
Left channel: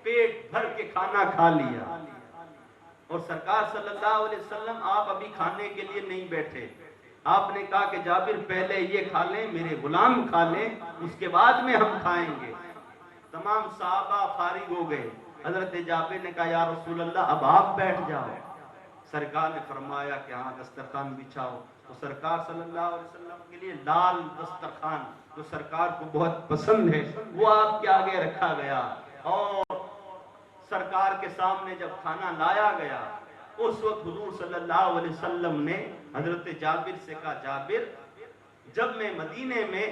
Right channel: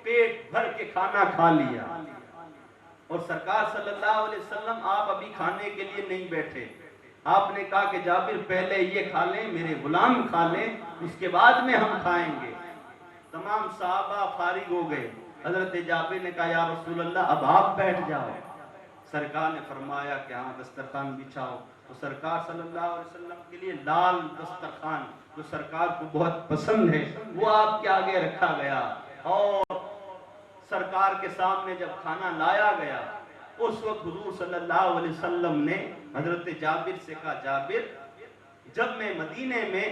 پیٹ بھر کے کھانا کھا لیا۔ اور سرکار صلی اللہ علیہ وسلم آپ ابھی کھانے کے لیے نہیں بیٹھے، آپ نے کہا کہ جابر پہلے یہ کھا لیں، میرے غلام کھا لیں، اس کے بعد میں ہم کھائیں گے۔ تمام صحابہ فارغ ہو گئے۔ حضرت جابر نے کہا، یا رسول اللہ اب آپ بیٹھ جاؤ۔ سرکار نے فرمایا کہ ہاں دسترخوان بچھاؤ۔ تو سرکار صلی اللہ علیہ وسلم کے لیے لال دسترخوان جو سرکار کو بہت پسند ہے وہ آپ کے آگے رکھا گیا، اور سرکار کے سامنے جب کھانا لایا گیا اس وقت حضور صلی اللہ علیہ وسلم نے حضرت جابر سے کہا، جابر جب میں مدینے میں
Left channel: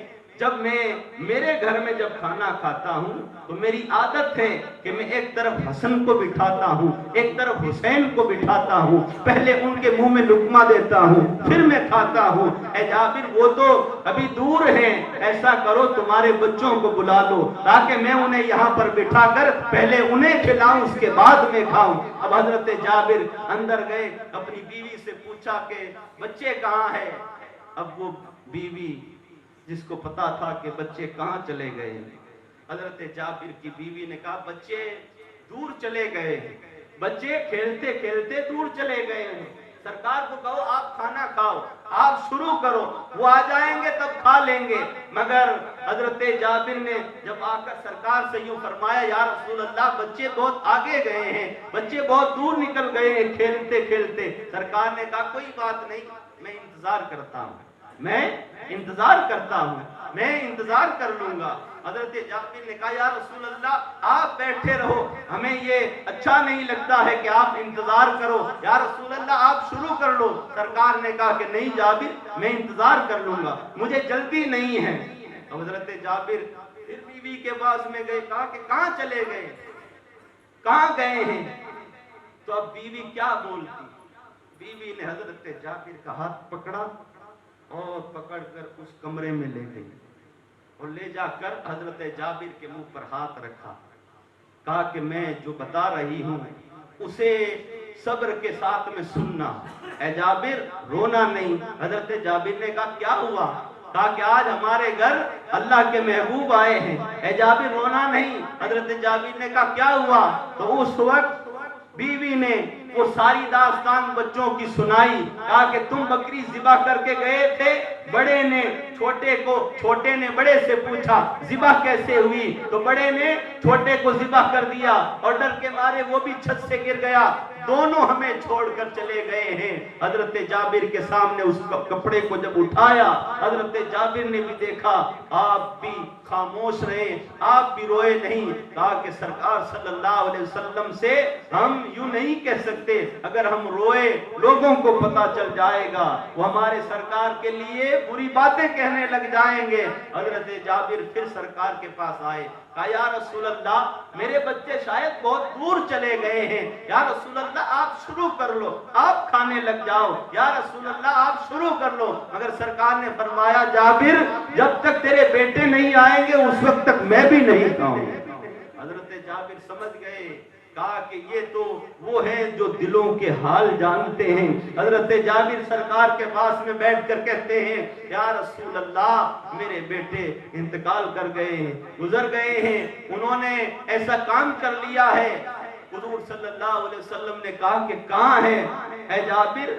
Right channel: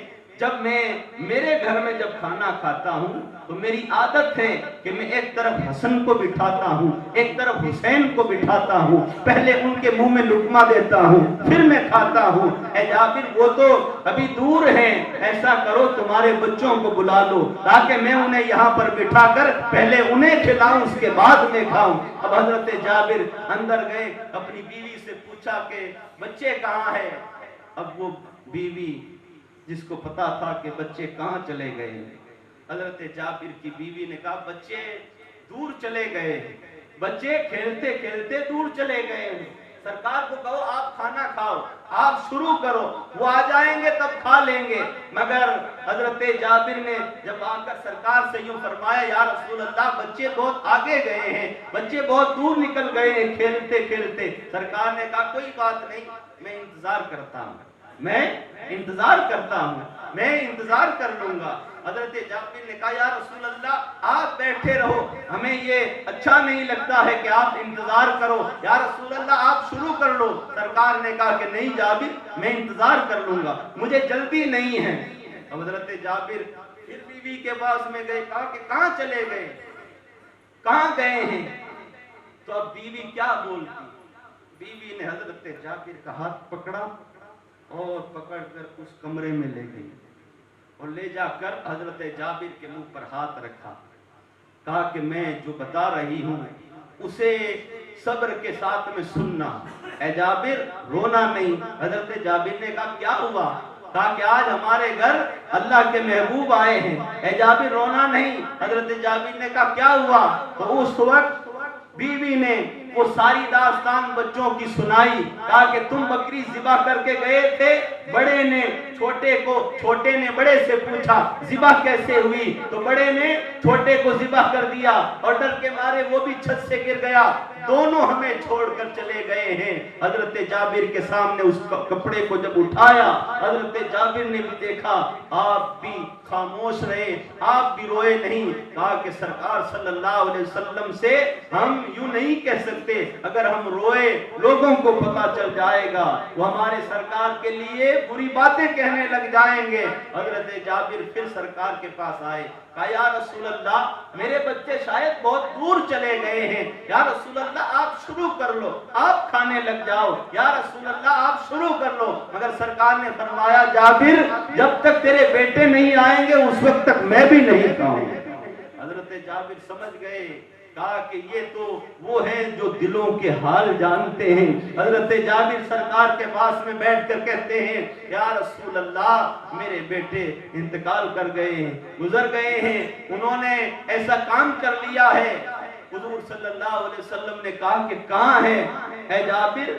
میرے گھر میں جب کھانا کھاتا ہوں تو میری عادت ہے کہ میں ایک طرف حسن کو بٹھاتا ہوں، ایک طرف حسین کو بٹھاتا ہوں، پہلے ان کے منہ میں لقمہ دیتا ہوں پھر میں کھاتا ہوں۔ اے جابر وہ تو ابھی دور ہیں، ایسا کرو تمہارے بچوں کو بلا لو تاکہ میں انہیں یہاں پر بٹھا کر پہلے انہیں کھلاؤں اس کے بعد میں کھاؤں۔ اب حضرت جابر اندر گئے، اپنی بیوی سے پوچھا کہ بچے کہاں ہیں؟ اب وہ بیوی جس کو پتا تھا کہ بچے کہاں چلے گئے، حضرت جابر کی بیوی نے کہا بچے دور چلے گئے، بچے کھیلتے کھیلتے دور چلے گئے۔ سرکار کو کہو آپ کھانا کھاؤ، آپ شروع کرو، وہ آ جائیں گے تب کھا لیں گے۔ مگر حضرت جابر نے جب آ کر سرکار سے یوں فرمایا، یا رسول اللہ بچے بہت آگے گئے ہیں، بچے بہت دور نکل گئے ہیں کھیلتے کھیلتے۔ سرکار نے کہا کوئی بات نہیں، میں انتظار کرتا ہوں، میں انتظار کرتا ہوں، میں انتظار کر لوں گا۔ حضرت جابر نے کہا، یا رسول اللہ آپ بیٹھے رہو، ہمیں یہ اچھا نہیں لگتا ہے کہ آپ انتظار کرو، یا رسول اللہ آپ شروع کر لو۔ سرکار نے کہا کہ نہیں جابر میں انتظار کر لوں گا، مجھے جلدی نہیں ہے۔ اب حضرت جابر پھر بیوی کے پاس میں گئے، کہا کہ کہاں چلے گئے، کہاں گئے ہیں؟ تو اب بیوی کیا بولتی؟ بیوی نے حضرت جابر کا ہاتھ پکڑا اور پکڑ کر اس کمرے میں لے گئی اور لے جا کر حضرت جابر کے منہ پر ہاتھ رکھا، کہا کہ میں جو بتا رہی ہوں اسے صبر کے ساتھ میں سننا، اے جابر رونا نہیں۔ حضرت جابر نے کہا کیا ہوا؟ کہا کہ آج ہمارے گھر اللہ کے محبوب آئے ہیں، اے جابر رونا نہیں۔ حضرت جابر نے کہا کیا ہوا؟ تو اس وقت بیوی نے وہ ساری داستان بچوں کی سنائی، کہا کہ تم بکری ذبح کر کے گئے تھے، بڑے نے چھوٹے نے بڑے سے پوچھا ذبح کیسے ہوئی، تو بڑے نے چھوٹے کو ذبح کر دیا اور ڈر کے مارے وہ بھی چھت سے گر گیا، دونوں ہمیں چھوڑ کر چلے گئے ہیں۔ حضرت جابر کے سامنے اس کپڑے کو جب اٹھایا، حضرت جابر نے بھی دیکھا، آپ بھی خاموش رہے، آپ بھی روئے نہیں۔ کہا کہ سرکار صلی اللہ علیہ وسلم سے ہم یوں نہیں کہہ سکتے، اگر ہم روئے لوگوں کو پتا چل جائے گا، وہ ہمارے سرکار کے لیے بری باتیں کہنے لگ جائیں گے۔ حضرت جابر پھر سرکار کے پاس آئے، کہا یا رسول اللہ میرے بچے شاید بہت دور چلے گئے ہیں، یا رسول اللہ آپ شروع کر لو، آپ کھانے لگ جاؤ، یا رسول اللہ آپ شروع کر لو۔ مگر سرکار نے فرمایا جابر جب تک تیرے بیٹے نہیں آئیں گے اس وقت تک میں بھی نہیں کھاؤں۔ حضرت جابر سمجھ گئے، کہا کہ یہ تو وہ ہیں جو دلوں کے حال جانتے ہیں۔ حضرت جابر سرکار کے پاس میں بیٹھ کر کہتے ہیں یا رسول اللہ میرے بیٹے انتقال کر گئے ہیں، گزر گئے ہیں، انہوں نے ایسا کام کر لیا ہے۔ حضور صلی اللہ علیہ وسلم نے کہا کہ کہاں ہیں اے جابر،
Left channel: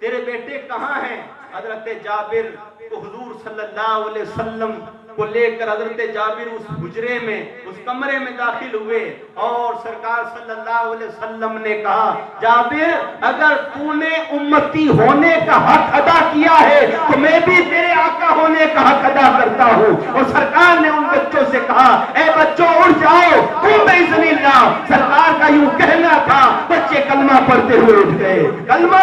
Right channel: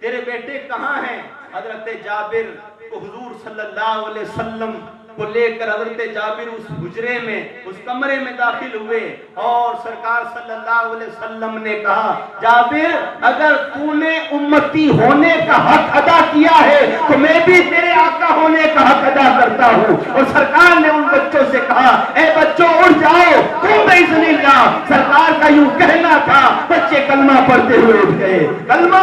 تیرے بیٹے کہاں ہیں؟ حضرت جابر کو حضور صلی اللہ علیہ وسلم کو لے کر حضرت جابر اس حجرے میں اس کمرے میں داخل ہوئے اور سرکار صلی اللہ علیہ وسلم نے کہا جابر اگر تو نے امتی ہونے کا حق ادا کیا ہے تو میں بھی تیرے آقا ہونے کا حق ادا کرتا ہوں۔ اور سرکار نے ان بچوں سے کہا اے بچوں اٹھ جاؤ تم بھی زمین جاؤ۔ سرکار کا یوں کہنا تھا، بچے کلمہ پڑھتے ہوئے اٹھ گئے، کلمہ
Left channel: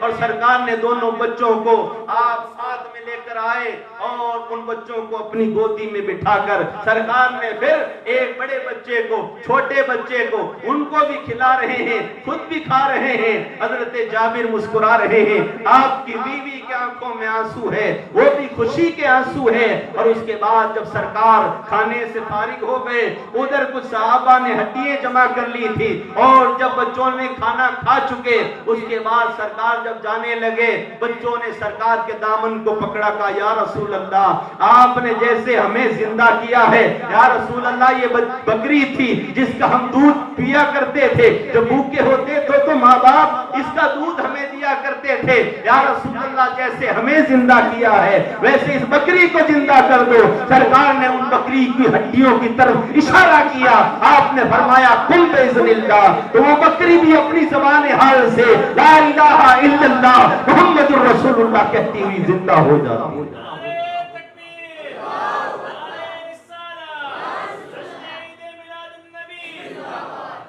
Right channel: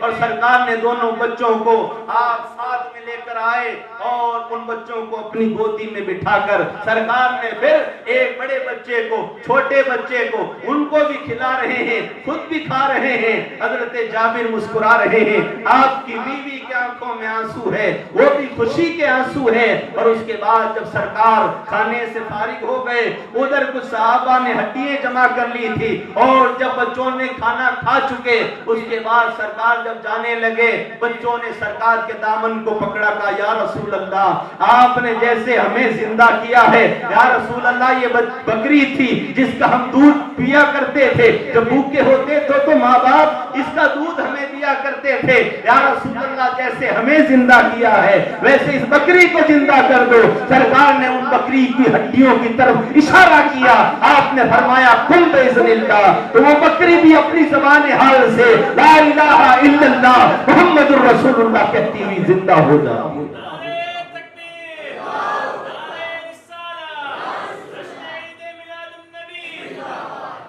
اور سرکار نے دونوں بچوں کو آپ ساتھ میں لے کر آئے اور ان بچوں کو اپنی گودی میں بٹھا کر سرکار نے پھر ایک بڑے بچے کو چھوٹے بچے کو ان کو بھی کھلا رہے ہیں خود بھی کھا رہے ہیں. حضرت جابر مسکرا رہے ہیں. آپ کی بیوی کے آنکھوں میں آنسو ہے, وہ بھی خوشی کے آنسو ہے. اور اس کے بعد جب سرکار کھانے سے فارغ ہو گئے, ادھر کچھ صحابہ نے ہڈیاں جمع کر لی تھی اور جب بچوں نے کھانا کھا چکے اس کے بعد سرکار جب جانے لگے, بچوں نے سرکار کے دامن کو پکڑا, کہا یا رسول اللہ آپ نے جیسے ہمیں زندہ کیا ہے, یا رسول اللہ یہ بکری تھی جس کا ہم دودھ پیا کرتے تھے, جب بھوکے ہوتے تو ماں باپ اس کا دودھ ہمیں دیا کرتے تھے, یا رسول اللہ جیسے ہمیں زندہ کیا ہے ویسے اس بکری کو زندہ کر دو. سرکار نے ان بکری کی ہڈیوں کی طرف اشارہ کیا, آپ نے فرمایا قم باذن اللہ, تو وہ بکری بھی اپنی زبان حال سے لا الہ الا اللہ محمد الرسول اللہ کہتی ہوئی زندہ ہو جاتی.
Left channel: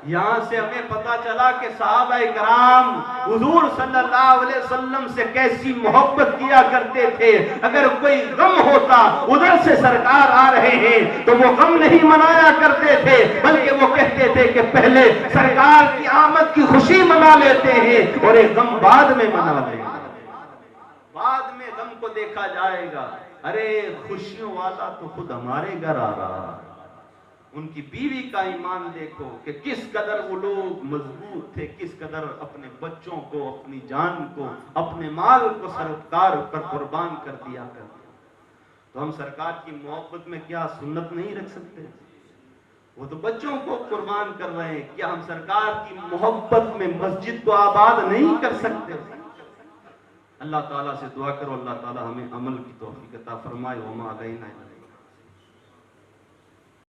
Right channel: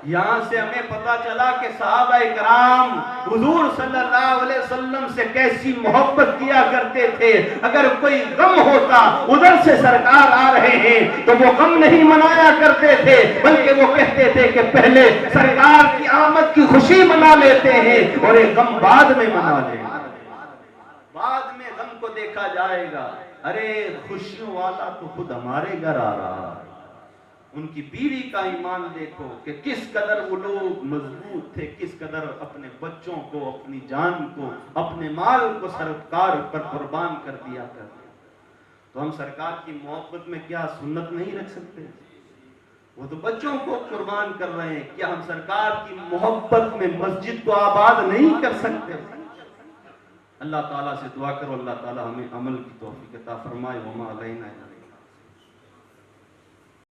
یہاں سے ہمیں پتا چلا کہ صحابہ کرام حضور صلی اللہ علیہ وسلم سے کیسی محبت کیا کرتے تھے. اگر کوئی غم ہوتا ادھر سے سرکار آ رہے ہیں تو وہ غم نہیں منایا کرتے تھے, بلکہ وہ کہتے تھے کہ پہلے سرکار کی آمد کی خوشی منا لیتے ہیں اور ایک غم بعد میں منا لیں گے, بعد میں غم کو دیکھا جائے گا. ارے خوشیوں والا تو خود ہمارے گھر آ رہا ہے. ان کی بیوی کا ایمان دیکھو کہ کس قدر وہ لوگ مضبوط تھے, کس قدر اپنے بچوں کو, اپنی جان کو, اپنے مال کو سرکار پر قربان کر دیا کرتے. تو ہم سرکار کی محبت میں کیا سنت نہیں رکھ سکتے؟ وہ تو بچوں کو قربان کر رہے ہیں, کیا ہم سرکار کی محبت میں مسجد کو آباد نہیں کر سکتے؟ اللہ تعالیٰ سے دعا کرو اللہ تعالیٰ ہمیں عمل کی توفیق عطا فرمائے. وما علینا